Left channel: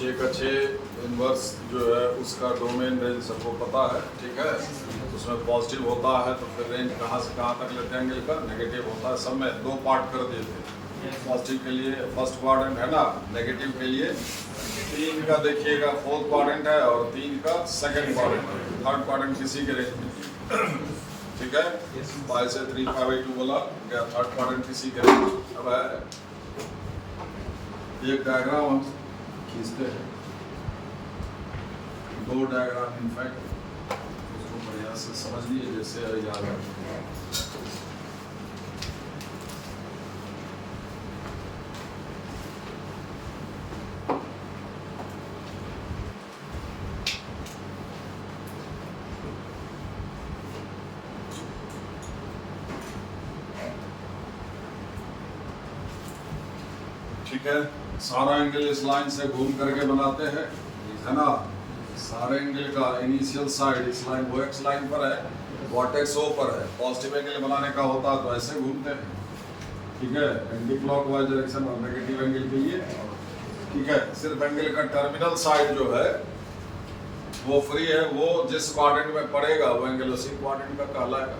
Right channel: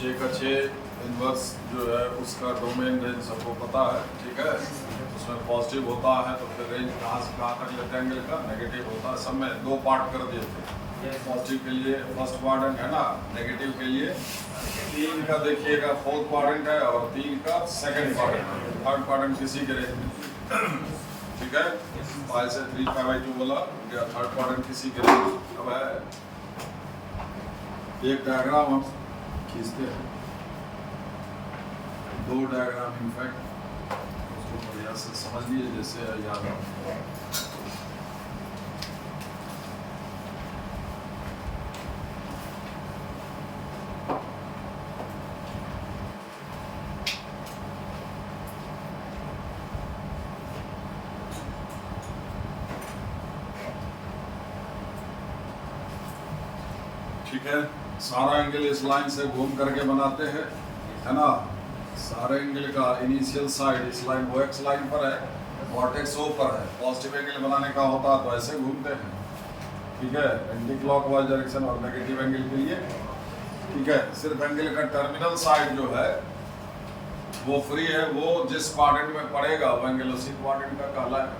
6 का 6 इनवर्स जो है उसका डोमेन रेंज सबको पता है, ठीक है। उसमें पॉजिटिव होता है तो फिर रेंज कहाँ से कहाँ तक लेते हैं एंगल का, नेगेटिव होता है। सब में 2 पार्ट कर दिए थे, पॉजिटिव के लिए फर्स्ट क्वाड्रेंट है ना, नेगेटिव के लिए 3 का देखिएगा फोर्थ क्वाड्रेंट है और 3 का सेकंड क्वाड्रेंट है, थर्ड क्वाड्रेंट किसी के रेंज में, ठीक है। पाई से 3π/2 बोला गया, थर्ड क्वाड्रेंट किसी के रेंज। अब है एक डायग्राम हम खींचते हैं, 2 डायग्राम इनफैक्ट, उसको बढ़िया से समझ लीजिए जैसे याद हो। ठीक है, सारा एंगल इस लाइन से घूम करके बनाते हैं, है ना। सारे एंगल का इनिशियल साइड इस लाइन वो एक्स लाइन पर है, वर्टेक्स ओ पर है। पॉजिटिव एंगल बनाने का होता है तो ऐसे घूमते हैं, ठीक है, एंटी क्लॉकवाइज डायरेक्शन और नेगेटिव एंगल के लिए, ठीक है। सिर्फ एंगल का टर्मिनल साइड जो है वो फ्री है, वो जिस क्वाड्रेंट में पड़ेगा वो एंगल उसी क्वाड्रेंट का कहलाएगा,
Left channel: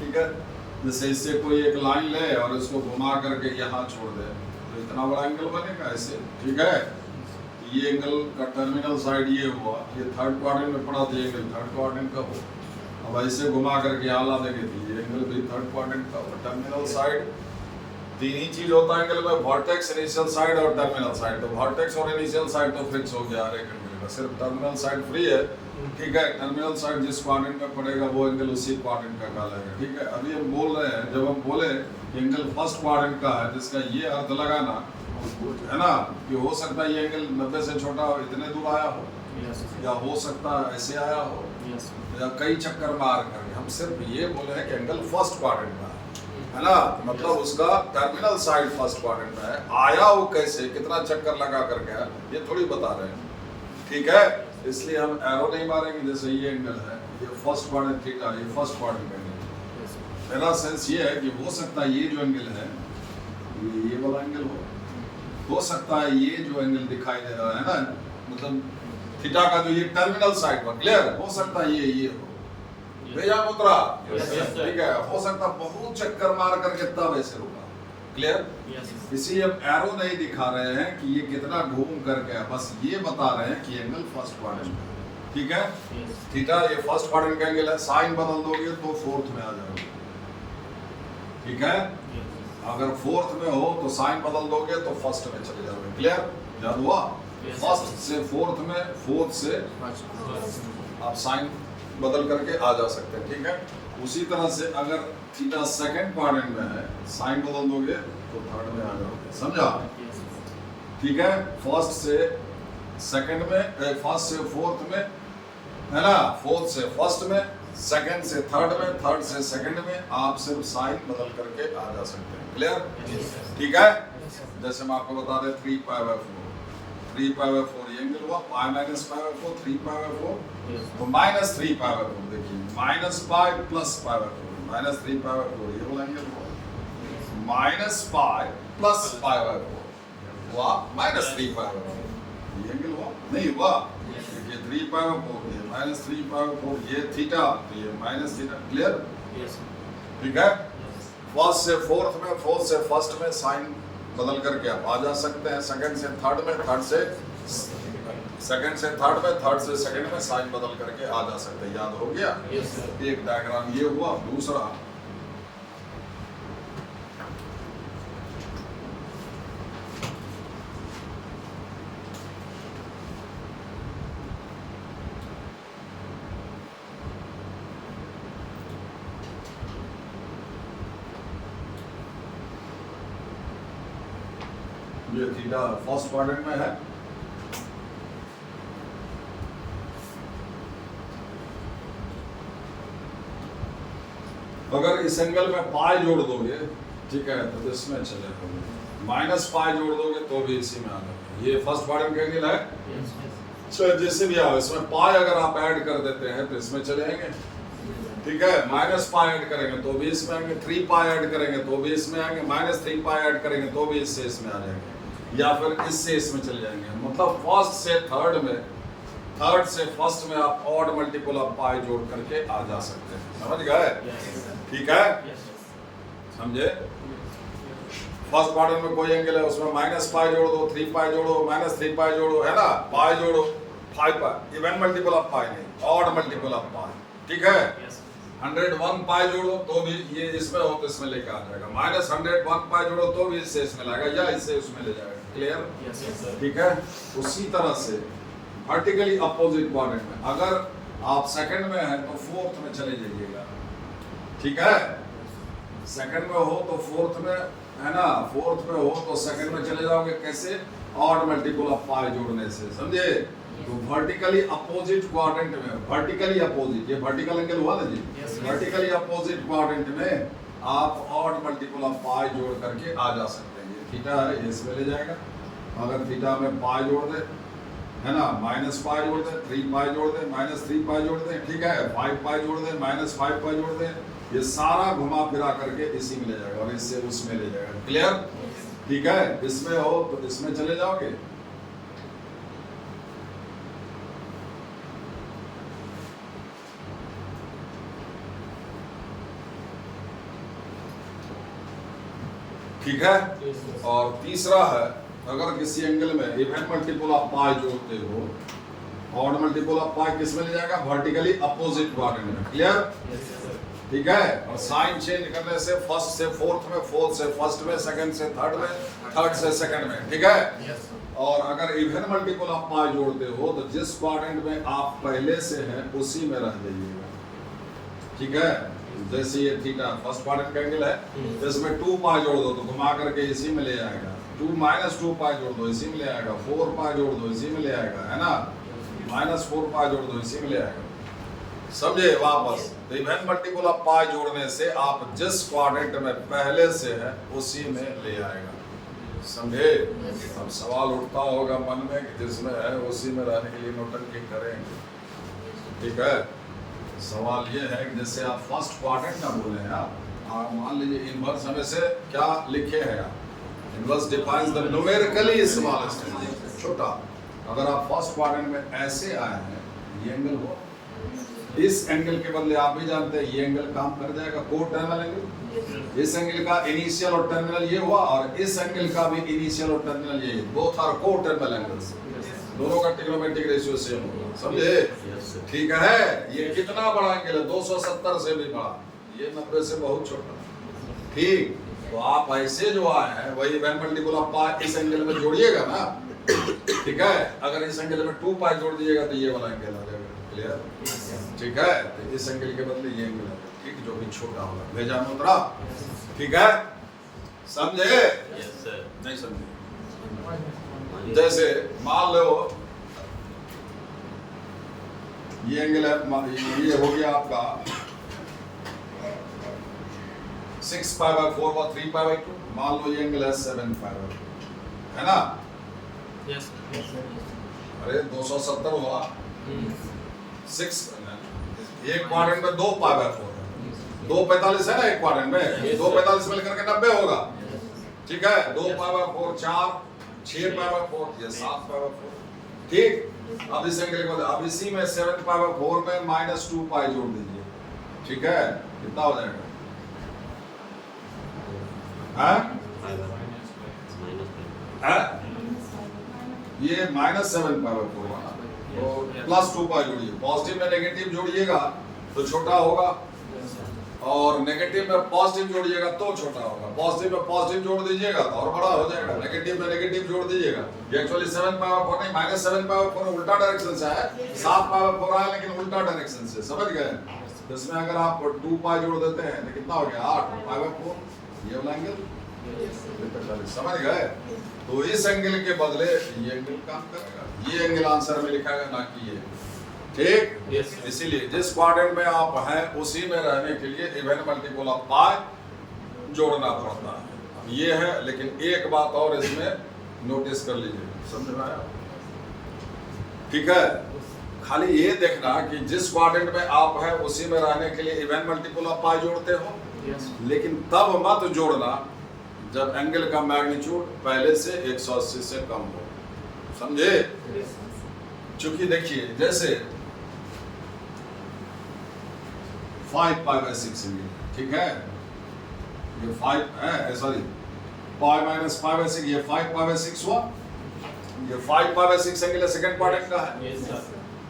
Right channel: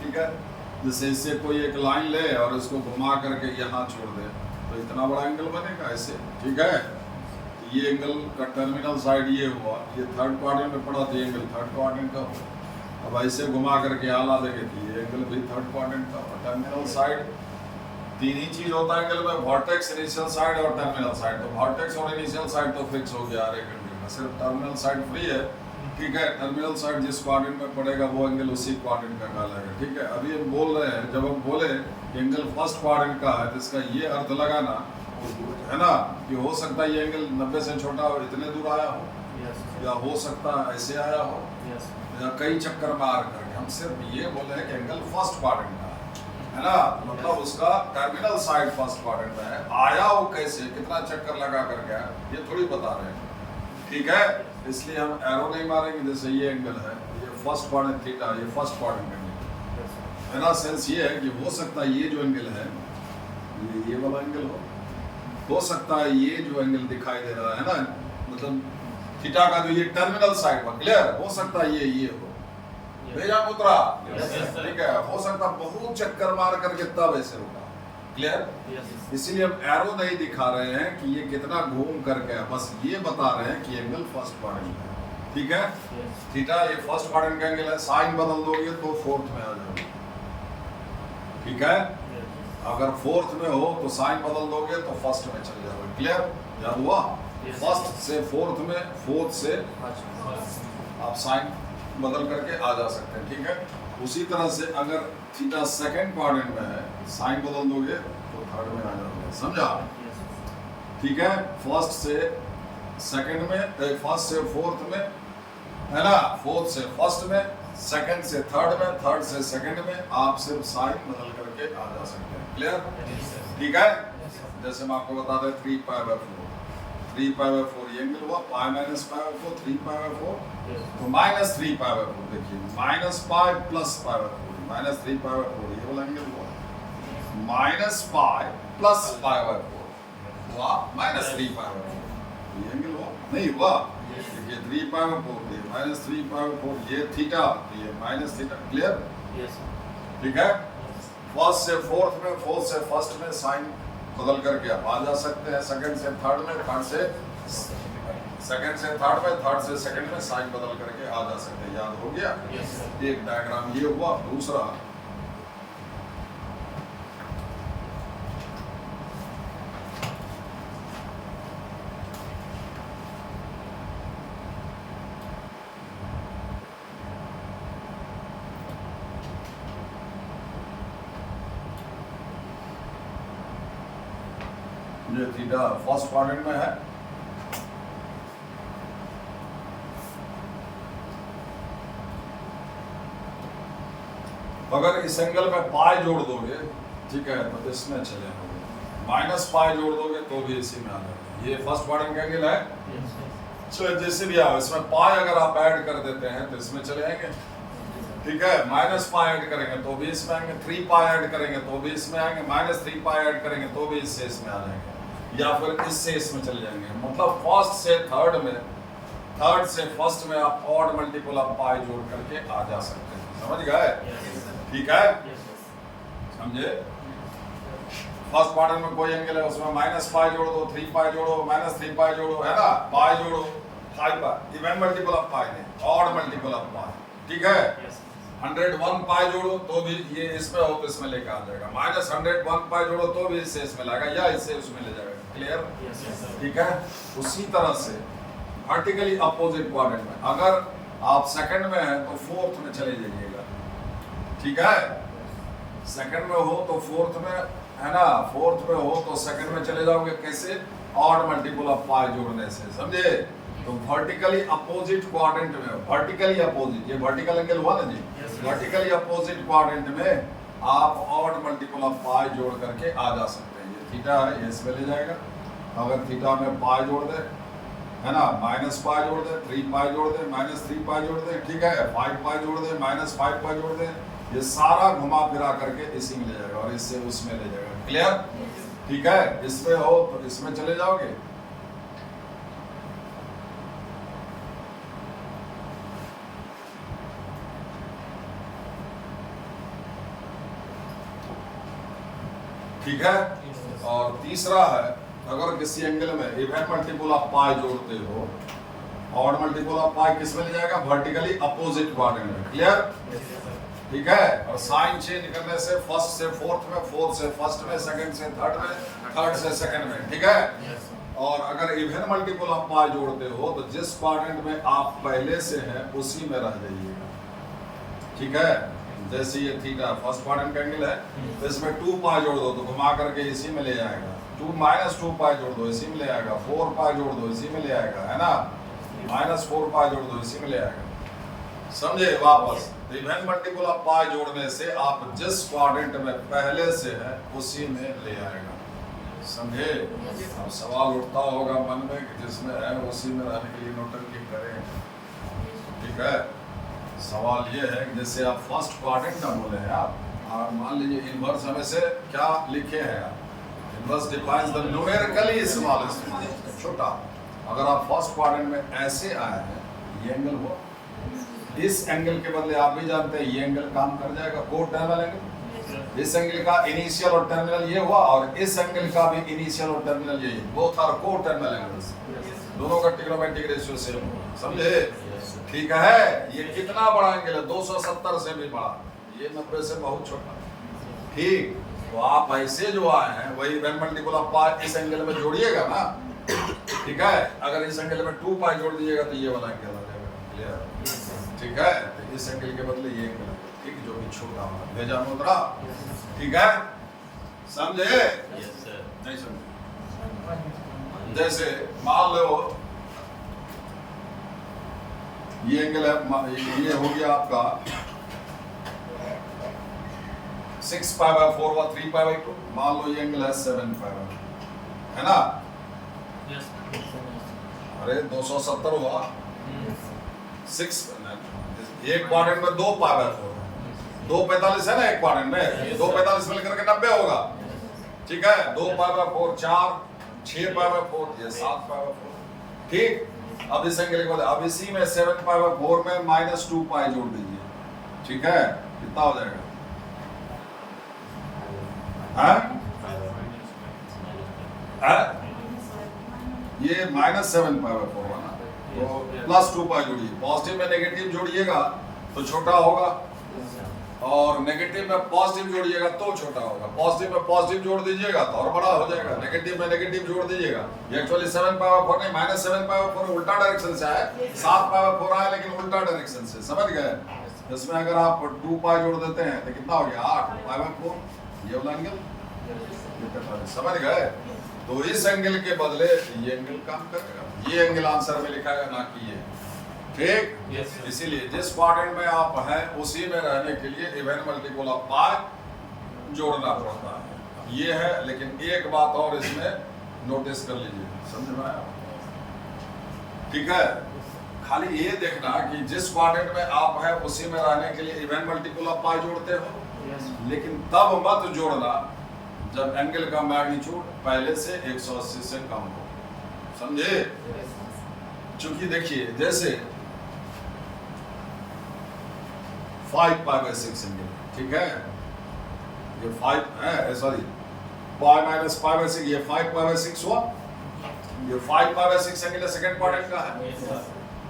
ठीक है। जैसे इससे कोई एक लाइन ले और उसको घुमा करके यहाँ छोड़ दे तो इतना बड़ा एंगल बनेगा ऐसे, ठीक है। तो ये एंगल का टर्मिनल साइड ये हुआ, ये थर्ड क्वाड्रेंट में पड़ा तो एंगल थर्ड क्वाड्रेंट का हो। अब ऐसे घुमा करके आला देंगे तो ये एंगल भी थर्ड क्वाड्रेंट का हो। टर्मिनल साइड 3 ही चीज होता है एंगल में, वर्टेक्स, इनिशियल साइड और टर्मिनल साइड। तो वर्टेक्स और इनिशियल साइड तो फिक्स हो गया हर एक एंगल का, सिर्फ टर्मिनल साइड फ्री है, ठीक है। टर्मिनल साइड जिस क्वाड्रेंट में पड़ेगा वो एंगल उसी क्वाड्रेंट का कहलाएगा, ठीक है। अभी हम बोल रहे हैं, जब हम बोले कि एंगल फर्स्ट क्वाड्रेंट का है तो इसका ये अर्थ लगाना है ना कि हो सकता है ये एंगल 90 से छोटा हो, इतने दूर आया हो, या हो सकता है ऐसे आया हो, या कई चक्कर मार करके। हम सिर्फ ये बोले हैं कि एंगल फर्स्ट क्वाड्रेंट का है ना, मतलब उसका टर्मिनल साइड फर्स्ट क्वाड्रेंट है। आया वो कैसे, कितना चक्कर लगा करके आया, ये थोड़ी बता रहे हैं, ठीक है। इसलिए हम एरो नहीं मारेंगे। जैसे ये एंगल है, ये फर्स्ट क्वाड्रेंट थीटा, ये फर्स्ट क्वाड्रेंट एंगल मेरा सेंस ये है कि हो सकता है ये जो एंगल है ये वाला एंगल हो सकता है ये जो एंगल दिखाई दे रहा है ना, मतलब थीटा का जो ये टर्मिनल साइड पर, क्लियर, हो सकता है ये हो, भेजा उतरा, ठीक है। हो सकता बहुत चक्कर मार करके तब ऐसे रुका, क्लियर। इसीलिए हम एरो नहीं दिखा रहे हैं कि ये कितना घूम करके है, बस ये बता रहे हैं कि एंगल फर्स्ट क्वाड्रेंट है, ठीक है। थीटा ये फर्स्ट क्वाड्रेंट का एंगल है, साइन बदल दोगे तो फोर्थ में आ जाओगे, ठीक है। अगर फोर्थ में हो तो साइन बदल दोगे तो फर्स्ट में चले जाओगे, क्लियर, याद हुआ। फर्स्ट से फोर्थ में, फोर्थ से आप साइन बदल करके आ जा सकते हैं, ठीक है। उसी तरह से अगर थीटा सेकंड क्वाड्रेंट में है, साइन बदल दोगे तो थर्ड में आ जाओगे, समझा, ठीक है। फर्स्ट से सेकंड में, फर्स्ट से फोर्थ में, है ना, फोर्थ से फर्स्ट में, सेकंड से थर्ड में, थर्ड से सेकंड में, आप सिर्फ साइन बदल करके आ जा सकते हैं, क्लियर, ठीक है। जैसे हम आपको बता दें 3π/4, 3π/4 ये एंगल हुआ, π-π/4, 3π/4 तो -3π/4, देखिए -π प्लस π/4, -3π/4 ये वाला एंगल हुआ, -π प्लस π/4 हुआ, -3π/4 ये एंगल हुआ, नहीं हुआ, ये 3π/4 ये -3π/4 ये थीटा, ये माइनस थीटा, क्लियर, ठीक है। फर्स्ट से फोर्थ में, फोर्थ से फर्स्ट में साइन बदल करके आप आ जा सकते हैं, सेकंड से थर्ड में, थर्ड से सेकंड से थर्ड में, थर्ड से सेकंड में साइन बदल करके आ जा सकते हैं, याद हो गया। एक डायग्राम ये हुआ। दूसरा ये थीटा फर्स्ट क्वाड्रेंट में है, अगर इस एंगल में पाई जोड़ दोगे, ठीक है, तो इसमें चले जाओगे, -π जोड़ दोगे तो भी इसी में आ जाओगे। ये फर्स्ट क्वाड्रेंट का एंगल है, चाहे जैसे भी आओ, इसमें पाई अगर आप ऐड कर देते हैं तो इसमें चले आएंगे, ठीक है। -π ऐड करेंगे तो भी इसमें आएंगे, 3π ऐड करेंगे तो भी इसमें आएंगे, -3π ऐड करेंगे तो भी इससे इसमें आ जाएंगे, या फिर इससे इसमें चले जाएंगे। मतलब फर्स्ट से थर्ड में, थर्ड से फर्स्ट में आप ऑड मल्टीपल ऑफ पाई जोड़ करके आ जा सकते हैं। समझ गए? ठीक है, समझे? फर्स्ट क्वाड्रेंट में कोई एंगल है, उसमें माइनस पाई जोड़ दो, 3 पाई जोड़ो, माइनस 3 पाई जोड़ो, है ना, पाई जोड़ो, 5 पाई, इवन मल्टीपल ऑफ पाई नहीं, ऑड मल्टीपल ऑफ पाई। ठीक है, 101 पाई जोड़ो तो भी ये इसमें हो तो इसमें लेके आ जाएगा, माइनस 101 पाई जोड़ो तो भी इससे इसमें लाएगा या इससे उसमें ले जाएगा। क्लियर? ठीक है। उसी तरह से वर्टिकली अपोजिट क्वाड्रेंट में अगर आप सेकंड में है तो फोर्थ में चले जाइएगा। ठीक है, सेकंड में हो तो फोर्थ में, है ना, फोर्थ में हो तो सेकंड में चले जाओगे। कैसे? ऑड मल्टीपल ऑफ पाई जोड़ने से। समझे? तो वर्टिकली अपोजिट क्वाड्रेंट में, वर्टिकली अपोजिट, ये वर्टिकल एंगल हुआ ना जी, वर्टिकली अपोजिट क्वाड्रेंट में आप ऑड मल्टीपल ऑफ पाई जोड़ करके आ जा सकते हैं। ये थीटा है, ये इसमें ले जाएगा। अगर थीटा में पाई जोड़ दे, है ना, माइनस पाई जोड़ दे, 3 पाई जोड़ दे, माइनस 3 पाई जोड़ दे, ठीक है, 5 पाई जोड़ दे, माइनस 5 पाई जोड़ दे, ये सारा घुमा फिरा करके इसी में ले जाएगा और इससे उसमें ले जाएगा। क्लियर? ठीक है, इसमें हो तो इसमें चले जाओगे। ठीक है। और तीसरा है, अगर किसी एंगल में इवन मल्टीपल ऑफ पाई जोड़ते हो, ऑड मल्टीपल ऑफ पाई किस में ले जाएगा? वर्टिकली अपोजिट क्वाड्रेंट में। क्लियर? ठीक है। और साइन चेंज करने से फर्स्ट से फोर्थ में, फोर्थ से फर्स्ट में, सेकंड से थर्ड में, थर्ड से सेकंड में। ठीक है। और अगर इवन मल्टीपल ऑफ पाई जोड़ते हो तो जिस क्वाड्रेंट में आप पहले से हैं उसी में रह जाइएगा। ठीक है। जैसे ये थीटा फर्स्ट क्वाड्रेंट का एंगल है, तो इसमें 2 पाई जोड़ दो तो घुमा करके इसी में ले जाएगा। 2 माइनस 2 पाई जोड़ दो इसी में ले आएगा। 4 पाई जोड़ दो इसी में ले आएगा, है ना, माइनस 4 पाई जोड़ दो इसी में ले आएगा। समझे? वापस तो इवन मल्टीपल ऑफ पाई जोड़ने से आप जिस क्वाड्रेंट में पहले से है उसी में ले आएगा। समझे? अब सवाल उठता होगा मन में कि जिसमें है उसी में रहने के लिए नोटंकी करें। ठीक है। सवाल ये है कि जैसे आप फर्स्ट क्वाड्रेंट का बोले हैं, आप मान लीजिए इनवर्स हमें से क्या लिखे हैं आप, inverse defines the numerically smallest, छोटा। अगर आप फर्स्ट क्वाड्रेंट में ऐसे आए हैं, ये एंगल हुआ, इस एंगल के बदले आप भी जानते हैं ये एंगल काम कर जाएगा, को टर्मिनल एंगल। इस एंगल का इनिशियल और टर्मिनल ये हुआ और इस एंगल का भी इनिशियल और टर्मिनल यही, बोथ आर को टर्मिनल एंगल्स, दोनों का ट्रिग्नोमेट्रिक रेशियो सेम होगा। समझे? ठीक है। ये कितना बड़ा एंगल है? 270 से भी बड़ा, ये 90 से बहुत छोटा। ठीक। तो आप ऐसे जो आए हैं वही इवन मल्टीपल ऑफ पाई इस एंगल में जोड़िएगा ना। ठीक है। अगर इस एंगल में 2 पाई जोड़ दीजिएगा तो ये वाला एंगल आ जाएगा। क्लियर? ठीक है। तो इस एंगल के बदले ये एंगल है, ठीक, जो भी छोटा होगा। भेजा मुद्रा। ठीक है। समझे? नहीं समझे? जैसे मान लो ये एंगल है, ये हो गया आपका 6 पाई बाय 4 व 3 पाई बाय 2। मान लो ये एंगल है 7 पाई बाय, है ना? अरे 270 हुआ, 6 एक क्वाड्रेंट में 2 पाई बाय 4 है, 245 है ना एक क्वाड्रेंट में, 245 मिलकर के 90 होगा। ठीक है। 2 पाई बाय 4 4, 6 पाई बाय 4, ये 7 पाई बाय 4। ठीक। अब इस एंगल के बाद अब इसी में 7 पाई बाय 4 में माइनस 2 पाई जोड़ दीजिए। ठीक है। कितना हो जाएगा? ये माइनस 7 पाई बाय 4 है ना, तो प्लस 2 पाई जोड़िए। पॉजिटिव में नेगेटिव जोड़िएगा तो छोटा होगा और नेगेटिव में पॉजिटिव जोड़िएगा तो छोटा होगा। पॉजिटिव में पॉजिटिव जोड़ दीजिएगा तो और बड़ा हो जाएगा। नेगेटिव में नेगेटिव जोड़ दीजिएगा। ये एक्चुअली 7 पाई बाय 4 नहीं, माइनस 7 पाई बाय 4 उल्टा डायरेक्शन से है, 7 पाई बाय 4 आया लेकिन उल्टा डायरेक्शन से। समझ गए? इसमें अगर आप 2 पाई जोड़ देते हैं तो कितना हो गया? 8 पाई बाय 4, ये वाला एंगल। समझ गए? तो इस एंगल के बदले ये एंगल काम करेगा, ये एंगल आंसर में लिखा है ना कि ये। ठीक। इसीलिए जिस क्वाड्रेंट में आप हैं उसी में रहने के लिए इवन मल्टीपल ऑफ पाई जोड़ना पड़ता है। ये है, लेकिन एक बात और इसमें नोटिस कर लीजिए। समझ में आया? ठीक है। खाली ये देखना कि जिस क्वाड्रेंट में आप हैं उसी में रहने के लिए इवन मल्टीपल ऑफ पाई जोड़ते हो, लेकिन तब मत जोड़ना जब एंगल का मैग्नीट्यूड पहले से 180 से कम हो। समझे? चूंकि देखिए जैसे 5π/6 एंगल, ठीक है, ये 5 है, सॉरी π-5/6, ये 5π/6 हुआ, ये 5π/6 एंगल सेकंड क्वाड्रेंट का है।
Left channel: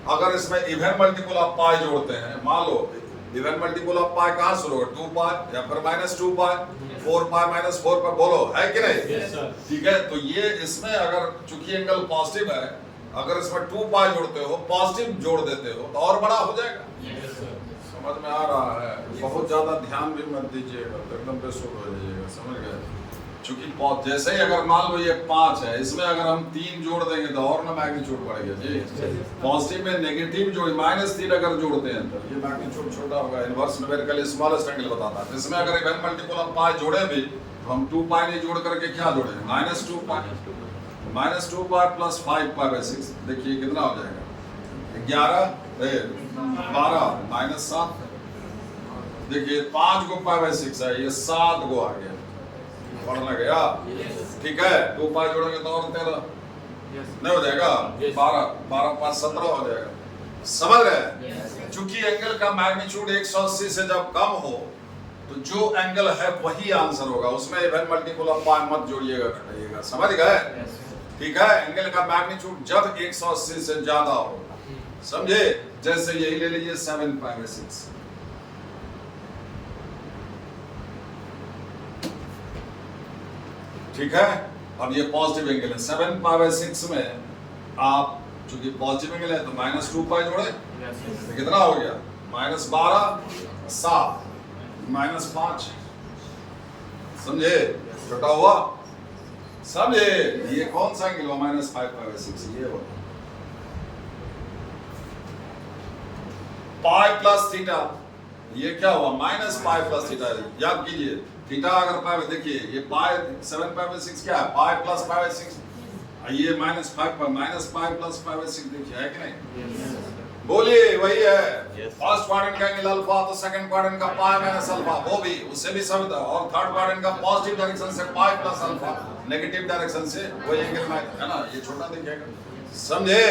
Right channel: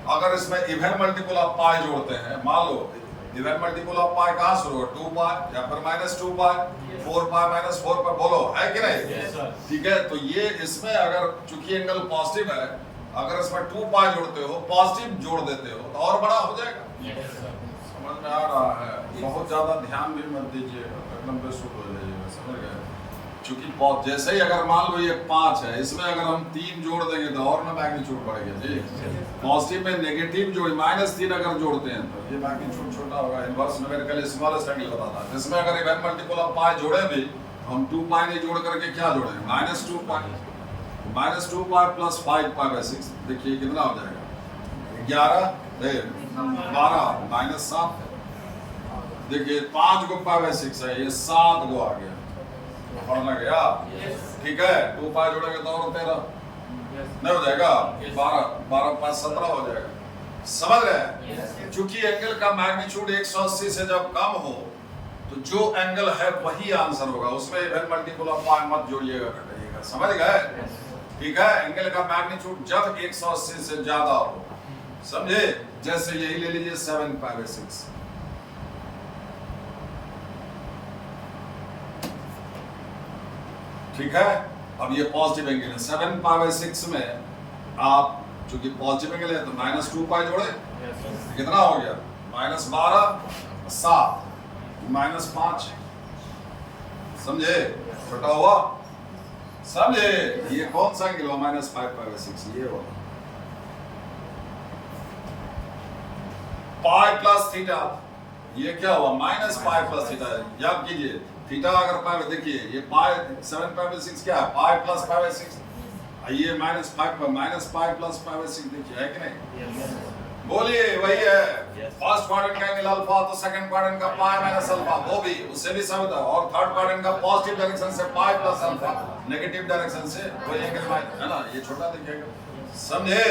अगर इसमें इवन मल्टीपल ऑफ पाई जोड़ते हैं, मान लो इवन मल्टीपल ऑफ पाई कहाँ शुरू हो, 2π या फिर -2π, 4π -4π, बोलो है कि नहीं? ठीक है, तो ये इसमें अगर चूंकि एंगल पॉजिटिव है, अगर इसमें 2π जोड़ते हो, पॉजिटिव जोड़ देते हो तो और बड़ा हो जाएगा। समझ में आ रहा है? बहुत ज्यादा ध्यान भी मत दीजिएगा, एकदम बेसुध हो जाइएगा। समझ गए? चूंकि जैसे ही अगर मान लो ये 5 है, इसमें अगर हम 3 जोड़ देंगे तो और ना मैग्नीट्यूड बढ़ेगा जी। पॉजिटिव में नेगेटिव जोड़ -3 अगर जोड़ते हैं तो ये मैग्नीट्यूड छोटा होगा। इनवर्स न्यूमेरिकल स्मॉलेस्ट एंगल बताता है। इसमें अगर इवन मल्टीपल ऑफ पाई जोड़े भी तो हम 2π नहीं जोड़ करके क्या जोड़ेंगे, -2π। -2π + 5π/6 देखिए कितना हो जाएगा, 12 -7। देखिए 5 को π/6 है, ये 7 को आ गया, पढ़ना गया। ठीक है, 2π जोड़ेंगे तो और 13 नहीं हो जाएगा, 12 5 17 हो जाएगा। समझ गए? चूंकि एंगल का मैग्नीट्यूड 180 से जब कम हो तो जो एंगल है वही आंसर होगा, उसमें इवन मल्टीपल ऑफ पाई मत जोड़िएगा घटाइएगा। समझ गए? ठीक है, एंगल का मैग्नीट्यूड जब 180 से ज्यादा हो, समझे? जैसे यही ले लीजिए 7π/6, ठीक है। अब ये पॉजिटिव एंगल है, 7π/6 में आप चूंकि पॉजिटिव एंगल है तो -2π जोड़े, कितना हो गया, -12 7 -5, समझे? छोटा हुआ, समझे? ये कौन सा एंगल हुआ, -5π/6, ये हुआ। पाई प्लस थीटा, ये क्या हुआ, -π + थीटा। याद कीजिए थीटा अगर पाई, देखिए ये पाई 7π/6 क्या है, पाई प्लस π/6, ये -5 -π + π/6, देखिए है कि नहीं? बोलिए वही है। फर्स्ट क्वाड्रेंट का एंगल अल्फा तो सेकंड क्वाड्रेंट का पाई माइनस अल्फा, वो भी उससे भी सब था। और थर्ड क्वाड्रेंट का पॉजिटिव डायरेक्शन से pi plus alpha, negative direction से वही एंगल है ना, ये छोटा दिखेगा। समझे?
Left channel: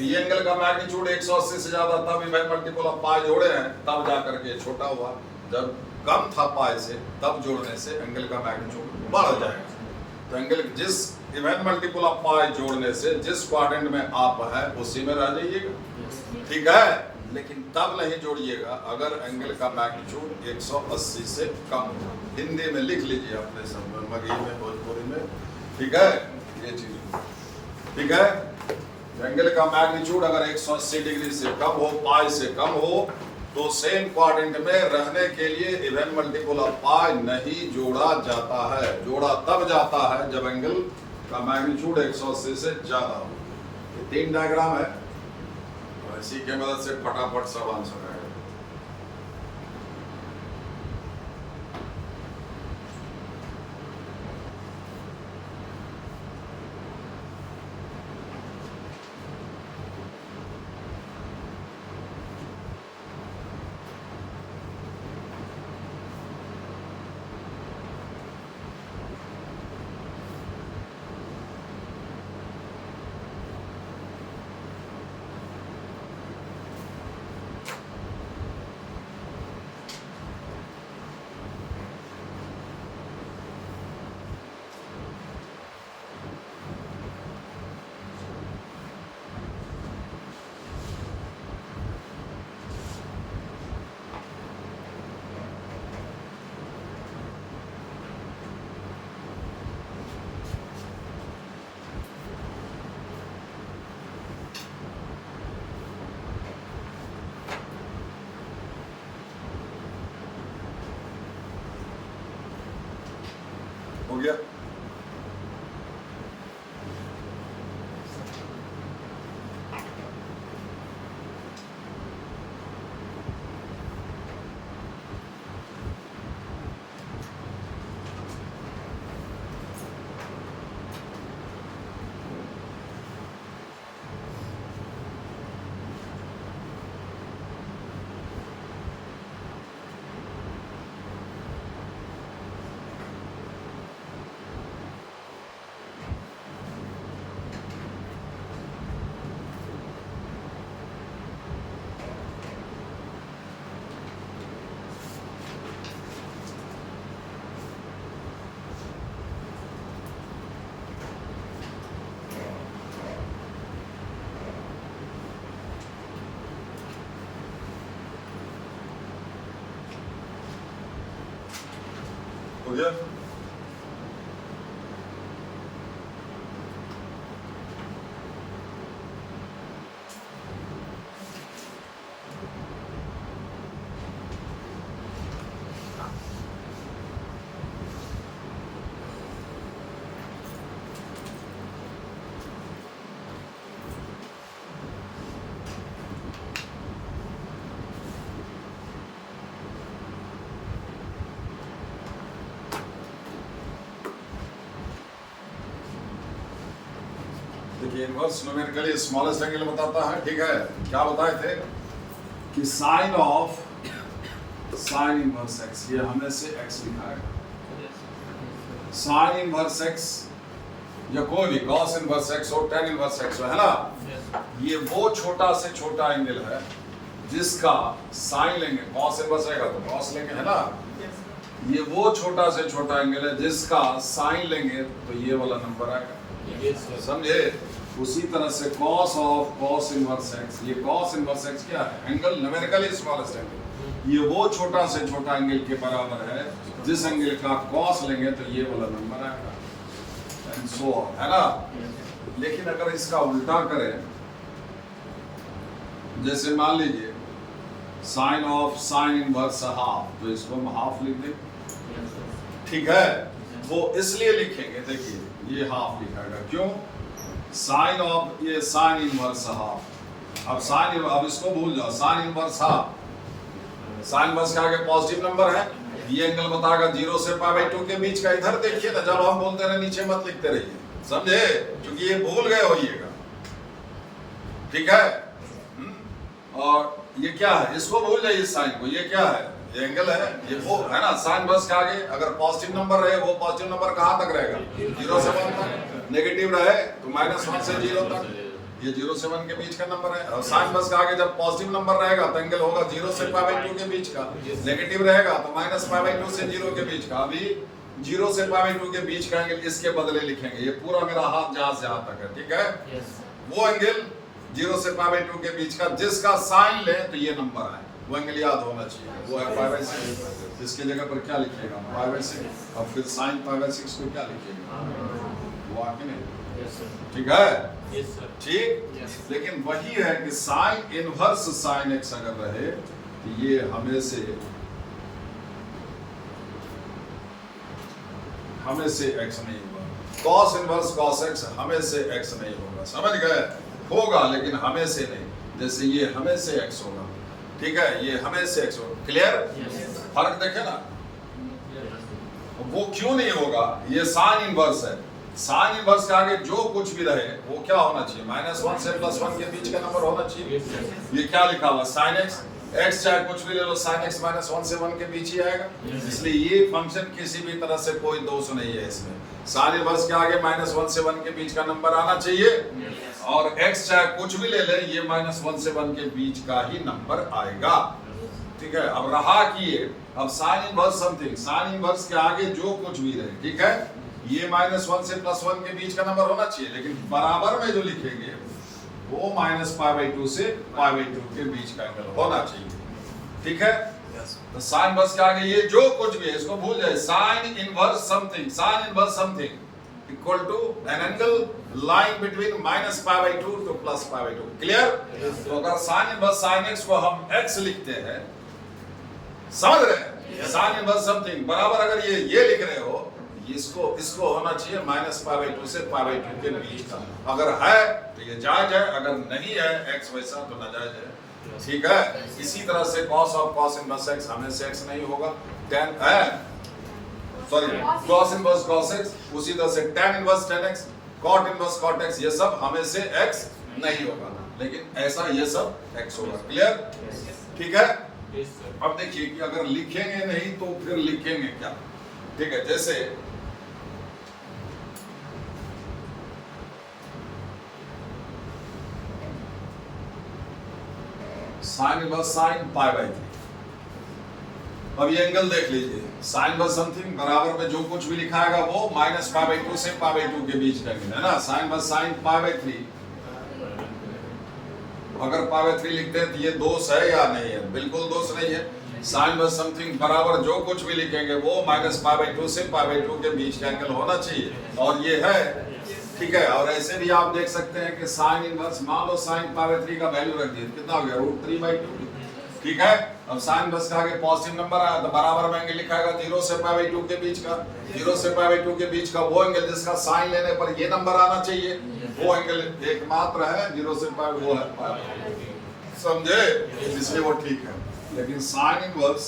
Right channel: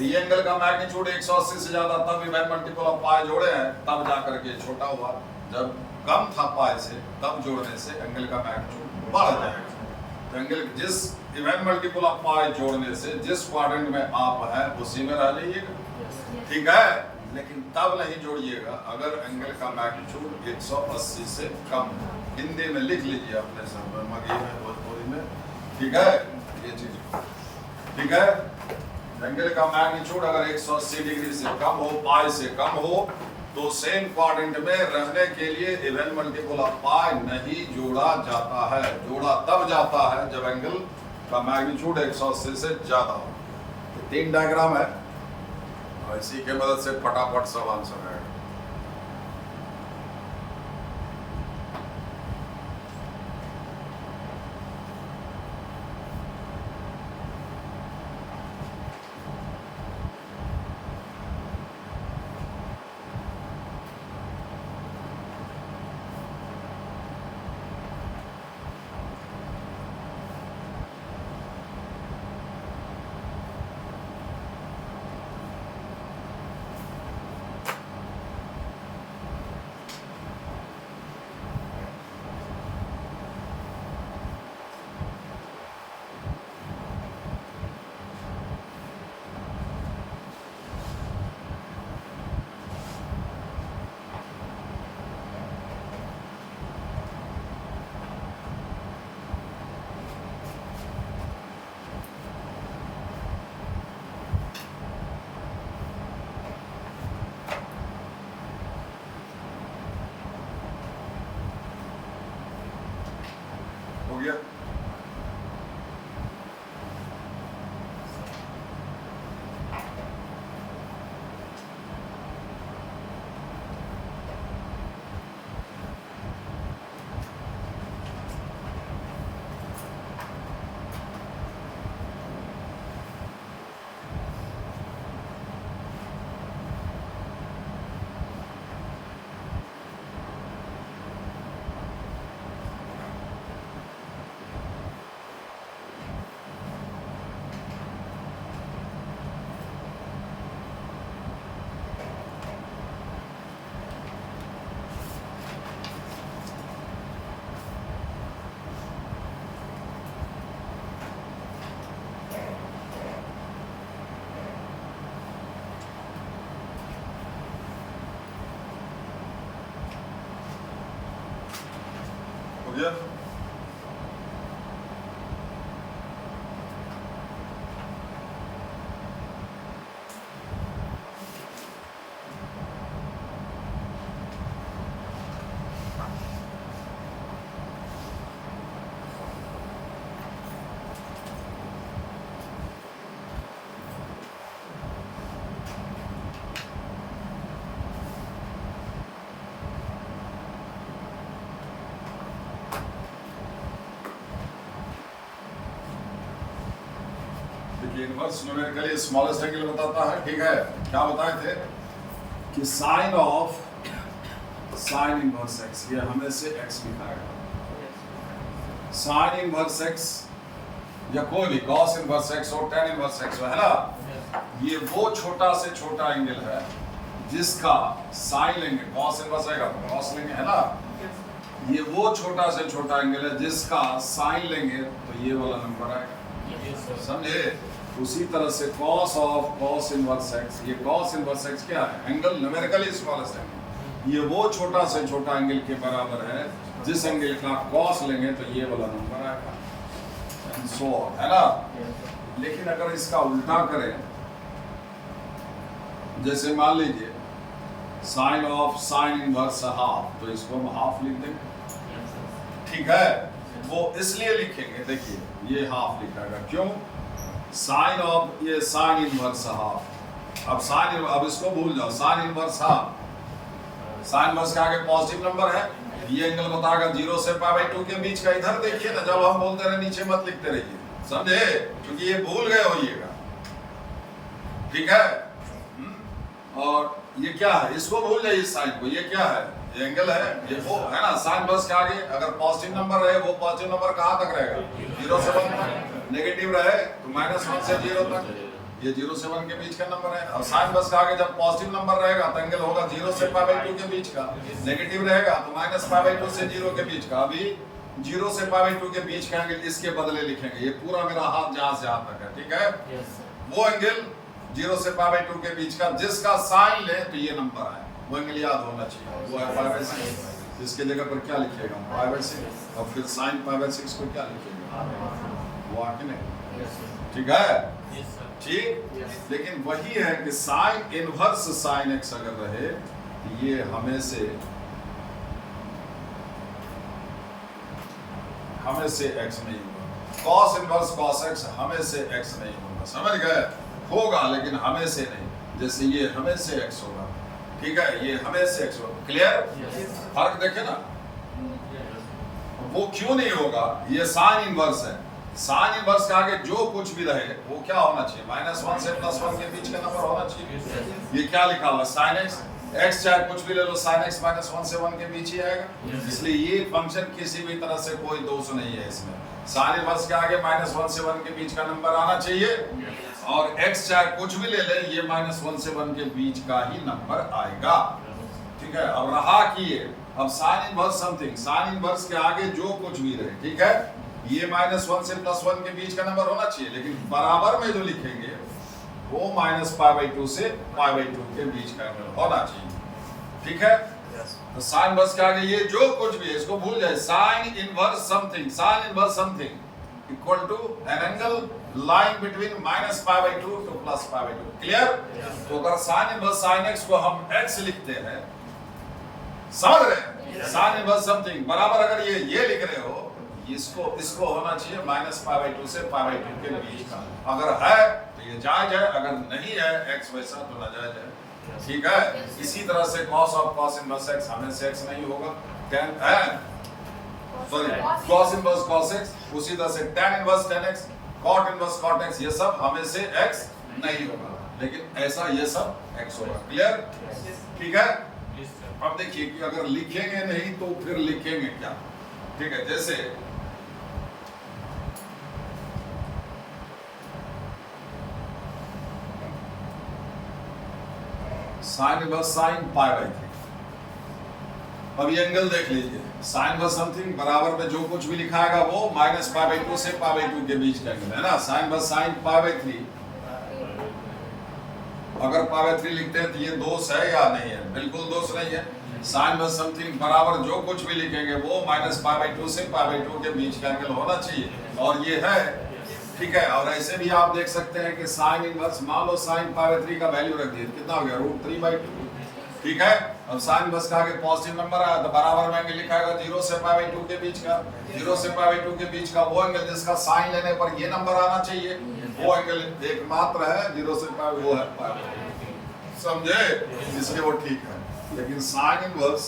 ये एंगल का मैग्नीट्यूड 180 से ज्यादा तब इवन मल्टीपल ऑफ पाई जोड़े हैं, तब जा करके छोटा हुआ। जब कम था पाई से, तब जोड़ने से एंगल का मैग्नीट्यूड बढ़ जाएगा। तो एंगल जिस इवन मल्टीपल ऑफ पाई जोड़ने से जिस क्वाड्रेंट में आप है उसी में रह जाइएगा, ठीक है। लेकिन तब नहीं जोड़िएगा अगर एंगल का मैग्नीट्यूड 180 से कम हो। हिंदी में लिख लीजिए अपने सब में, मगही में, भोजपुरी में, ठीक है, ये चीज, ठीक है। एंगल का मैग्नीट्यूड अगर 180 डिग्री से कम हो, पाई से कम हो, तो सेम क्वाड्रेंट में रहने के लिए इवन मल्टीपल ऑफ पाई नहीं जोड़ा जाता है। जोड़ा तब जाता है जब एंगल का मैग्नीट्यूड 180 से ज्यादा हो। ये 3 डायग्राम है, इसी के मदद से फटाफट सब आंसर है। हो गया? हो गया। इनवर्स न्यूमेरिकली स्मॉलेस्ट एंगल बताता है, ठीक है। क्या बताए थे कि sine of sine inverse x, ये हमें से एक्स लिखा है। साइन इनवर्स एक्स या कोई भी कॉस इनवर्स एक्स हो, टेन इनवर्स एक्स हो, है ना, ये वो छोटा से छोटा एंगल है जिसका साइन लेंगे, कॉस इनवर्स आएगा तो कॉस लेंगे, है ना। ये वो छोटा से छोटा एंगल है जिसका साइन लेंगे तो ये वाला नंबर आएगा, समझे। उसी तरह से cos of cos inverse x, ये cos इनवर्स x क्या है, एंगल न्यूमेरिकली स्मॉलेस्ट एंगल, ये वो छोटा से छोटा एंगल के बराबर है जिस एंगल का cos लेंगे तो ये वाला नंबर आएगा, एंड सो ऑन, है ना। लेकिन अगर इसका उल्टा करें, जैसे मान लीजिए sine of sine inverse half, तो इसको हम हाफ लिख देंगे, ठीक है। वो इसलिए लिखेंगे, देखिए ये हाफ लिखा गया, क्यों, साइन ऑफ ये साइन इनवर्स हाफ, अब इसको भूल जाओ, sign inverse half, sine inverse के आगे पॉजिटिव नंबर है, ये एंगल बताएगा 0 से π/2 के बीच का। इधर देखिए ना, जब हम बोलते रहे नीचे मत लिखते रहिए, समझे, क्योंकि ये भूल गए होइएगा, ठीक है। और ये क्या है, इसको भूल जाइए, साइन को, ये क्या है, ये एंगल है, ये वो है ना। साइन बस के आगे अगर पॉजिटिव नंबर रहे, वो पॉजिटिव नंबर कहाँ तक रहेगा, 0 से 1 तक। नेगेटिव रहे तो -1 से 0 तक, ये 0 से 1 के बीच का नंबर है। और साइन बस के आगे जब पॉजिटिव नंबर रहेगा तो एंगल होगा 0 से π/2 के बीच का, नेगेटिव रहेगा तो -π/2 से 0 के बीच का। अभी 0 से π/2 के बीच का एंगल इसके बदले लिखेंगे, ये पूरा मेरा हाथ जहां से यहां तक है, ठीक है। वो एंगल 0 से π/2 के बीच का जिसका साइन ले तो ये नंबर है, वो एंगल याद होना चाहिए, वो है π/6। इसके जगह पर क्या लिखिएगा, π/6, और फिर साइन π/6 को क्या लिखिएगा, वो आके नहीं, ठीक है, ठीक। लेकिन वही है कि साइन इनवर्स साइन एक्स अगर रहे तो ये हमें से एक्स नहीं होगा, कॉस इनवर्स कॉस एक्स हमें से एक्स नहीं होगा, समझ गए, होगा लेकिन हमें से नहीं। जैसे ये हमें से एक्स होगा, ठीक है, ये हमें से एक्स होगा, क्लियर, फर्क देखे ना। वो क्यों नहीं होगा, ये साइन इनवर्स है, साइन इनवर्स के आगे जो कुछ भी रहे वो क्या होना चाहिए, -1 से +1 के बीच का नंबर होना चाहिए। ये क्या लिखा हुआ है, साइन एक्स, एक्स चाहे कुछ भी ले लो, साइन एक्स -1 से 1 के बीच ही आएगा। इसलिए ये फंक्शन किसी भी तरह से कोई दोष नहीं है इसमें, साइन इनवर्स के आगे -1 से 1 के बीच का नंबर आना चाहिए, और x चाहे कुछ भी ले ले, ये -1 से 1 के बीच का ही नंबर आएगा, ठीक है। अब रहा कि ये, अब sign inverse something, sine inverse के आगे जो कुछ भी रहे, ठीक है, ये -1 से +1 के बीच का नंबर होना चाहिए, लेकिन बराबर में जो लिखेंगे वो -π/2 से π/2 के बीच का एंगल होना चाहिए, ठीक है। तो साइन इनवर्स के आगे ये जो कुछ भी है इसको भूल जाए, sine inverse something, sine inverse something equal to an angle lying between -π/2 to +π/2, clear. तो अगर साइन इनवर्स साइन एक्स को हम x लिखते हैं, समझ रहे हैं, साइन इनवर्स समथिंग बराबर अगर ये लिख रहे हो, इसको होना चाहिए -π/2 से π/2 के बीच का। अगर है तो ये जायज है, अगर नहीं है x वैसा तो नाजायज है, ठीक है। इसी तरह से cos of cos inverse x हमें से x नहीं होगा, tan है, sorry cos inverse cos x, उसी तरह से tan inverse tan x, cot inverse cot x, ये सब हमें से x नहीं होगा, लेकिन ऐसा ये सब x होगा, क्लियर, ठीक है। अब देखिए कि अगर लिखेंगे नहीं तो फिर लिखेंगे क्या, ठीक है। जैसे साइन इनवर्स साइन π/3, अब ये एंगल देख लीजिए, साइन इनवर्स समथिंग बराबर में जो कुछ भी लिखाएगा वो -π/2 से π/2 के बीच का एंगल है ना। साइन इनवर्स साइन π/3, अगर π/3 लिखते हैं तो ये दोष है या नहीं है, बिल्कुल दोष नहीं है, साइन में समथिंग बराबर जो कुछ भी लिखेंगे वो -π/2 से π/2 के बीच का एंगल होना चाहिए, और ये है, ठीक है। और ऐसे भी आप देख सकते हैं कि साइन इनवर्स, मान लो साइन π/3 का वैल्यू रख दिए, कितना हो गया √3/2, ठीक है। अब साइन इनवर्स का आगे पॉजिटिव नंबर आया तो बराबर में एंगल लिखाएगा 0 से π/2 के बीच का, 0 से π/2 के बीच का वो एंगल जिसका साइन लेने पर ये नंबर आना चाहिए, वो एंगल एकमात्र है 0 से π, वो है π, समझे, इसलिए वो ठीक है। लेकिन साइन इनवर्स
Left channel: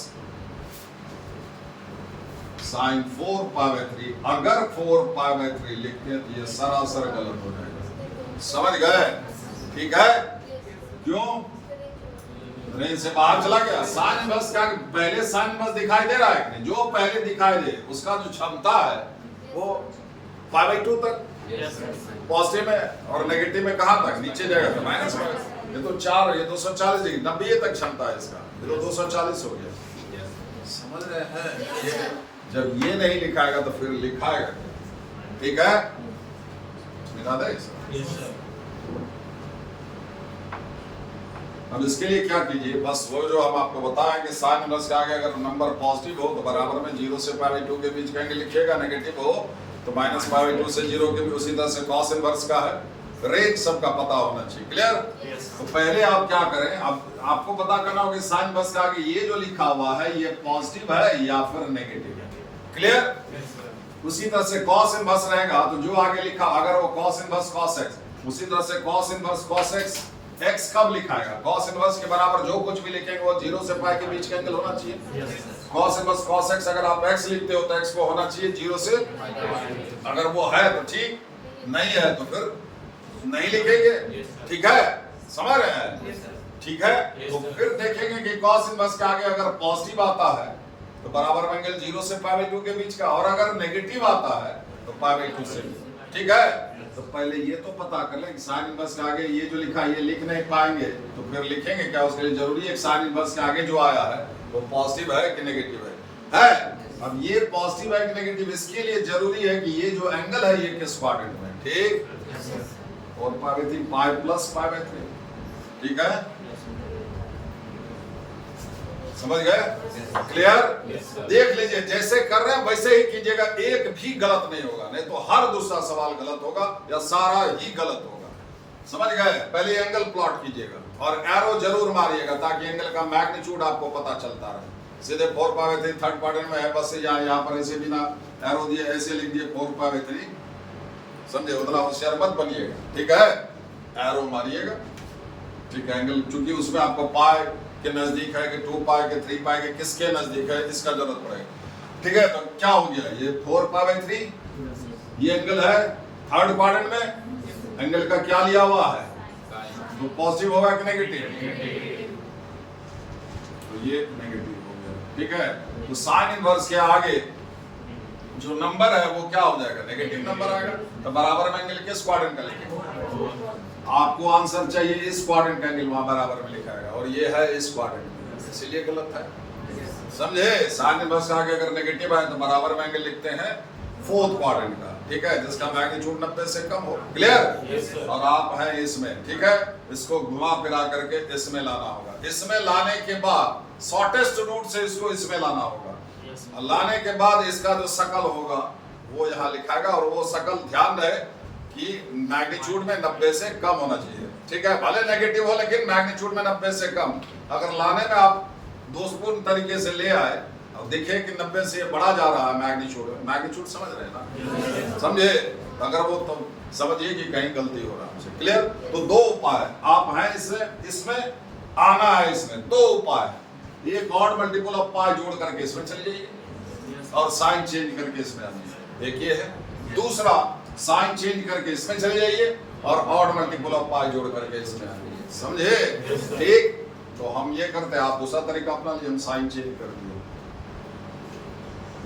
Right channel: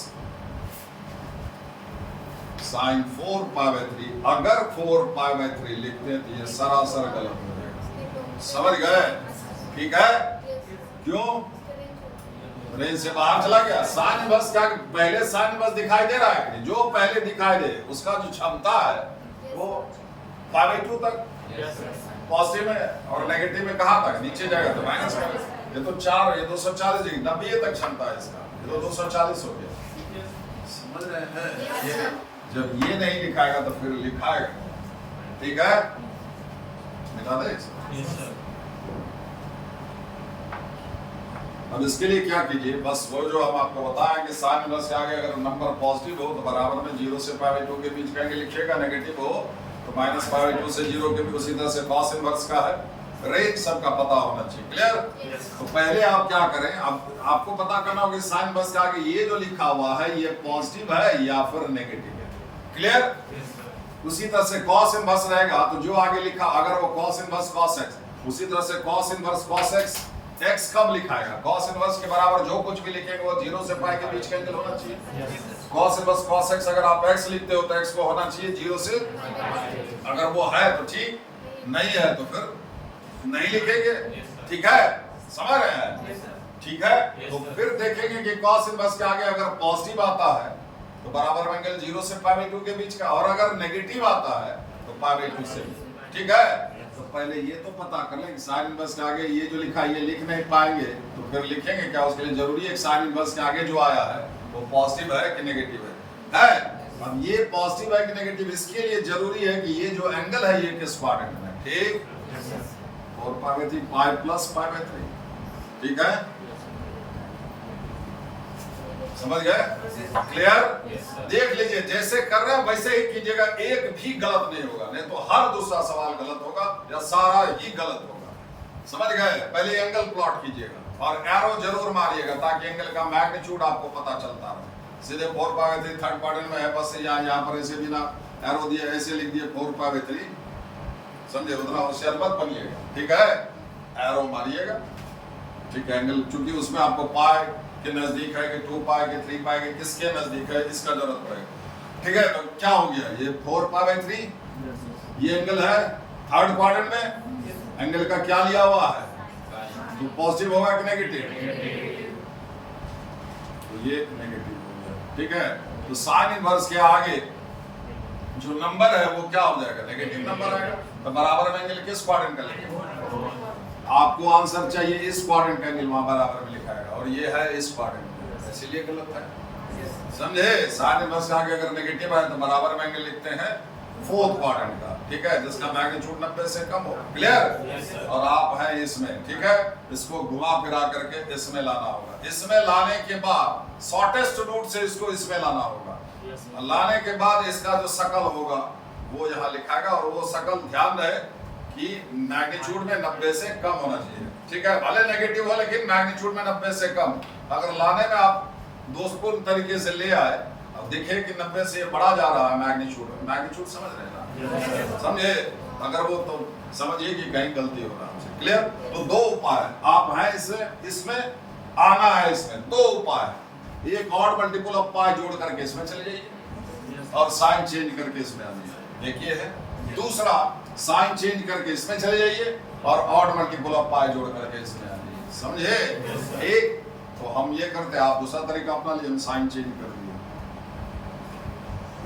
साइन 4π/3, अगर 4π/3 लिखते हैं तो ये सरासर गलत हो जाएगा, समझ गए, ठीक है। क्यों रेंज से बाहर चला गया? साइन इनवर्स क्या पहले साइन इनवर्स दिखाई दे रहा है कि नहीं? जो पहले दिखाई दे उसका जो क्षमता है वो π/2 तक पॉजिटिव में, और नेगेटिव में कहां तक? नीचे जाएगा तो -5। ये तो 4, ये 240 डिग्री, 90 तक क्षमता है इसका, ये तो 240 हो गया, समझ रहे हैं। जब ये नहीं लिखाएगा तो फिर लिखाएगा, ठीक है, मिटा दे इसको। अब इसके लिए क्या कीजिए, बस वो जो हम आपको बताया कि साइन इनवर्स का आगे अगर नंबर पॉजिटिव हो तो बराबर में 0 से π/2 के बीच का एंगल लिखिएगा, नेगेटिव हो तो -π/2 से 0 के बीच। उसी तरह से कॉस इनवर्स का है, रेंज सबका पता होना चाहिए, क्लियर। तो पहले आप क्या करें, अब आपको पता करना होगा साइन इनवर्स का आगे ये जो लिखा हुआ है ये पॉजिटिव है या फिर नेगेटिव है, क्लियर। उसी तरह से कॉस इनवर्स रहेगा तो जो आगे लिखा, अगर वो कॉस इनवर्स कॉस x, उसी तरह से cos inverse cos x, x कब लिखाएगा? कॉस इनवर्स के बराबर जो कुछ भी लिखेंगे वो 0 से π के बीच का एंगल होना चाहिए। कॉस इनवर्स कॉस x, अगर आप x लिखते हो तो x को होना चाहिए 0 से, अगर वो है तो ठीक, नहीं है तो फिर नहीं लिखेंगे, ठीक है, समझ रहे हैं, ठीक है। तो फिर देखेंगे कि कॉस इनवर्स के आगे अगर पॉजिटिव आता है तो बराबर में एंगल 0 से π/2 के बीच का, और अगर नेगेटिव आता है तो π/2 से, ठीक है। तो पहले ये तो पता कर लें कि साइन इनवर्स के आगे ये जो लिखा है ये लिख नहीं पाएंगे तो फिर लिखेंगे क्या? उसके लिए जरूरी है साइन इनवर्स के आगे जो आया है वो पॉजिटिव है कि नेगेटिव है। अब ये पॉजिटिव है कि नेगेटिव, इसके लिए जरूरी है कि ये जो एंगल है ये किस क्वाड्रेंट में, ठीक, 4π/3 π + π/3, ठीक है, समझ गए, क्लियर। देख लीजिए जैसे कर रहे हैं वैसे ही कीजिएगा, एक भी गलत नहीं होगा, नहीं तो हर दूसरा सवाल गलत होगा या सारा ही गलत होगा, समझ गए। पहले एंगल प्लॉट कीजिएगा और एरो जरूर मारिएगा ताकि एंगल का मैग्नीट्यूड आपको पता चलता रहे। सीधे 4π/3 थर्ड क्वाड्रेंट में है, बस यहाँ पर ऐसे बिना एरो दिए ऐसे लिख दिए 4π/3, समझे, उतना होशियार मत बनिएगा, ठीक है, एरो मारिएगा, ठीक है। एंगल चूंकि उसमें आपको पाई के नजदीक है कि 2π के 3π के किसके नजदीक है इसका जरूरत पड़ेगा, ठीक है। तो क्या हो गया, ये 4π/3 ये एंगल है थर्ड क्वाड्रेंट में, एंगल का क्या लिया हुआ है, तो पॉजिटिव होगा कि नेगेटिव, तो ये नेगेटिव हो गया, ठीक है। तो साइन इनवर्स के आगे जो नंबर है वो क्या हो जाएगा, नेगेटिव नंबर आएगा, तो बराबर में एंगल किस क्वाड्रेंट का लिखेंगे? आपको आंसर चाहिए इस क्वाड्रेंट का एंगल वहां बराबर में लिखा है और ये है इस क्वाड्रेंट में, इसीलिए गलत है, समझे। साइन इनवर्स का आगे अगर नेगेटिव आए तो बराबर में एंगल लिखते हैं फोर्थ क्वाड्रेंट का, ठीक है, जिसका मैग्नीट्यूड 90 से कम हो, क्लियर। और आप हैं इसमें, ठीक है, इसको घुमा फिरा करके इसमें लाना होगा, इसमें लाने के बाद शॉर्टेस्ट रूट से इसको इसमें लाना होगा, लाने के बाद इसका जो शकल होगा वो यहाँ लिखाएगा, और वो शकल ध्यान रहे कि मैग्नीट्यूड में 90 से कम होना चाहिए, ठीक है, भले नेगेटिव हो लेकिन मैग्नीट्यूड में 90 से कम। अगर लाने में आप दोषपूर्ण तरीके से ले आए और देखें कि 90 से बड़ा जा रहा है मैग्नीट्यूड समझ रहे हैं ना, समझे, अगर वो तो समझिए कि कहीं गलती होगा, क्लियर। तो दो उपाय आप हैं इसमें आना है, इसमें दो उपाय, एक ऑड मल्टीपल ऑफ पाई जोड़ करके इसमें चले जाइए और साइन चेंज करके इसमें आइए, एक ये है। दूसरा साइन चेंज करके इसमें चले जाइए और ऑड मल्टीपल ऑफ पाई जोड़ करके इसमें आइए, समझे, ठीक। तो हम ये करते हैं, आप दूसरा तरीका अपना लिए, हम साइन चेंज कर दिए,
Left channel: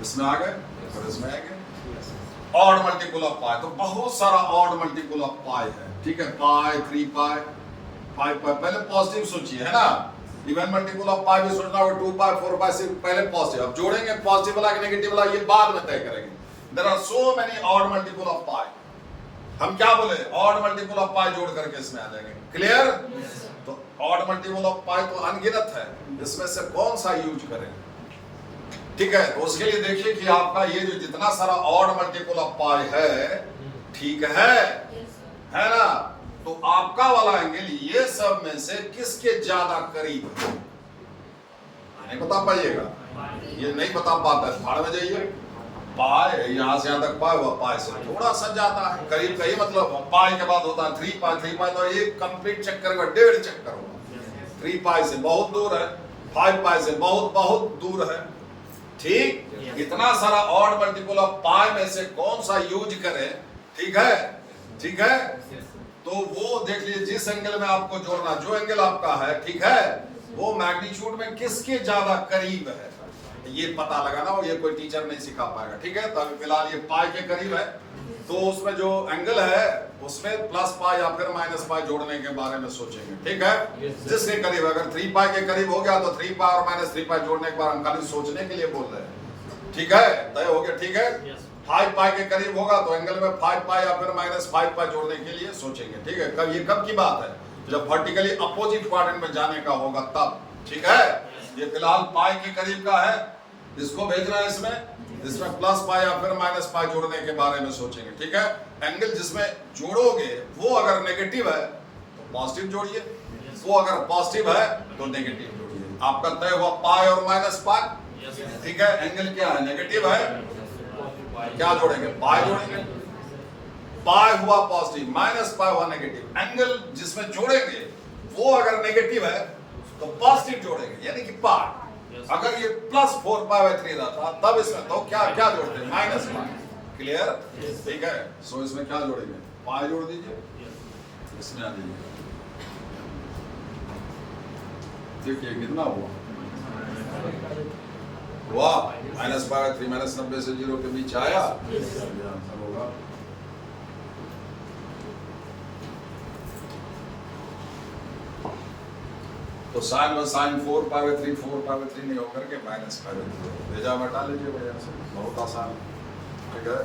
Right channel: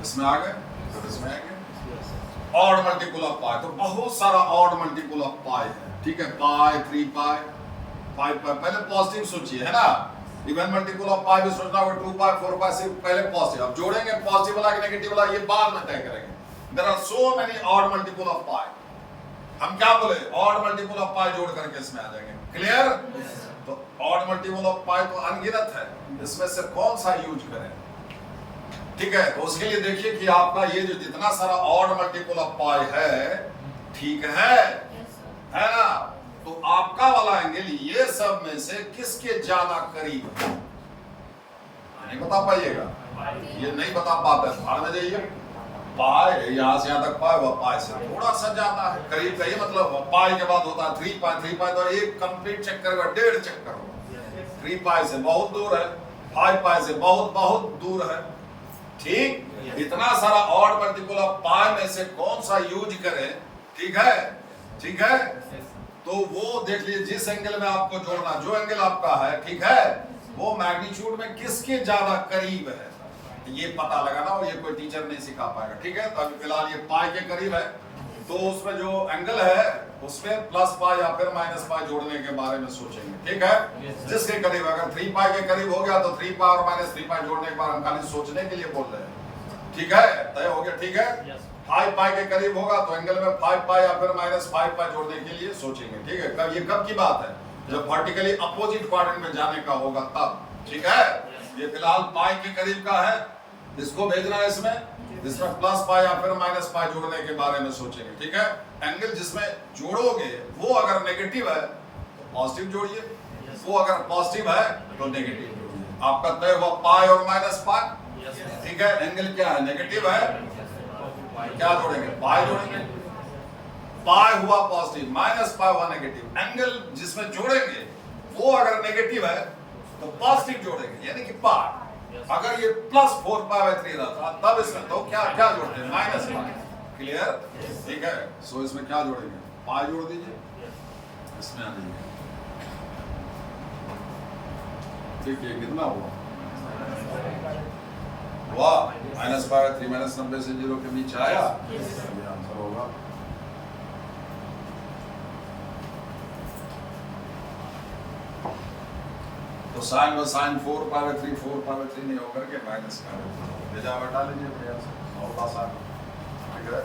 इसमें आ गए, फिर इसमें आ गए ऑड मल्टीपल ऑफ पाई, तो बहुत सारा ऑड मल्टीपल ऑफ पाई है, ठीक है, पाई 3π 5π, पहले पॉजिटिव सोचिए, है ना। इवन मल्टीपल ऑफ पाई भी सोचना होगा, 2π 4π से पहले पॉजिटिव, अब जोड़ेंगे पॉजिटिव वाला कि नेगेटिव वाला ये बाद में तय करेंगे। There are so many odd multiple of pi, हम क्या बोले, ऑड मल्टीपल ऑफ पाई जोड़ करके इसमें आ जाएंगे, क्लियर। तो ऑड मल्टीपल ऑफ पाई तो अनगिनत है, इसमें से कौन सा यूज करें? ठीक है, तो उसके लिए देखिए कि आपका ये जो जितना सारा ऑड मल्टीपल ऑफ पाई है, ठीक है ना, तो आपका वाला एंगल ये सब में से किसके ज्यादा करीब है? नहीं बता पाइएगा, ये नहीं बता पाता है, भाड़ में जाइए। पाई यहां से यहां तक पाई, वह पाई से थोड़ा सा जाता है करीब का, ये मतलब पाई के बाद होता है 3 पाई, 3 पाई तो एक कंप्लीट चक्कर हुआ, 1.5 चक्कर हुआ। 3 पाई से बहुत दूर है, 5 पाई से बहुत बहुत दूर है। ठीक, इतना सारा ऑड मल्टीपल ऑफ पाई में से कौन सा यूज करें? ठीक है, ठीक है, तो वो देख लीजिए जिस एंगल में आपको जोड़ना, जो एंगल आपका है, ठीक है, वो मैग्नीट्यूड में किसके ज्यादा करीब है, ये पता लगाना, और ये कोई टीचर नहीं सिखा पाएगा। ठीक है, तो अभी फिलहाल ये पाई के करीब है, तो उसमें जो एंगल है उसमें प्लस पाई या फिर माइनस पाई जोड़ने के बारे में सोचेंगे। ठीक है, जिसके करीब, अगर 3 पाई के करीब हो गया तो 3 पाई और माइनस 3 पाई जोड़ने के बाद हम खाली सोचने के लिए बोल रहे हैं। ठीक है, तय हो गया। ठीक है, 5 पाई के करीब होगा तो एंगल में 5 पाई या फिर माइनस 5 पाई जोड़ने के लिए सोचेंगे। ठीक है, कब, ये कब की बात है? जब वर्टिकली अपोजिट क्वाड्रेंट में जाने का होगा तब। ठीक है, ये फिलहाल पाई के करीब का है, इसको भेजना है इसमें प्लस पाई या फिर माइनस पाई जोड़ने के बारे में सोचेंगे। ठीक है, एंगल जिसमें जोड़ोगे वो अगर नेगेटिव है तो पॉजिटिव जोड़िए, वो अगर पॉजिटिव है तो नेगेटिव जोड़िए। आपका तय हुआ पाई और माइनस पाई। ठीक है, एंगल क्या है? नेगेटिव है, क्या जोड़ेंगे? पाई जोड़ेंगे। पाई हुआ पॉजिटिव, माइनस पाई हुआ नेगेटिव। एंगल जिसमें जोड़ेंगे वो अगर नेगेटिव है तो पॉजिटिव जोड़ेंगे, यानी कि पाई। अगर ये प्लस 4 पाई बाई 3 रहता तब इसमें तो क्या क्या जोड़ते हैं? Minus pi. क्लियर? ठीक है, सो इसमें क्या जोड़ेंगे? पाई जोड़ दीजिए, इसमें आ जाइए। देखिए कितना हुआ, माइनस पाई बाई 3 माइनस 90 से 0 के बीच आया, ये आंसर होगा। तो साइन में sine 4 pi by 3 4 pi by 3 नहीं होकर के माइनस पाई बाई 3 भेजा, हटा लीजिए, बढ़िया से, बहुत आसान है। ठीक है,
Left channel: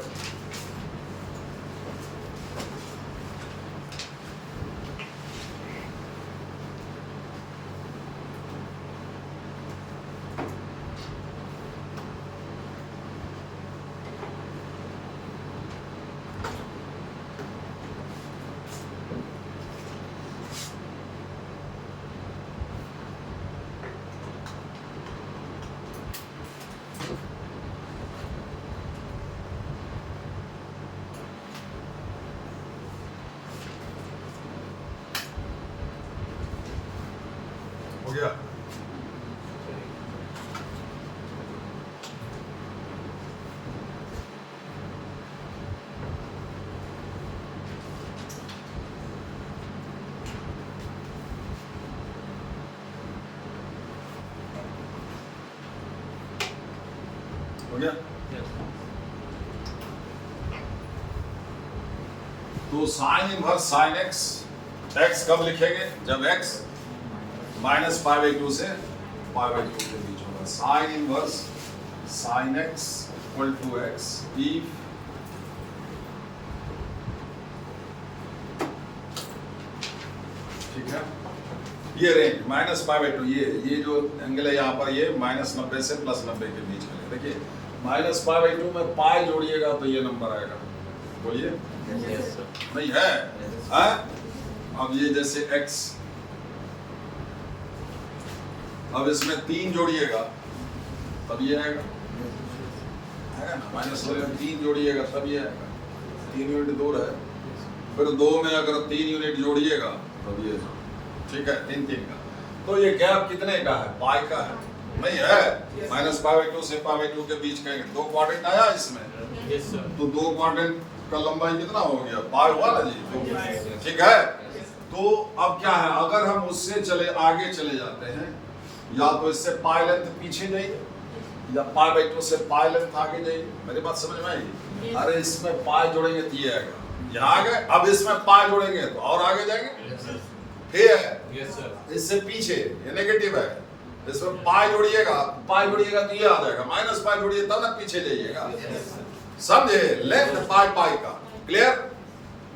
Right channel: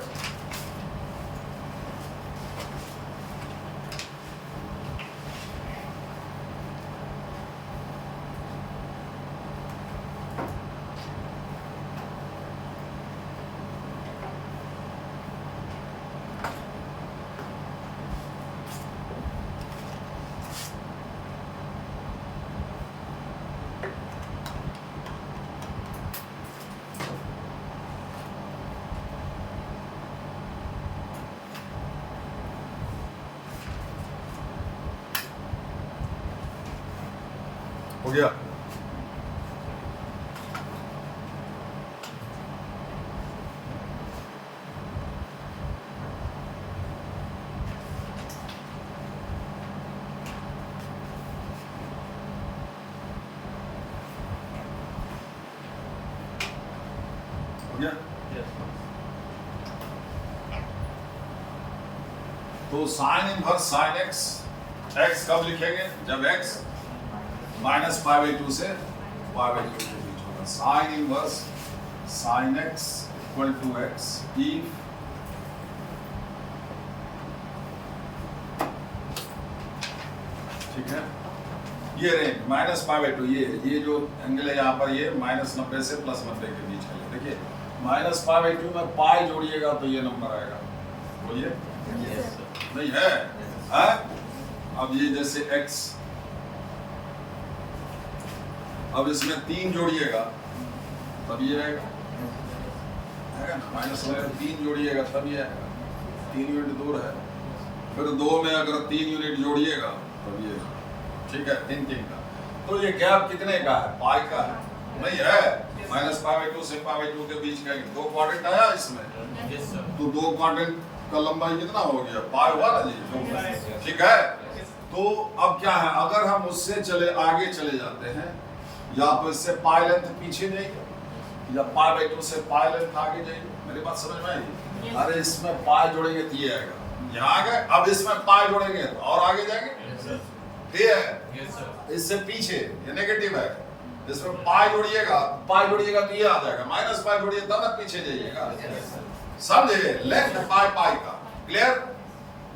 हो गया। हो गया। तो sign inverse sine x, x कब लिखेंगे? जब एक्स माइनस पाई बाई 2 से पाई बाई 2 के बीच होगा। Sine inverse sine x equal to x if ठीक है, ये रेंज माइनस पाई बाई 2, ये जो एंगल है यहाँ पर, ये माइनस 90 से प्लस 90 के बीच का। देखिए माइनस पाई बाई 2 में पाई जोड़िएगा तो ये नंबर आएगा, बोलिए। नहीं है, अब ये जैसे x, अब इसमें 3 जोड़िएगा तब ये आएगा ना, माइनस 3 जोड़िएगा तब ये आएगा। 3 यूनिट दूर है, फिर 2 में अगर 3 यूनिट जोड़िएगा तब ये, ठीक है, 3 3 का। तो ये गैप कितने का है? पाई का है, नहीं है? माइनस पाई बाई 2 से पाई बाई 2 के बीच का 2 क्वाड्रेंट आया इसमें, तो 2 क्वाड्रेंट का लंबाई कितना हो गया? पाई हुआ ना जी, 2। ठीक है, तो अब क्या है, अगर हम उससे आगे चले जाते हैं, या तो इससे पाई लेंथ पीछे जाइए या पाई बाई 2 से पाई लेंथ आगे जाइए। मेरी बात समझ में आई? अरे इसमें पाई जोड़ेंगे तो ये आएगा, यहाँ आ गए। अब इसमें पाई जोड़ेंगे तो और आगे जाएंगे, ठीक है, इससे पीछे ये नेगेटिव है, इसमें पाई जोड़िएगा तो ये आ जाएगा, माइनस पाई जोड़िए तब ना पीछे जाइएगा। समझे? लेंथ पाई पाई का। क्लियर?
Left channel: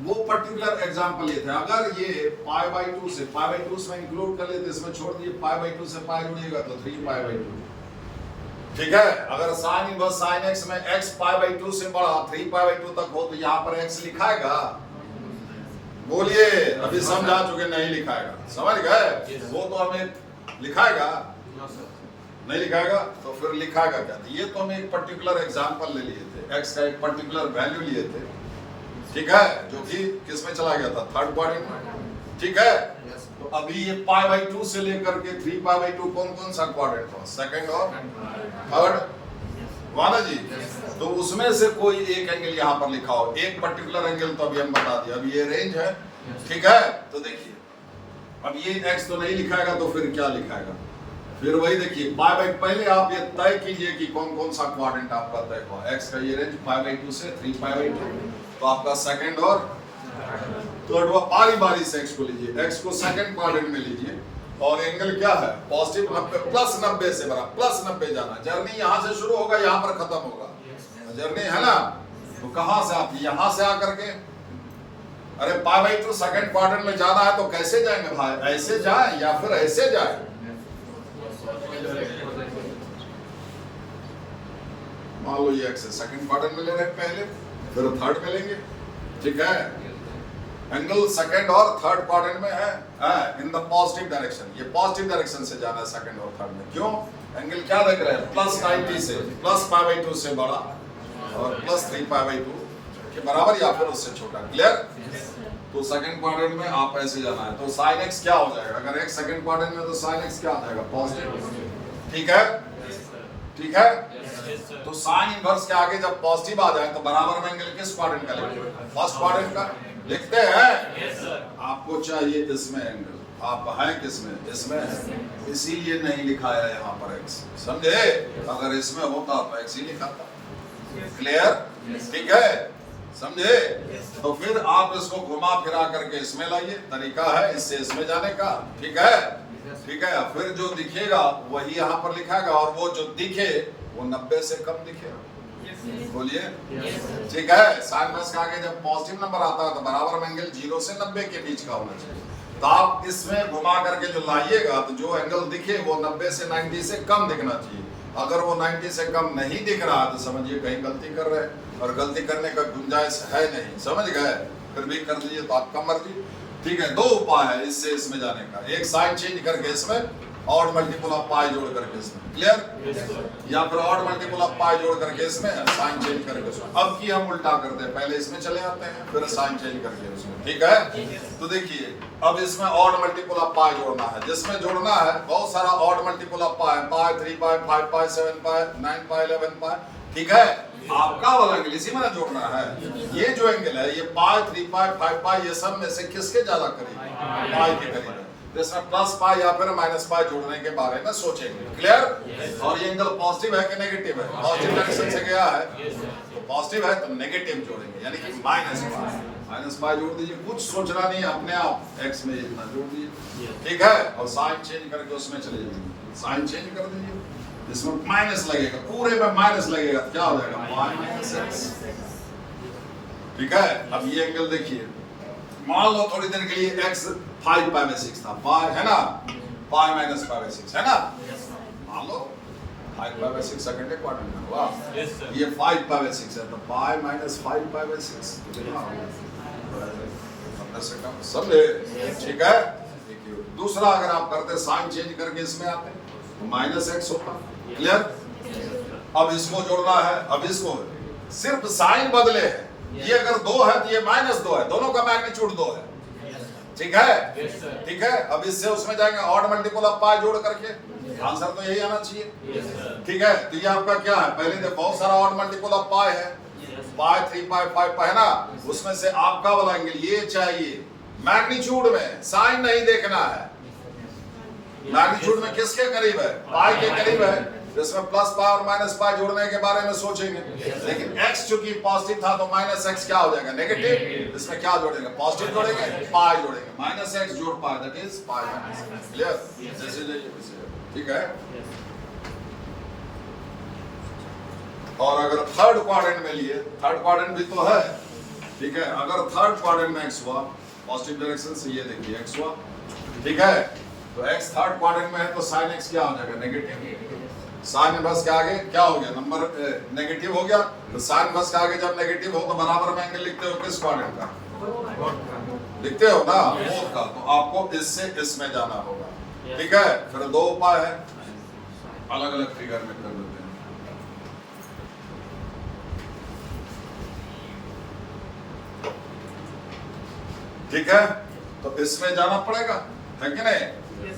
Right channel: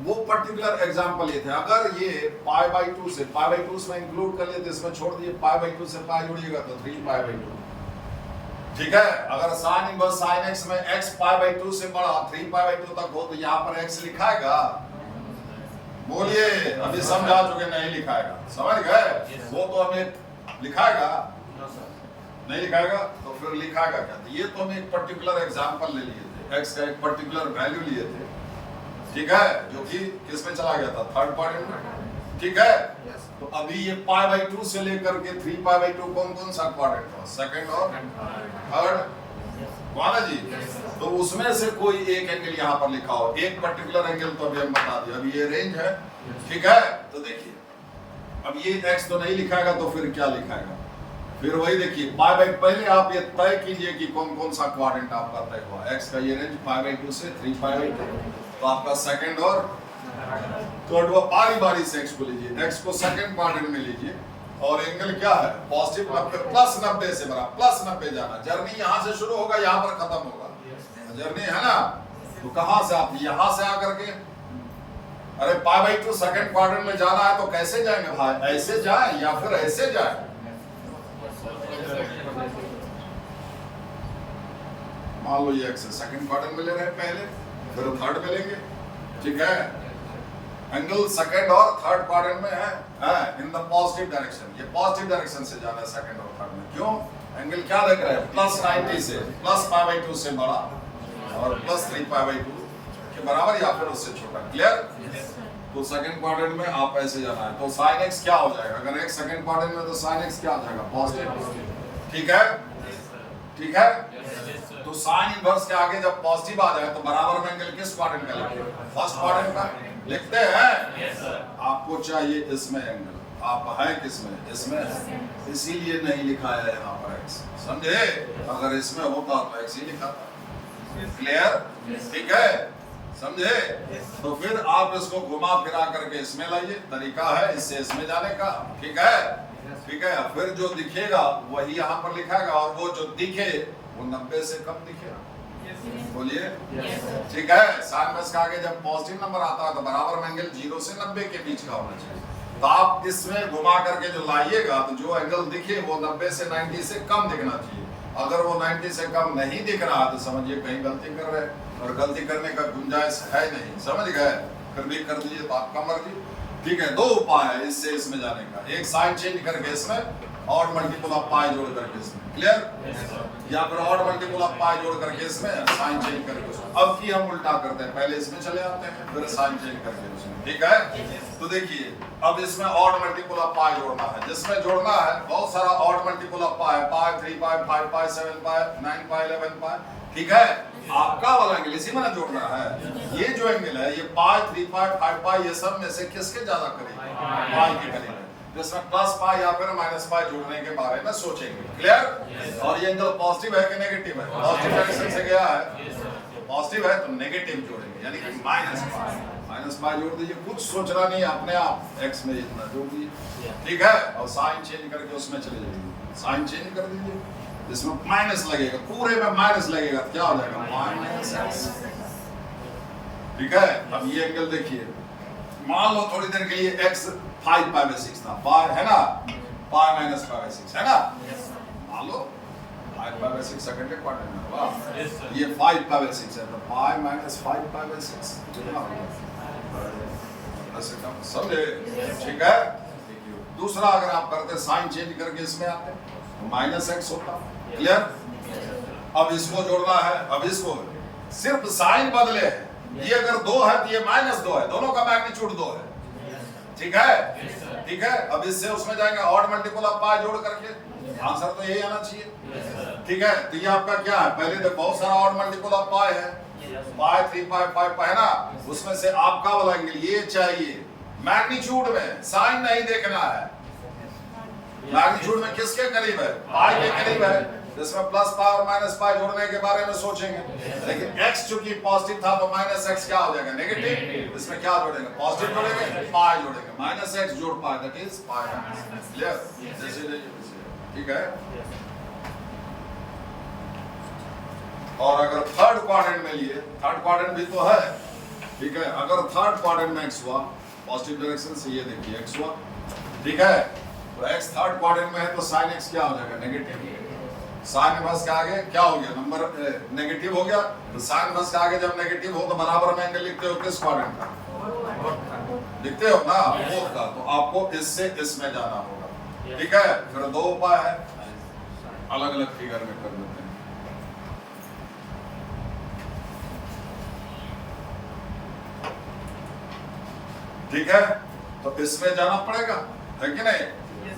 वो पर्टिकुलर एग्जांपल ये थे। अगर ये पाई बाई 2 से पाई बाई 2 इसमें इंक्लूड कर लिए तो इसमें छोड़ दिए, पाई बाई 2 से पाई जुड़िएगा तो 3 पाई बाई 2। ठीक है, अगर साइन इनवर्स साइन एक्स में x पाई बाई 2 से बड़ा 3 पाई बाई 2 तक हो तो यहाँ पर x लिखाएगा? बोलिए, अभी समझा चुके नहीं लिखाएगा, समझ गए? वो तो हमें लिखाएगा नहीं लिखाएगा तो फिर लिखाएगा क्या? ये तो हम एक पर्टिकुलर एग्जांपल ले लिए थे, x का एक पर्टिकुलर वैल्यू लिए थे, ठीक है, जो कि किस में चला गया था? थर्ड क्वाड्रेंट में, ठीक है। तो अभी ये पाई बाई 2 से लेकर के 3 पाई बाई 2 कौन कौन सा क्वाड्रेंट था? सेकंड और थर्ड, वाला जी। तो उसमें से कोई एक एंगल यहाँ पर लिखा हो, एक पर्टिकुलर एंगल तो अभी हम बता दिया। अभी ये रेंज है, ठीक है। तो देखिए, अब ये x तो नहीं लिखाएगा तो फिर क्या लिखाएगा? फिर वही देखिए, पाई बाई, पहले आप ये तय कीजिए कि कौन कौन सा क्वाड्रेंट आपका तय हुआ। x का ये रेंज पाई बाई 2 से 3 पाई बाई 2, तो आपका सेकंड और थर्ड, बारी बारी से x को लीजिए, x को सेकंड क्वाड्रेंट में लीजिए, और एंगल क्या है? पॉजिटिव 90 प्लस 90 से बड़ा, प्लस 90 जाना। जर्नी यहाँ से शुरू होगा, यहाँ पर खत्म होगा, जर्नी है ना। तो कहाँ से आप यहाँ से आकर के, अरे पाई बाई 2 सेकंड क्वाड्रेंट में जाना है तो कैसे जाएंगे भाई? ऐसे जाए या फिर ऐसे जाए? मान लो ये x है, सेकंड क्वाड्रेंट में ले रहे हैं पहले, फिर थर्ड में लेंगे, ठीक है। एंगल सेकंड और थर्ड क्वाड्रेंट में है इन द पॉजिटिव डायरेक्शन। ये पॉजिटिव डायरेक्शन से जाना है सेकंड और थर्ड में। क्यों? एंगल क्या देख रहे हैं? प्लस 90 से, प्लस पाई बाई 2 से बड़ा और प्लस 3 पाई बाई 2 के बराबर या फिर उससे छोटा। क्लियर? तो सेकंड क्वाड्रेंट में आप ऐसे जाना है, तो साइन एक्स क्या हो जाएगा? अगर एक सेकंड क्वाड्रेंट में तो साइन एक्स क्या आ जाएगा? पॉजिटिव, ठीक है, ठीक है। तो साइन इनवर्स के आगे जब पॉजिटिव आ जाए तो बराबर में एंगल किस क्वाड्रेंट का लिखेंगे? फर्स्ट क्वाड्रेंट का लिखते हैं। आपको चाहिए इसमें एंगल, आप हैं किसमें? इसमें है, इसीलिए नहीं लिखा है यहाँ पर x, समझे? अगर इसमें होता तो x ही लिखा था। क्लियर? ठीक है, समझे? तो फिर आप इसको घुमा फिरा करके इसमें लाइए, तरीका है इससे इसमें जाने का, ठीक है, ठीक है। फिर जो दिखेगा वही यहाँ पर लिखाएगा, और वो जो दिखे वो 90 से कम दिखेगा। बोलिए, ठीक है। साइन इनवर्स का आगे जब पॉजिटिव नंबर आता है तो बराबर में एंगल 0 से 90 के बीच का होना चाहिए। तो आप इसमें घुमा करके जो लाइएगा तो जो एंगल दिखे वो 90 से 90 से कम दिखना चाहिए। अगर वो 90 से कम नहीं दिख रहा तो समझिए कहीं गलती कर रहे हैं, और गलती करने का गुंजाइश है नहीं, समझ गए? फिर भी कर दीजिए तो आपका मर्जी, ठीक है। दो उपाय है इससे इसमें जाने का, एक साइन चेंज करके इसमें, और मल्टीपल ऑफ पाई जोड़ करके इसमें। क्लियर? या फिर और मल्टीपल ऑफ पाई जोड़ करके इसमें, साइन चेंज करके इसमें। अब की हम उल्टा करते हैं, पहले इसमें चले आते हैं फिर साइन चेंज करके उसमें, ठीक है। तो देखिए, अब इसमें और मल्टीपल ऑफ पाई जोड़ना है, जिसमें जोड़ना है बहुत सारा और मल्टीपल ऑफ पाई, पाई 3 पाई 5 पाई 7 पाई 9 पाई 11 पाई, ठीक है। आपका वाला एंगल इसी में ना जोड़ना है। ये जो एंगल है ये पाई 3 पाई 5 पाई, ये सब में से किसके ज्यादा करीब? पाई के करीब है। तो इसमें प्लस पाई या फिर माइनस पाई जोड़ने के बारे में सोचेंगे। क्लियर? और ये एंगल पॉजिटिव है कि नेगेटिव है? पॉजिटिव डायरेक्शन से गया है, तो पॉजिटिव है तो नेगेटिव जोड़ेंगे, यानी कि माइनस पाई। माइनस पाई जोड़ दीजिए, कुछ सोचना नहीं, अपने आप एक्स में इतना जोड़ दीजिए, ठीक है। और साइन चेंज करके उसमें चले जाइए, साइन चेंज कर दीजिए, इसमें माइनस लगेगा, पूरे में माइनस लगेगा, क्या हो जाएगा? पाई माइनस एक्स, ठीक है। अब ये एंगल देखिए, मान लो थोड़ी देर के लिए x 5 पाई बाई 6 था, पाई है ना, पाई माइनस पाई बाई 6 है ना, मान लो 5 पाई बाई 6 सेकंड के क्वाड्रेंट में, वाह, ये 5 पाई बाई 6 है, तो पाई माइनस 5 पाई बाई 6 कितना होगा? से कम, समझे? ठीक है। दूसरा, अगर आप करते साइन चेंज करके इसमें आते तो माइनस एक्स होता। क्लियर? अब इसको जोड़ना है, अब इसको सिर्फ साइन बदले है, ये अगर 2 है तो ये -2 है, दोनों का मैग्नीट्यूड 2 है, ठीक है, ठीक है। अब इससे उसमें जाएंगे ऑड मल्टीपल ऑफ पाई जोड़ करके, आंसर तो यही आना चाहिए, ठीक है। तो ये आपका क्या है? पहले तो बहुत सारा ऑड मल्टीपल ऑफ पाई है, पाई 3 पाई 5 पाई है ना, उसमें से आपका वाला एंगल ये चाहिए मैग्नीट्यूड में, साइन नहीं देखना है। मैग्नीट्यूड में किसके करीब है? पाई के करीब है, जिसमें प्लस पाई और माइनस पाई जोड़ने के बारे में सोचेंगे। लेकिन x चूंकि पॉजिटिव था तो माइनस एक्स क्या हो जाएगा? नेगेटिव। इसमें क्या जोड़ेंगे? पॉजिटिव जोड़ेंगे, पाई जोड़ेंगे, माइनस एक्स जोड़ pi, that is pi minus. Clear? जैसे ठीक है। और अगर थर्ड क्वाड्रेंट में लिए, थर्ड क्वाड्रेंट भी तो है, ठीक है। अगर थर्ड क्वाड्रेंट में x हुआ, पॉजिटिव डायरेक्शन से ये देखिए x हुआ, ठीक है, तो x थर्ड क्वाड्रेंट में है तो sin x क्या हो जाएगा, नेगेटिव। साइन इनवर्स के आगे क्या हो गया, नंबर नेगेटिव हो गया, तो साइन इनवर्स के आगे जब नेगेटिव हो तो बराबर में एंगल लिखते हो किस क्वाड्रेंट का, लिखते हो ना, बोथ का। तो आपको इससे इसमें जाना होगा, ठीक है। फिर दो उपाय है, अलग अलग फिगर में कर लेते हैं। ठीक है, तो इसमें जाना पड़ेगा, है कि नहीं।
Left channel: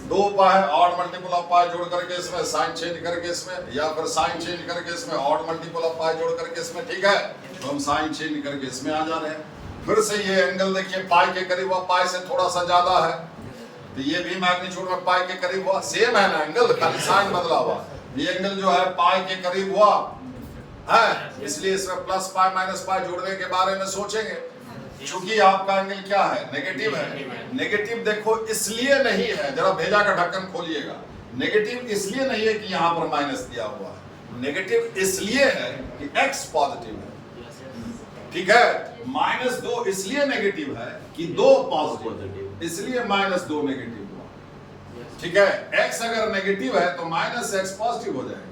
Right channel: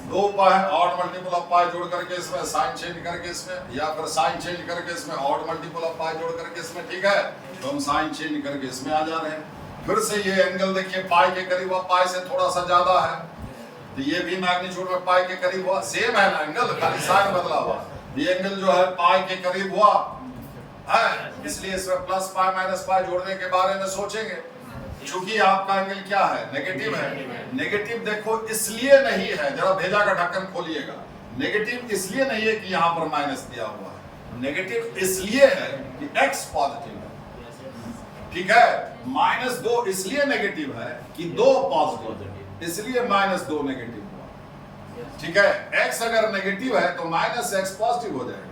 दो उपाय है, ऑड मल्टीपल ऑफ पाई जोड़ करके इसमें साइन चेंज करके इसमें, या फिर साइन चेंज करके इसमें ऑड मल्टीपल ऑफ पाई जोड़ करके इसमें, ठीक है। तो हम साइन चेंज करके इसमें आ जा रहे हैं। फिर से ये एंगल देखिए पाई के करीब हुआ, पाई से थोड़ा सा ज्यादा है, तो ये भी मैग्नीट्यूड में पाई के करीब हुआ, सेम है ना एंगल, खाली साइन बदला हुआ। ये एंगल जो है पाई के करीब हुआ है, इसलिए इसमें प्लस पाई माइनस पाई जोड़ने के बारे में सोचेंगे। क्योंकि आपका एंगल क्या है, नेगेटिव है। नेगेटिव देखो इसलिए नहीं है, जरा भेजा का ढक्कन खोलिएगा, नेगेटिव इसलिए नहीं है कि यहाँ पर माइनस दिया हुआ है, नेगेटिव इसलिए है कि x पॉजिटिव है, ठीक है। -2 इसलिए नेगेटिव है कि 2 पॉजिटिव, इसलिए -2 नेगेटिव हुआ, ठीक है। x अगर नेगेटिव है तो -x पॉजिटिव हो जाएगा,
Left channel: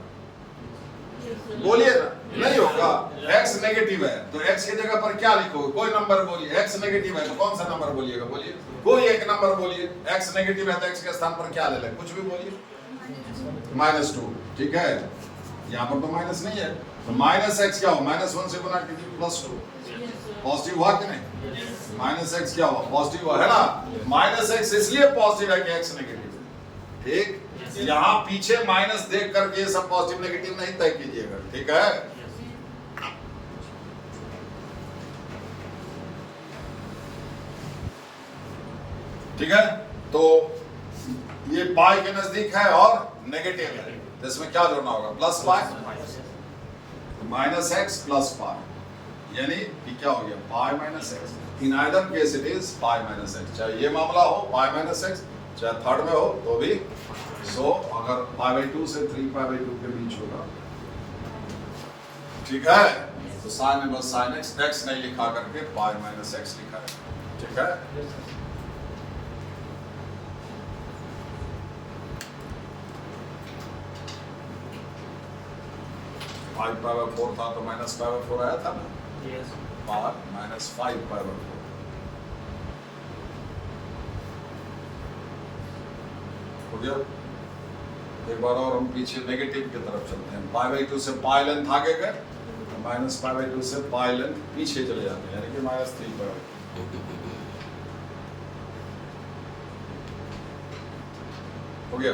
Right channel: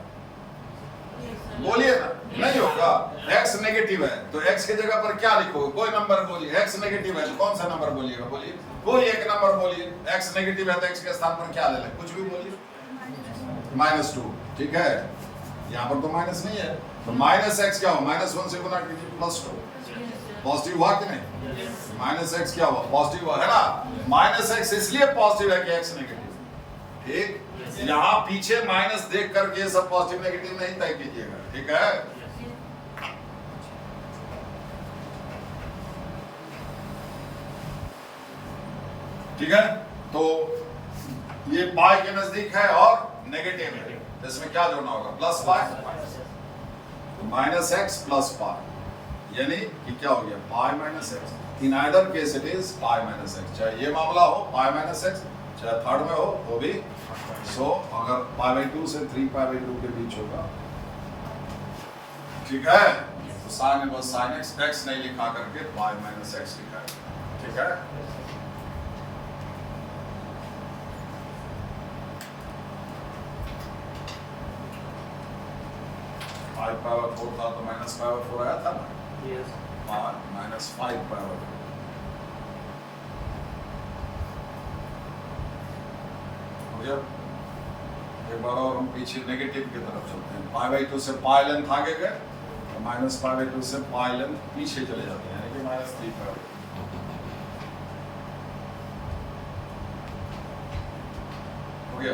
बोलिए ना, नहीं होगा। x नेगेटिव है तो x की जगह पर क्या लिखोगे, कोई नंबर बोलिए। x नेगेटिव है तो कौन सा नंबर बोलिएगा, बोलिए कोई एक नंबर बोलिए। x नेगेटिव है तो x के स्थान पर क्या ले लें, कुछ भी बोलिए, -2, ठीक है। यहाँ पर तो माइनस नहीं है, तो -x क्या हो, -1 से गुना कीजिए, +2, पॉजिटिव हुआ कि नहीं, -x क्या हुआ, पॉजिटिव हुआ है ना। -x इसलिए पॉजिटिव है कि x नेगेटिव है, ठीक। यहाँ पीछे माइनस देख करके सब पॉजिटिव नेगेटिव नहीं तय कीजिएगा, ठीक है। ठीक है, तो ये पाई के नजदीक है और नेगेटिव है, इसमें क्या जोड़ना होगा, plus pi, -x plus pi, यानी कि क्या हो गया, pi minus x। In either case it is pi minus x, चाहे ये मामला हो पाई माइनस x, चाहे थर्ड में हो तो भी सो। अगर π/2 से 3π/2 के बीच होगा, ठीक है, तो sign inverse sign x, x नहीं लिखा करके पाई माइनस x लिखा है, ठीक है। π/4 था तो -π/4 आया था ना, -5π/4 हो गया। एक बार और हम पीछे नेगेटिव की तरफ चलते हैं, π/2 से पाई लेंथ आगे गए तो -π/2 से पाई लेंथ पीछे चले जाते हैं, यानी कि -3π हो गया।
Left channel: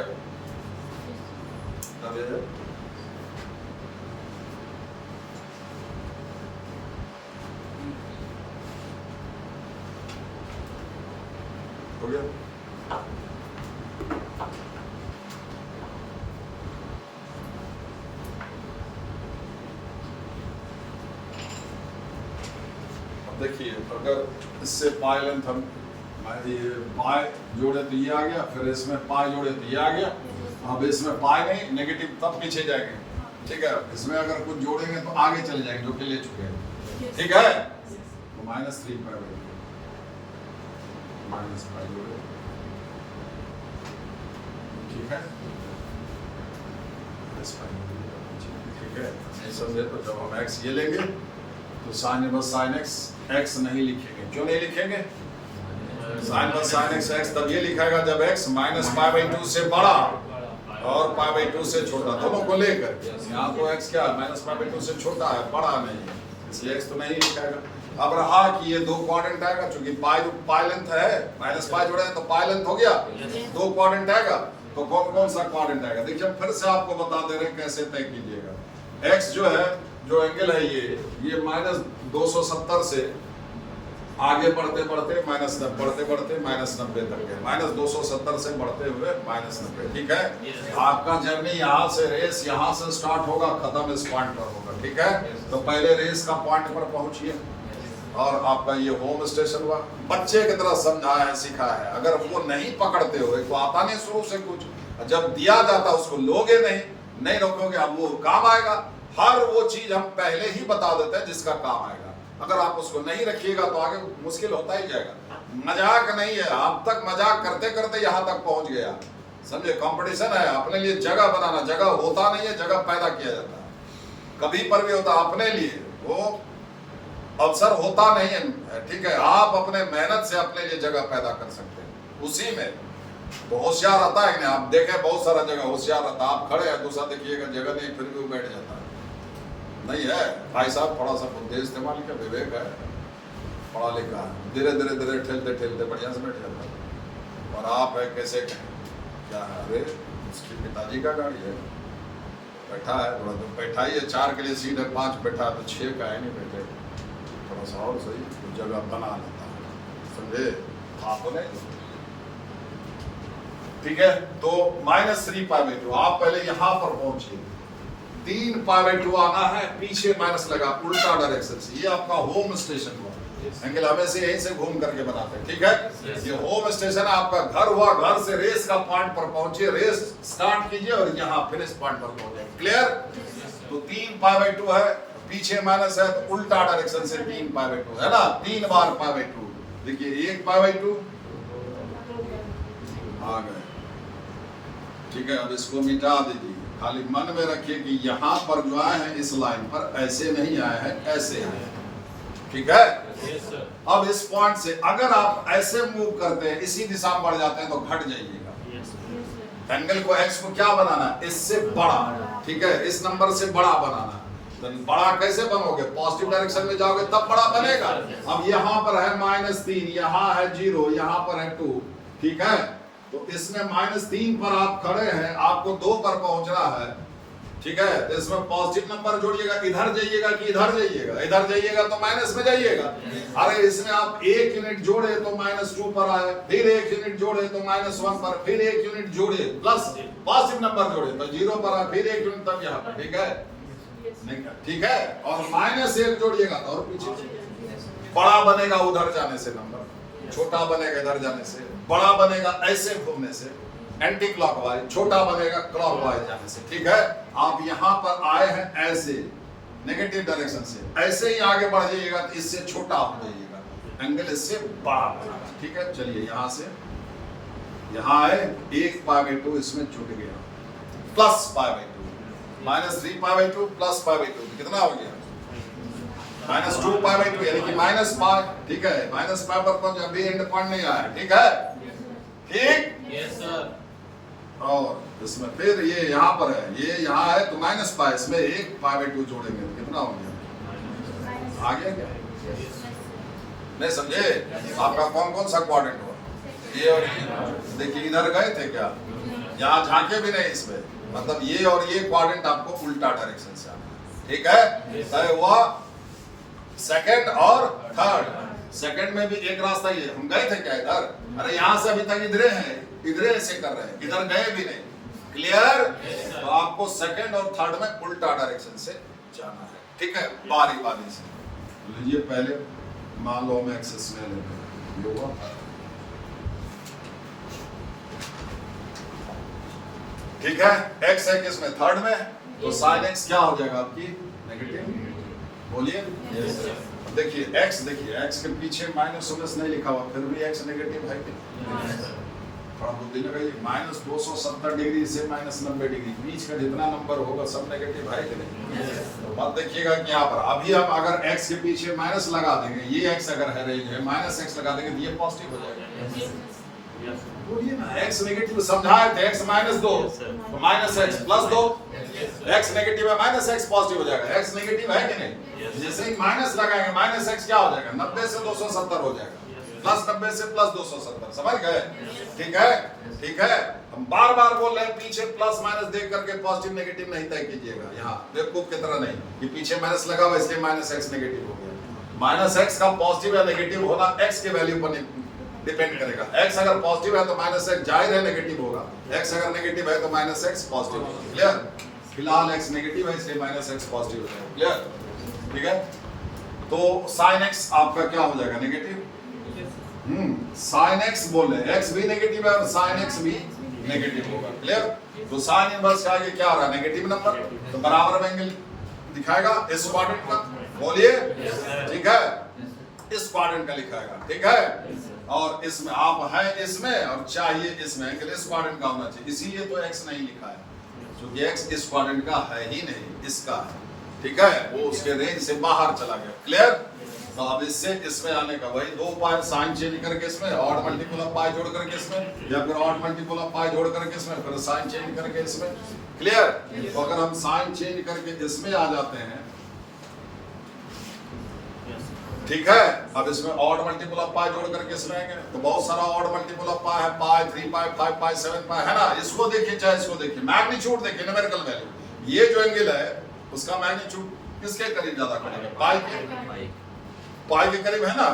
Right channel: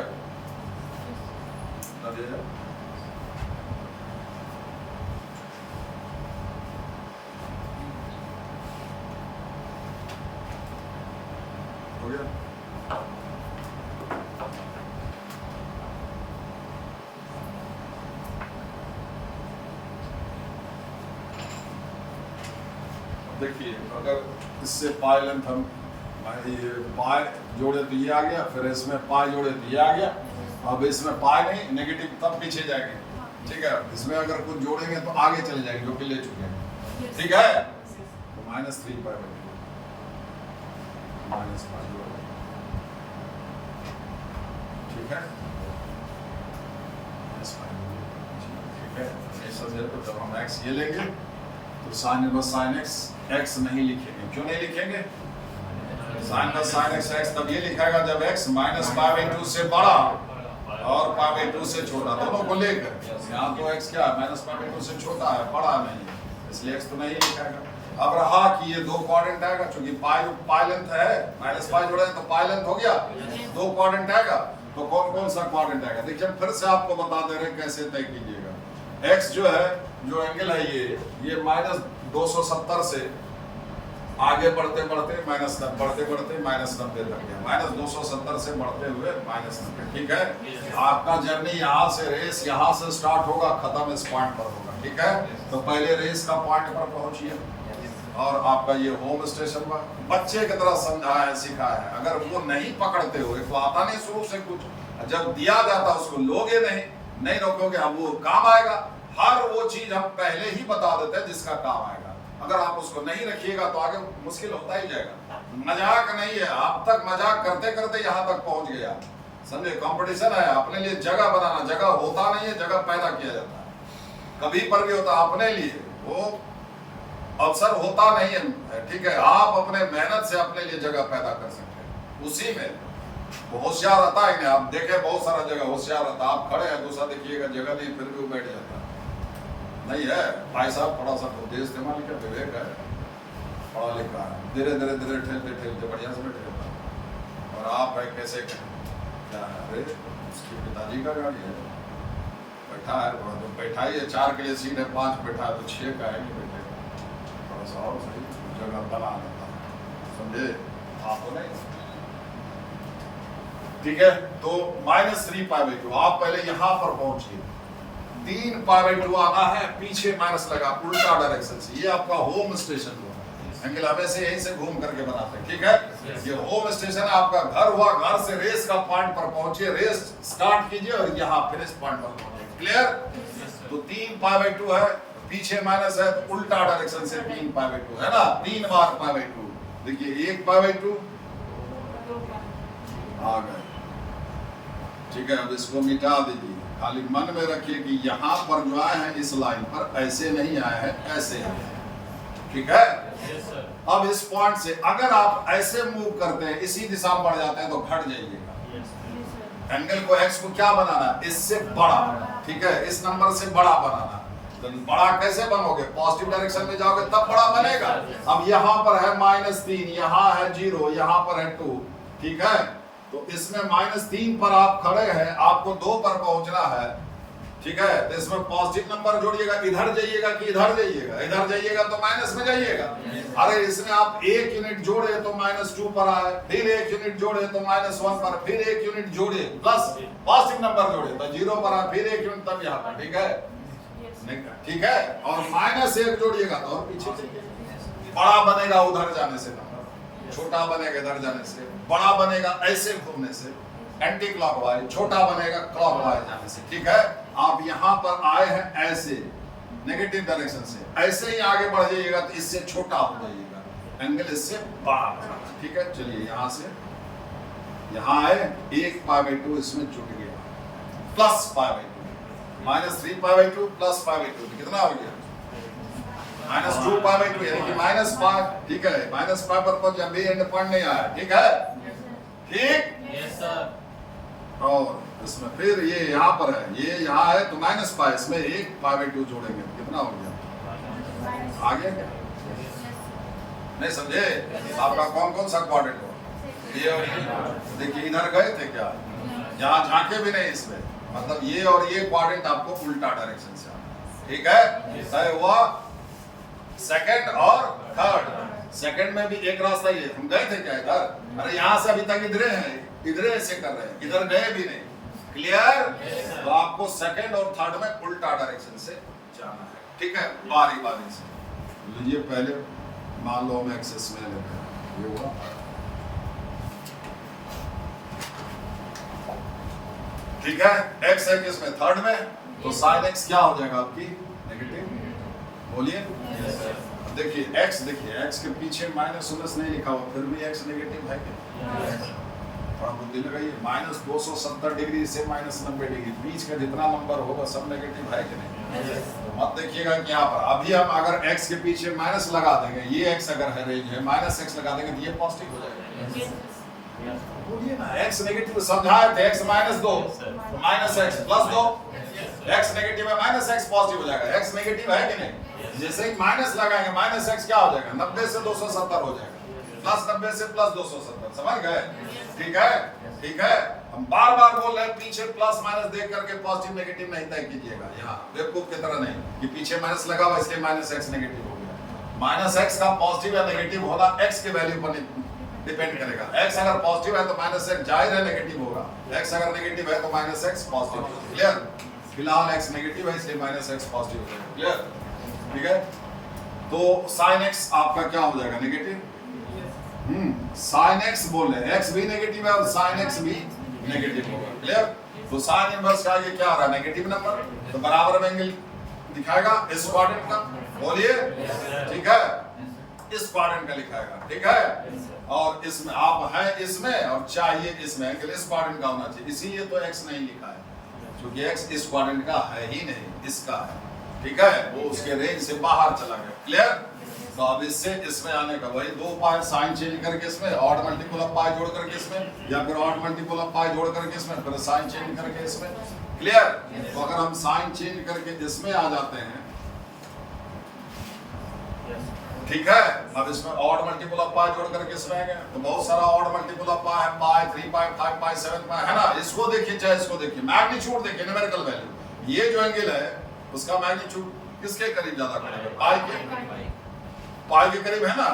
हो गया। देखिए अगर इससे पाई लेंथ हम पाई जोड़े तो ये आ गया, फिर इसमें पाई जोड़े तो ये आ गया, अब इसमें पाई नहीं नेगेटिव तब पीछे जाएंगे, ठीक है। इसमें अगर कुछ जोड़ेंगे तो आगे चले जाएंगे जो कि ले चुके हैं, ठीक है। -3π/2 -π जोड़े, ठीक है, ठीक है। ये समझे तो जब हम x ये लेंगे तो साइन इनवर्स साइन x नहीं लिखेंगे, क्यों नहीं लिखेंगे, साइन इनवर्स साइन x तब ये लिखेगा जब x -π/2 से बड़ा और π/2 से छोटा, दोनों को लेकर। यहाँ तो x क्या है, -π/2 से छोटा है, बड़ा नहीं है, इसलिए x तो नहीं लिखेगा। अब रहा कि ये 2 क्वाड्रेंट आएगा, क्योंकि पाई लेंथ है, माइनस पाई जोड़े तो पाई लेंथ हो गया, 2 क्वाड्रेंट आएगा, तो कौन कौन सा क्वाड्रेंट आएगा, देखिए फिर से आपको बता दे रहे हैं कैसे तय कीजिएगा। x जो है, जो एंगल है ये -270 से आगे बढ़ते बढ़ते बढ़ते बढ़ते -90 तक गया, -270 से बढ़ते हुए -90, ठीक है। आपका जर्नी यहाँ से रेस यहाँ से स्टार्ट होगा, खत्म इस पॉइंट पर होगा, ठीक है। तो पहले रेस का पॉइंट पर पहुंचिए और आपका ये होम स्टेशन हुआ। बच्चे की तरह समझाया है, सिखाया है, अगर वो नहीं पकड़ते हो, एक तो आता नहीं शुरू से कुछ, जब दिया जाता उसको लोगे नहीं रोकोगे, अब वो काम आएगा। हर वो चीज हम पहले ही बता देते हैं जिसका काम आएगा, अगर आप उसको नहीं रखिएगा तो आगे मुश्किल होता ही जाएगा। मजाक नहीं है, अब तक मजाक करते करते यहाँ तक पहुंच गया, समझे। कंपटीशन है, अपने लिए जगह बनाना। जगह होता नहीं है, जगह पैदा किया जाता है। कभी पर भी होता अपने लिए, वो अवसर होता नहीं है, ठीक है। आप अपने मेहनत से अपने लिए जगह पैदा कर सकते हैं, उसी में वो होशियार रहता है। आप देखें बहुत सारा जगह होशियार रहता, आप खड़े हैं, दूसरा देखिएगा जगह नहीं, फिर भी वो बैठ जाता है। नहीं है भाई साहब, थोड़ा सा बुद्धि इस्तेमाल का विवेक है, पढ़ा लिखा है, धीरे धीरे धीरे ठेलते ठेलते बढ़िया से बैठ जाता है। और आप है कैसे क्या है, अरे उसके पिताजी का गाड़ी है, बैठा है, थोड़ा जो बैठा ही है, 4 के लिए सीट है, 5 बैठा है, तो 6 का है नहीं बैठे, थोड़ा सा और सही जगह बना लेता है, समझे। आपको नहीं, ठीक है। तो -3 π/2, आप पहले यहां पर पहुंचिए, 3 π/2 आना है, पीछे माइनस लगा उल्टा डायरेक्शन से। ये आपका होम स्टेशन हुआ, एंगल हमेशा यहीं से घूम करके बनाते हैं, ठीक है। ये होम स्टेशन आपका घर हुआ, घर से रेस का पॉइंट पर पहुंचिए, रेस स्टार्ट कीजिए और यहाँ फिनिश पॉइंट पर पहुंचे, क्लियर। तो 3 π/2 है, पीछे माइनस है, तो उल्टा डायरेक्शन से 3 π/2 है ना, 3 बार π/2। देखिए 1 π/2 आ गया, ठीक है। अब इसको मिटा दीजिए, खाली मन में रखिए कि यहाँ पर जो आए हैं इस लाइन पर ऐसे नहीं आए हैं, ऐसे आए हैं, ठीक है। अब इस पॉइंट से अगर आप ऐसे मूव करते हैं, इसी दिशा में बढ़ जाते हैं, तो घट जाइएगा। एंगल को एक्स को क्या बनाना, इससे बड़ा, ठीक है, इस नंबर से बड़ा बनाना। तो बड़ा कैसे बनोगे, पॉजिटिव डायरेक्शन में जाओगे तब बड़ा बनेगा। अब यहाँ पर है -3, यहाँ है 0, यहाँ पर है 2, ठीक है। तो इसमें -3 पर आप खड़े हैं, आपको 2 पर पहुंचना है, ठीक है। तो इसमें पॉजिटिव नंबर जोड़िएगा, इधर जाइएगा कि इधर जाइएगा, इधर जाइएगा तो माइनस में जाइएगा। अरे इसमें आप 1 यूनिट जोड़े तो -2 पर आए, फिर 1 यूनिट जोड़े तो -1 पर, फिर 1 यूनिट जोड़े प्लस पॉजिटिव नंबर जोड़े तो 0 पर आए, फिर 1 यूनिट तक यहाँ पर, ठीक है, ठीक है। और -1 जोड़िएगा तो और पीछे बड़ा बनेगा, उधर जाने से नंबर छोटा बनेगा, इधर जाने से बड़ा बनेगा, ऐसे घूमने से एंटी क्लॉकवाइज, छोटा बनेगा क्लॉकवाइज जाने से, ठीक है। आप यहाँ पर आए हैं ऐसे नेगेटिव डायरेक्शन से, ऐसे ही आगे बढ़ जाइएगा तो इससे छोटा हो जाइएगा, एंगल इससे बड़ा बनेगा, ठीक है। चलिए यहाँ से यहाँ आए, 1 π/2 इसमें छूट गया, प्लस π/2, -3 π/2 प्लस π/2 कितना हो गया, -2 π/2, यानी कि -5, ठीक है। -5 पर पहुंच, अभी एंड पॉइंट नहीं आया, ठीक है, ठीक, यस सर। और इसमें फिर ये यहाँ पर है, ये यहाँ है तो -5, इसमें 1 π/2 जोड़ेंगे तो कितना हो गया, आगे क्या नहीं समझे। आपका कौन कौन सा क्वाड्रेंट हो, ये और ये, देखिए इधर गए थे क्या, यहाँ झांके भी नहीं इसमें, मतलब ये और ये क्वाड्रेंट आपको उल्टा डायरेक्शन से आना, ठीक है। तय हुआ सेकंड और थर्ड। सेकंड में भी एक रास्ता ही है, हम गए थे क्या इधर, अरे यहाँ से अभी तक इधरे हैं, इधरे ऐसे कर रहे हैं, इधर गए भी नहीं, क्लियर। तो आपको सेकंड और थर्ड में उल्टा डायरेक्शन से जाना है, ठीक है, बारी बारी से। लीजिए पहले मान लो हम एक्सेस में लेते हैं, ये हुआ, ठीक है। एक्स है किसमें, थर्ड में, तो साइन एक्स क्या हो जाएगा आपकी, नेगेटिव, बोलिए। देखिए x, देखिए x के पीछे -19 नहीं लिखा हुआ, फिर भी x नेगेटिव है क्या, थोड़ा बुद्धि लगाइए। -270 डिग्री से -90 डिग्री, बीच का जितना नंबर होगा सब नेगेटिव है कि नहीं। तो मत देखिएगा कि यहाँ पर अभी हम अगर x के पीछे माइनस लगा देंगे, ये x अगर है रेंज है, -x लगा देंगे तो ये पॉजिटिव हो जाएगा, बोलिए ना। x नेगेटिव समझाए थे, x -2 तो -x +2, x नेगेटिव है, -x पॉजिटिव हो जाएगा, x नेगेटिव है कि नहीं। जैसे ही माइनस लगाएंगे, -x क्या हो जाएगा, 90 से 270 हो जाएगा, +90 से +270, समझ गए, ठीक है, ठीक है। हम बार बार बोल रहे हैं, पीछे प्लस माइनस देख करके पॉजिटिव नेगेटिव नहीं तय कीजिएगा, यहाँ बेवकूफ की तरह नहीं कि पीछे माइनस लगा हुआ इसलिए -x नेगेटिव हो गया। -x का पॉजिटिव या नेगेटिव होना x के वैल्यू पर डिपेंड करेगा। x अगर पॉजिटिव है तो -x जाहिर है नेगेटिव होगा, x अगर नेगेटिव है तो -x पॉजिटिव होगा, क्लियर। फिलहाल x नेगेटिव है इसलिए -x पॉजिटिव होगा, क्लियर, ठीक है। तो sin x आपका क्या हो जाएगा, नेगेटिव। sin x बोल रहे हैं, x भी नेगेटिव है और sin x भी नेगेटिव होगा, क्लियर। तो sin इनवर्स का आगे क्या आ रहा है, नेगेटिव नंबर, तो बराबर में एंगल दिखाएगा इस क्वाड्रेंट का, बोलिए ठीक है, इस क्वाड्रेंट का लिखाएगा, ठीक है। और इसमें आप हैं इसमें और चाहिए इसमें, एंगल इस क्वाड्रेंट का होना चाहिए, इसीलिए तो एक्स नहीं लिखा है, क्योंकि एक्स इस क्वाड्रेंट का है ही नहीं, इसका है, ठीक है, वो उसके रेंज से बाहर चला गया। क्लियर? तो अब इससे इसमें आने का वही दो उपाय, साइन चेंज करके इसमें, ऑड मल्टीपल ऑफ पाई जोड़ करके इसमें, या फिर ऑड मल्टीपल ऑफ पाई जोड़ करके इसमें, फिर साइन चेंज करके इसमें। क्लियर? तो अगर हम साइन चेंज करके इसमें आ जाते हैं, ठीक है, अब इसमें ऑड मल्टीपल ऑफ पाई जोड़ करके इसमें आएंगे, तो बहुत सारा ऑड मल्टीपल ऑफ पाई है, पाई 3 पाई 5 पाई 7 पाई, है ना। इसको देखिए चाहे इसको देखिए, मैग्नीट्यूड देखिए, न्यूमेरिकल वैल्यू, ये जो एंगल है उसका मैग्नीट्यूड किसके करीब ज्यादा पड़ेगा? पाई के, पाई के करीब है ना,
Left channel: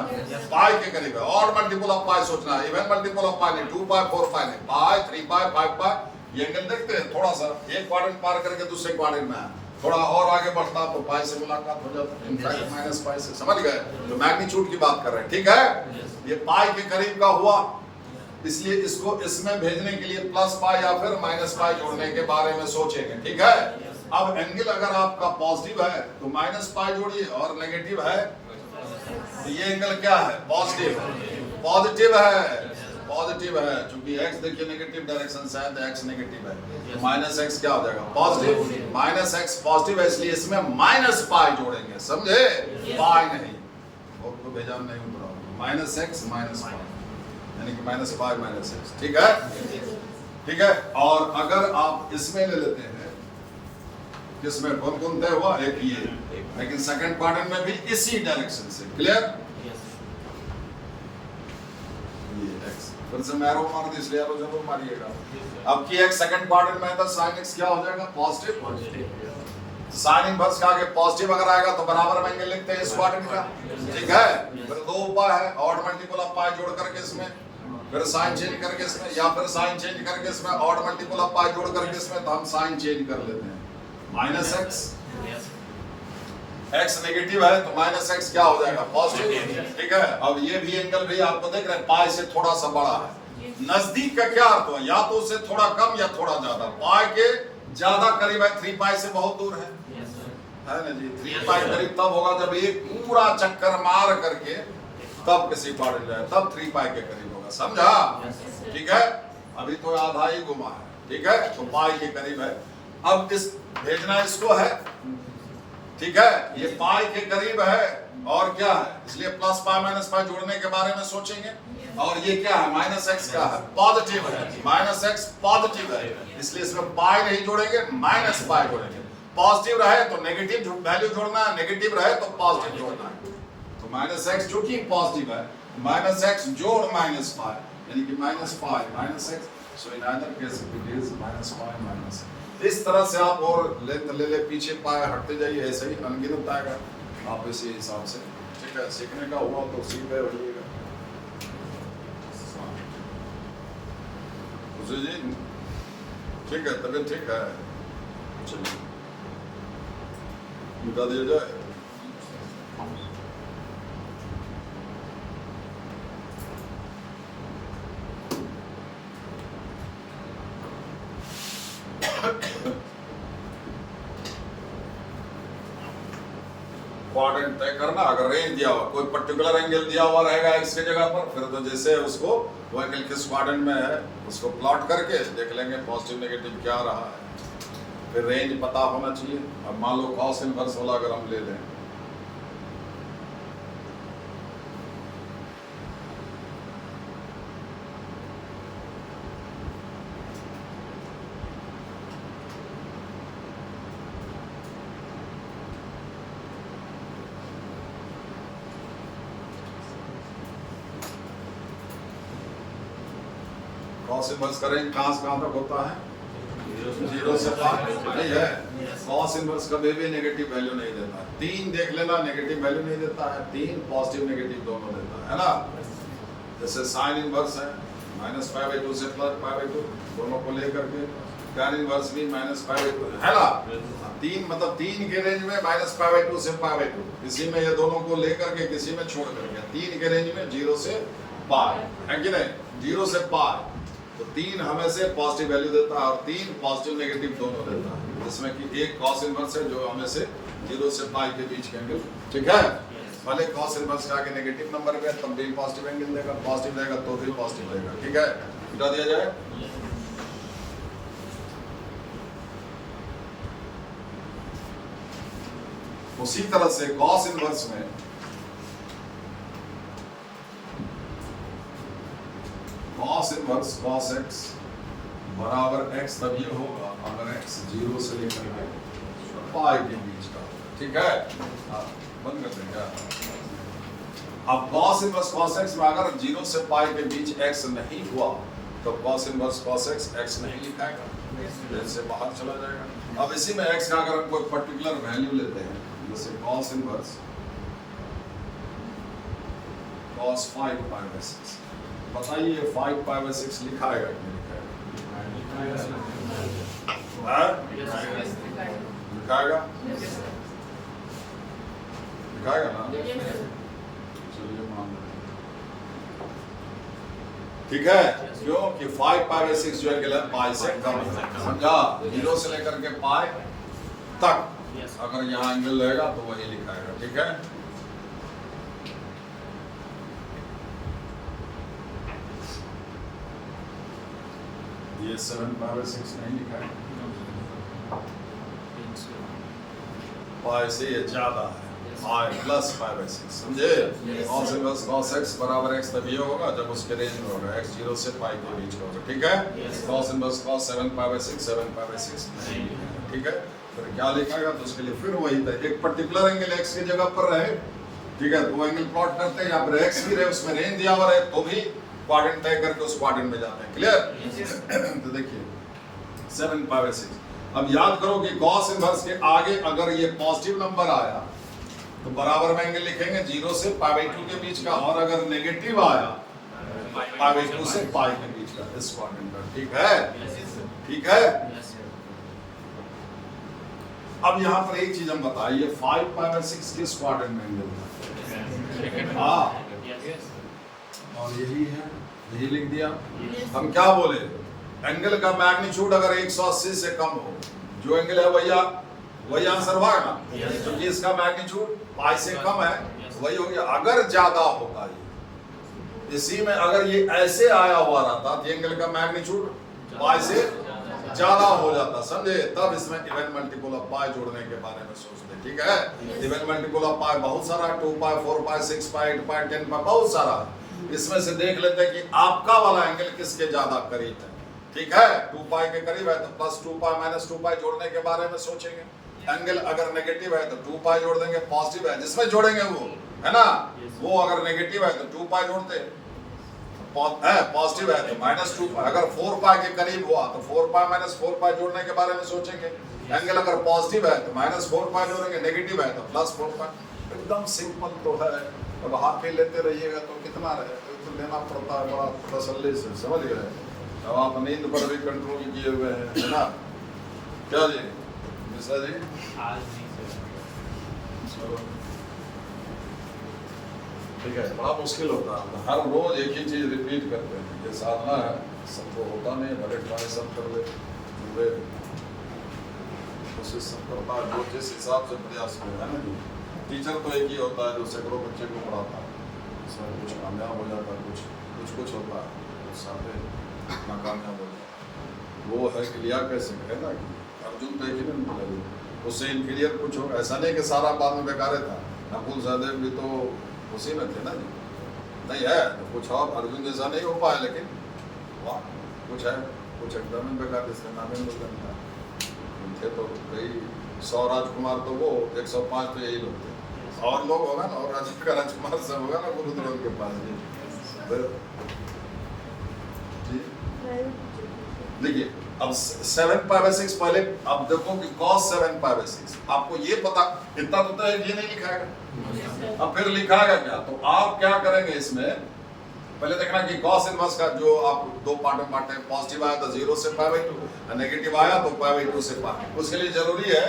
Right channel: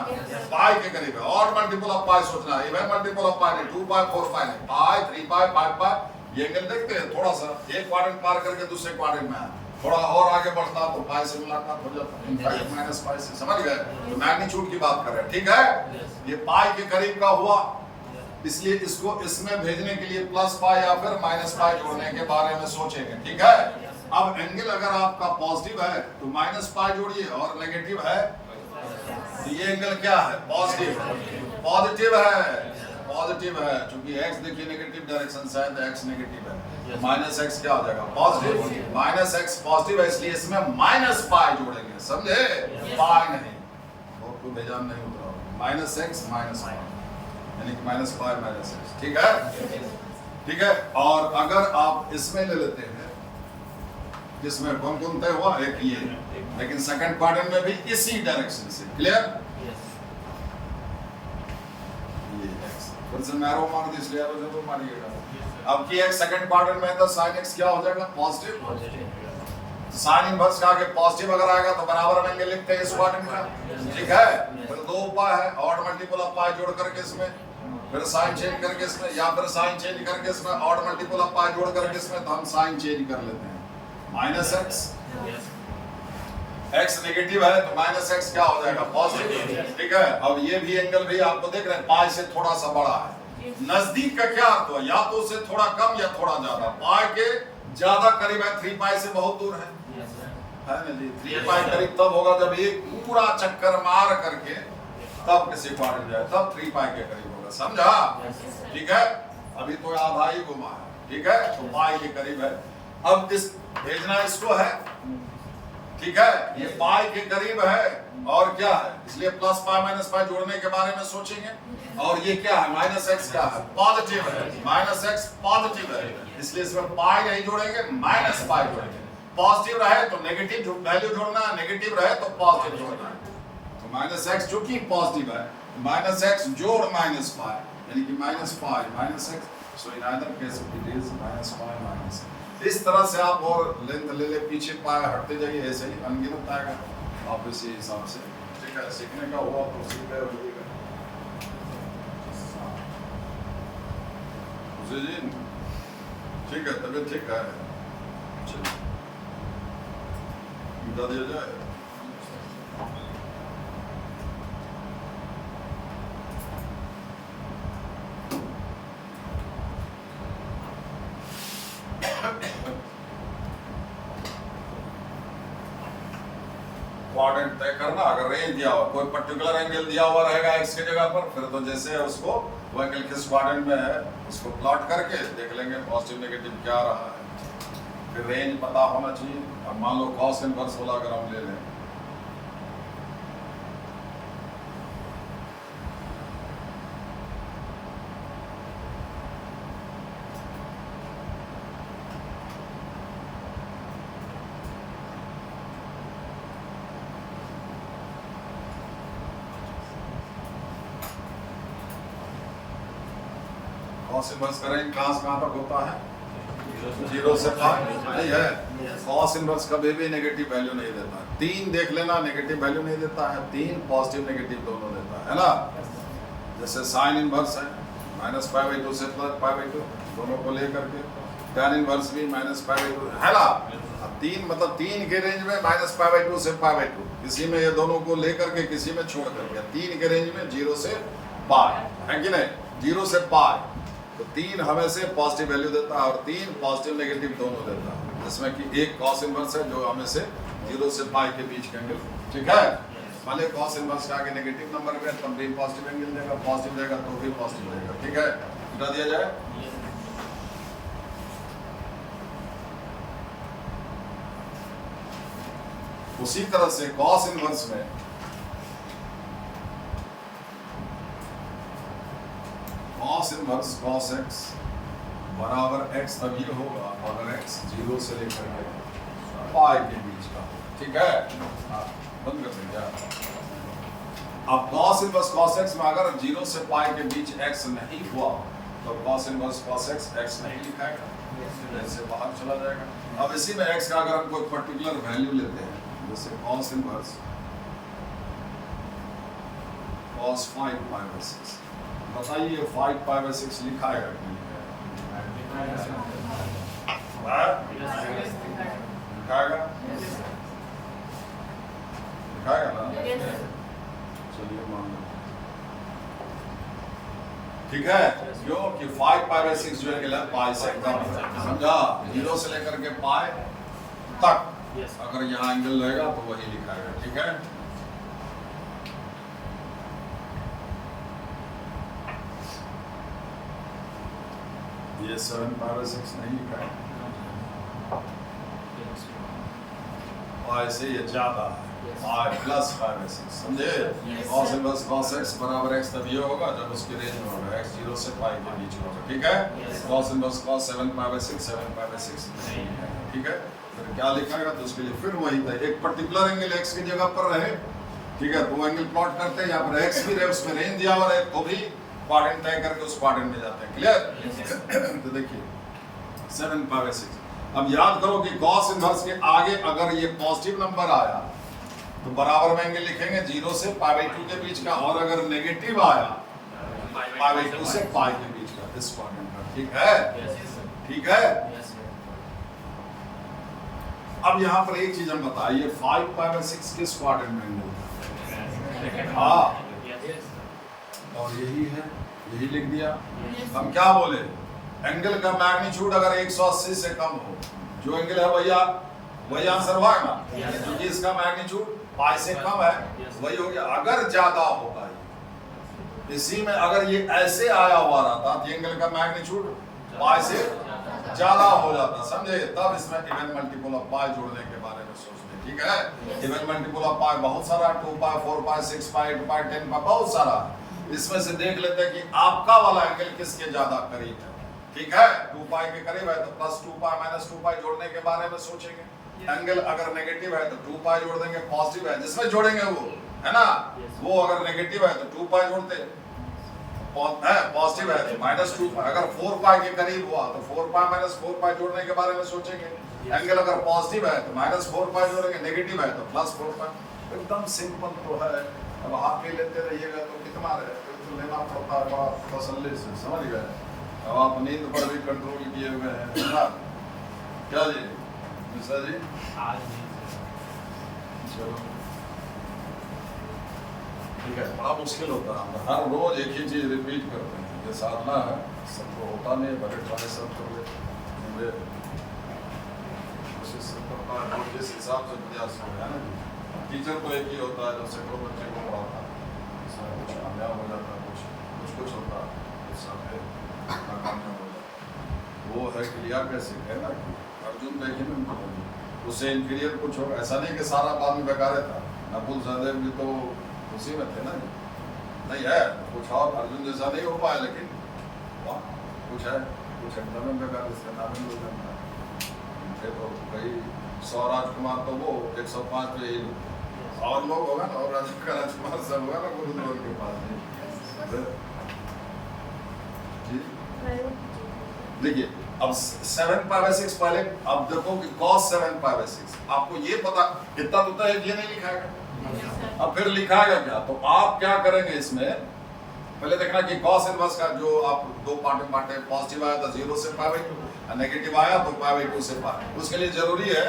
पाई के करीब है। ऑड मल्टीपल ऑफ पाई सोचना, इवन मल्टीपल ऑफ पाई नहीं, 2 पाई 4 पाई नहीं, पाई 3 पाई 5 पाई। ये एंगल देखते हैं, थोड़ा सा एक क्वाड्रेंट पार करके दूसरे क्वाड्रेंट में है, थोड़ा और आगे बढ़ता तो पाई से मुलाकात हो जाता, इनफैक्ट माइनस पाई से, समझ गए? तो मैग्नीट्यूड की बात कर रहे हैं, ठीक है। ये पाई के करीब का हुआ, इसलिए इसको इसमें भेजने के लिए प्लस पाई या फिर माइनस पाई जोड़ने के बारे में सोचेंगे, ठीक है। अब एंगल अगर आपका पॉजिटिव है तो माइनस पाई जोड़िए, और नेगेटिव है तो ये एंगल क्या है? पॉजिटिव, पॉजिटिव है, पॉजिटिव है, क्योंकि x देखिए नेगेटिव डायरेक्शन से है तो x नेगेटिव है, तो माइनस एक्स क्या हो जाएगा? पॉजिटिव। माइनस एक्स पॉजिटिव है, इसलिए इसमें माइनस पाई जोड़ेंगे, समझे? पाई नहीं, आपको भेजा नहीं उतरा, माइनस एक्स माइनस पाई, यानी कि माइनस पाई माइनस एक्स, ठीक है, ठीक है। और अगर आप इसमें ले लेते हैं, जिसमें कौन तय हुआ? एक ये, लेकिन सेकंड क्वाड्रेंट में भी इसी डायरेक्शन से। क्लियर? फिर से मैरो मार दी, इसलिए एरो जरूर मारिएगा। अब की एक सेकंड क्वाड्रेंट में है तो sin x क्या हो जाएगा? पॉजिटिव। sin इनवर्स का आगे पॉजिटिव अगर आएगा तो बराबर में एंगल लिखते हैं इस क्वाड्रेंट का, ठीक है। फिर दो उपाय है, ऑड मल्टीपल ऑफ पाई जोड़ करके इसमें, फिर साइन चेंज करके इसमें, या फिर साइन चेंज करके इसमें ऑड मल्टीपल ऑफ पाई जोड़ करके इसमें, तो हम साइन चेंज कर लेते हैं, माइनस एक्स, x नेगेटिव है तो माइनस एक्स क्या हो जाएगा? पॉजिटिव, ठीक है। अब ये भी एंगल भी आपको देख रहे हैं, पाई से थोड़ा सा बड़ा है। नजदीक का क्या अर्थ हुआ? या तो उससे थोड़ा कम या थोड़ा ज्यादा। पाई के ज्यादा करीब है, 3 पाई से बहुत दूर है ना जी। 3 पाई करीब तब होगा जब एक पूरा चक्कर मार करके तब किसी क्वाड्रेंट जाए, तब 3 पाई के करीब होगा, समझा? ठीक है, अभी तो आधा ही घुमा है, ठीक है, तो पाई के करीब है। अब इस भेजना इसको है, ठीक है, ये पाई के करीब है, और क्या है? इसलिए प्लस पाई माइनस पाई जोड़ने के बारे में सोचेंगे। और ये क्या है? माइनस एक्स क्या है? पॉजिटिव है, माइनस एक्स पॉजिटिव है, इसलिए इसमें पाई नहीं जोड़ेंगे, माइनस पाई जोड़ेंगे। पॉजिटिव रहे तो नेगेटिव वैल्यू जोड़ना है, नेगेटिव रहे तो पॉजिटिव जोड़ना है। तो माइनस एक्स जो कि पॉजिटिव है, माइनस एक्स जोड़ माइनस पाई, यानी कि minus pi minus x, so in either case it is minus pi minus. इस तरह से आप और लेंथ ले ले, पीछे पाए हटते जाइए, ऐसे ही अनगिनत आएगा आप इसी हिसाब से, ठीक है। सीखने का हुआ तो सीधे हो जाएगा जी, ठीक है, तबीयत ठीक है, चलिए बता दिया जाए। क्वाड्रेंट तय करना, अगर रेंज दिया हुआ, कोई पर्टिकुलर एंगल दिया हुआ रहेगा x के जगह पर, फिर तो जैसे उसको वो एंगल किस क्वाड्रेंट में है उसको प्लॉट करके देख लेंगे पॉजिटिव नेगेटिव क्या रहा है, फिर रेंज पता होना चाहिए। अब मान लो कॉस इनवर्स वाला अगर हम ले लें, कॉस इनवर्स करें, कहां से कहां तक होता है? 0 से पाई, नहीं है। कॉस इनवर्स कभी भी नेगेटिव वैल्यू नहीं देता है। 3 देख लेना, नेगेटिव वैल्यू नहीं देता है, 3 पॉजिटिव नेगेटिव दोनों देता है ना। जैसे साइन इनवर्स है, -π/2 से +π/2 दोनों को लेकर के, tan इनवर्स भी -π/2 है ना। 3 मतलब 3 के रेंज में -π/2 से π/2, इसी में ये दोनों को लेकर के किसी में छोड़ कर दिया। 3 के रेंज में 0 से पाई है कि नहीं, 0 से पाई, तो 3 हमें से पॉजिटिव वैल्यू देता है और 3 पॉजिटिव नेगेटिव दोनों देता है, जिसमें कि एक कॉस इनवर्स है जो हमें से 0 से पाई के बीच का एंगल, ठीक है। भले कॉस इनवर्स का आगे नेगेटिव नंबर है तब भी पॉजिटिव एंगल देगा, पॉजिटिव देगा तो भी पॉजिटिव देगा, ठीक है। मिटा दिया जाए। उसी तरह से कॉस इनवर्स में कॉस इनवर्स कॉस x बराबर x तभी होगा अगर x 0 से लेकर के पाई के बीच का होगा, ठीक है। बंद कर देंगे। अब कॉस इनवर्स कॉस x में अगर 0 से पाई के बीच x नहीं हुआ तो कॉस इनवर्स कॉस x नहीं लिखाएगा, इससे बाहर चला जाएगा। अब इसी में x का अगर हम कोई पर्टिकुलर वैल्यू लेते हैं, जैसे cos inverse cos 5 pi by 6, बताइए 5 पाई बाय 6 लिखाएगा कि नहीं लिखाएगा? लिखाएगा ना? चलिए मान लो, ठीक है। क्यों कि 5 पाई बाय 6 जो है पाई से कम है, समझा। 0 से लेकर के पाई तक अगर यहाँ एंगल रहेगा तो वही लिखाएगा, ठीक है। ये 7 पाई बाय 6 नहीं लिखा है, पाई से ये ज्यादा है, पाई प्लस पाई बाय 6, समझे। कॉस इनवर्स कॉस x बराबर x तभी होगा जब उसके रेंज में होगा, x 0 से पाई के बीच में होगा, ठीक है। Cos inverse cos 7 pi by 6 7 pi by 6 नहीं लिखा है, ठीक है। फिर क्या लिखाएगा तो उसके लिए फिर वही था, एक पर्टिकुलर एंगल x की जगह पर रहे, ठीक है, तो वो एंगल प्लॉट करते हैं। यहाँ पर x भी रहे, उसमें रेंज दिया हुआ रहे तो भी क्वाड्रेंट तय करके उस क्वाड्रेंट में जाते हैं, क्लियर। तो देखिए 7 पाई बाय 6। अब याद करो कि कॉस इनवर्स के आगे अगर ये पॉजिटिव नंबर आया तो बराबर में एंगल लिखेंगे 0 से पाई बाय 2 के बीच का, और अगर नेगेटिव आया पाई बाय 2 से पाई के बीच का, इस क्वाड्रेंट का, ठीक है, ठीक है। अब यहाँ पर एक चीज हम बताइए, 5 पाई बाय 6 किस क्वाड्रेंट में एंगल है? हाँ, और यही है, यही लिख दिया। हम क्या बोले, एंगल का मैग्नीट्यूड अगर 180 से कम हो, जो एंगल है वही आंसर हुआ ना, क्योंकि इसका मैग्नीट्यूड पाई से कम है, वही हो गया। अगर ज्यादा होता है, इसी में अगर ये ऐसे आया हुआ रहता तो एंगल का मैग्नीट्यूड पाई से ज्यादा हो जाता, समझे। तब इसमें इवन मल्टीपल ऑफ पाई जोड़ने के बारे में सोचते, ठीक है। इवन मल्टीपल ऑफ पाई बहुत सारा, 2 पाई 4 पाई 6 पाई 8 पाई 10 पाई बहुत सारा। इसमें से देख लेते हैं कि आपका वाला एंगल किसके ज्यादा करीब है, ठीक है। 2 पाई के करीब है तो प्लस 2 पाई माइनस 2 पाई जोड़ने के बारे में सोचेंगे। एंगल अगर नेगेटिव है तो 2 पाई जोड़ देंगे, पॉजिटिव है जिसमें जोड़ेंगे वो, है ना। वो अगर नेगेटिव है तो 2 पाई जोड़ते हैं, पॉजिटिव है तो माइनस 2 पाई। अगर 4 पाई के करीब हुआ तो 4 पाई माइनस 4 पाई जोड़ने के बारे में सोचेंगे। एंगल अगर पॉजिटिव है तो माइनस 4 पाई जोड़ेंगे, नेगेटिव है तो प्लस 4 पाई। एकदम सिंपल तो है। अब हाथ पे लेते रहिएगा तो कितना रहे, तो लेना पड़ता है बड़ा तसल्ली से, समझ गए। अब आप नींद पर भी कंट्रोल किए हुए हैं ना, क्या जी मिश्रा जी? चलो ठीक है। बड़ा मुश्किल होता है, हर रोज एक ही चीज रिपीट करते हैं। ये साधना है, सबको होता नहीं, बड़े ट्राई सब कर ले, कोशिश सब करता है रोज जिस हिसाब से प्रयास होता है ना। टीचर तो एक ही होता है जो सैकड़ों बच्चे को पढ़ाता है, इसमें कुछ कामयाब हो जाता है, कुछ होता है सामने नाकामयाब हो जाता है। वो है क्लियर कैसे है ना, अर्जुन तो एक ही नहीं मिलेगा, उससे इनक्लियर कुछ हो। ऐसा नहीं कि सारा बाद में बेकार था, नकुल सहदेव भी तो उसी में थे ना जी, नहीं है तो कुछ और अर्जुन जैसा नहीं हो पाया, लेकिन वाह कुछ है, कुछ एकदम में बेकार, जिसका नाम हो जाता थे तो कई 100 राजकुमार, तो वो 105 तो यही लोग, और लोग होगा ना, और राजकुमार से होगा ना गुरुद्रोह के पास जी। देखिए अब 7 पाई बाय 6 पहले, अब देखो कि cos 7 पाई बाय 6 आपको ये पता, इतना तो है, ये नहीं लिखाएगा। अब फिर लिखाएगा क्या, तो आप क्या करेंगे इसमें, पहले देखना कि cos इनवर्स का जो आप दो पार्ट में बांटे, पॉजिटिव आया तो 0 से पाई बाय 2, नेगेटिव आया तो पाई बाय 2 से पाई। उसके लिए जरूरी है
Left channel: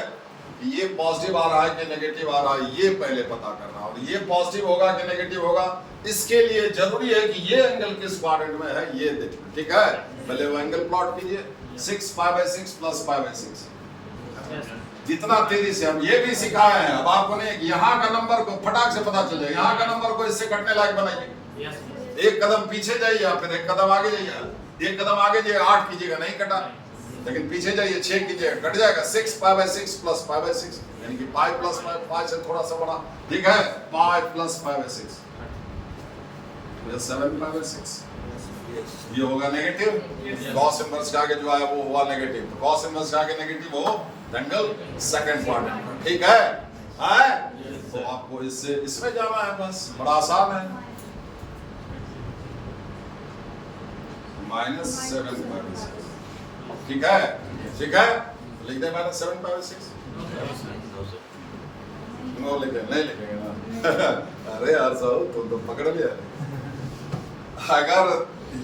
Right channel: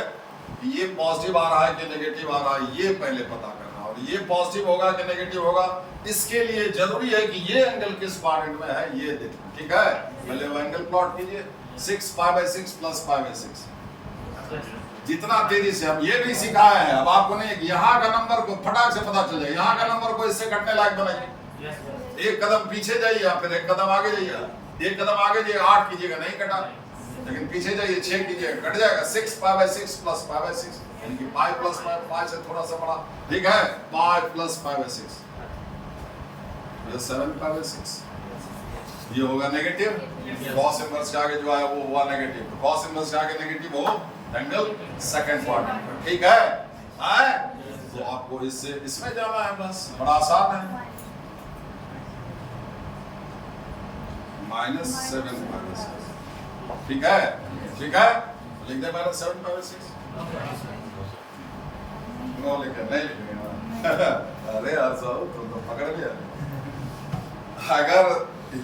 कि ये पॉजिटिव आ रहा है कि नेगेटिव आ रहा है, ये पहले पता करना, और ये पॉजिटिव होगा कि नेगेटिव होगा इसके लिए जरूरी है कि ये एंगल किस क्वाड्रेंट में है ये देखो, ठीक है। पहले वो एंगल प्लॉट कीजिए, 6 π/6 प्लस π/6। जितना तेजी से हम ये भी सिखाए हैं, अब आपको नहीं कि यहाँ का नंबर को फटाक से पता चल जाए, यहाँ का नंबर को इससे कटने लायक बनाइए। एक कदम पीछे जाइए, फिर एक कदम आगे जाइए, एक कदम आगे जाइए, 8 कीजिएगा नहीं कटा, लेकिन पीछे जाइए 6 कीजिएगा कट जाएगा। 6 π/6 प्लस π/6 यानी कि पाई प्लस पाई से थोड़ा सा बड़ा, ठीक है, पाई प्लस π/6 7 π/6। ये होगा नेगेटिव, कॉस इनवर्स का आगे जो आया वो हुआ नेगेटिव, तो कॉस इनवर्स का आगे नेगेटिव हो एंगल सेकंड क्वाड्रेंट, ठीक है। तो आपको इससे इसमें जाना है, बस बड़ा आसान है। -7 π/6, ठीक है, ठीक है, लिख दे -7 π/6। नो लिखे नहीं लिखेगा अरे यार साहब तुम तो पकड़ लिया। अगर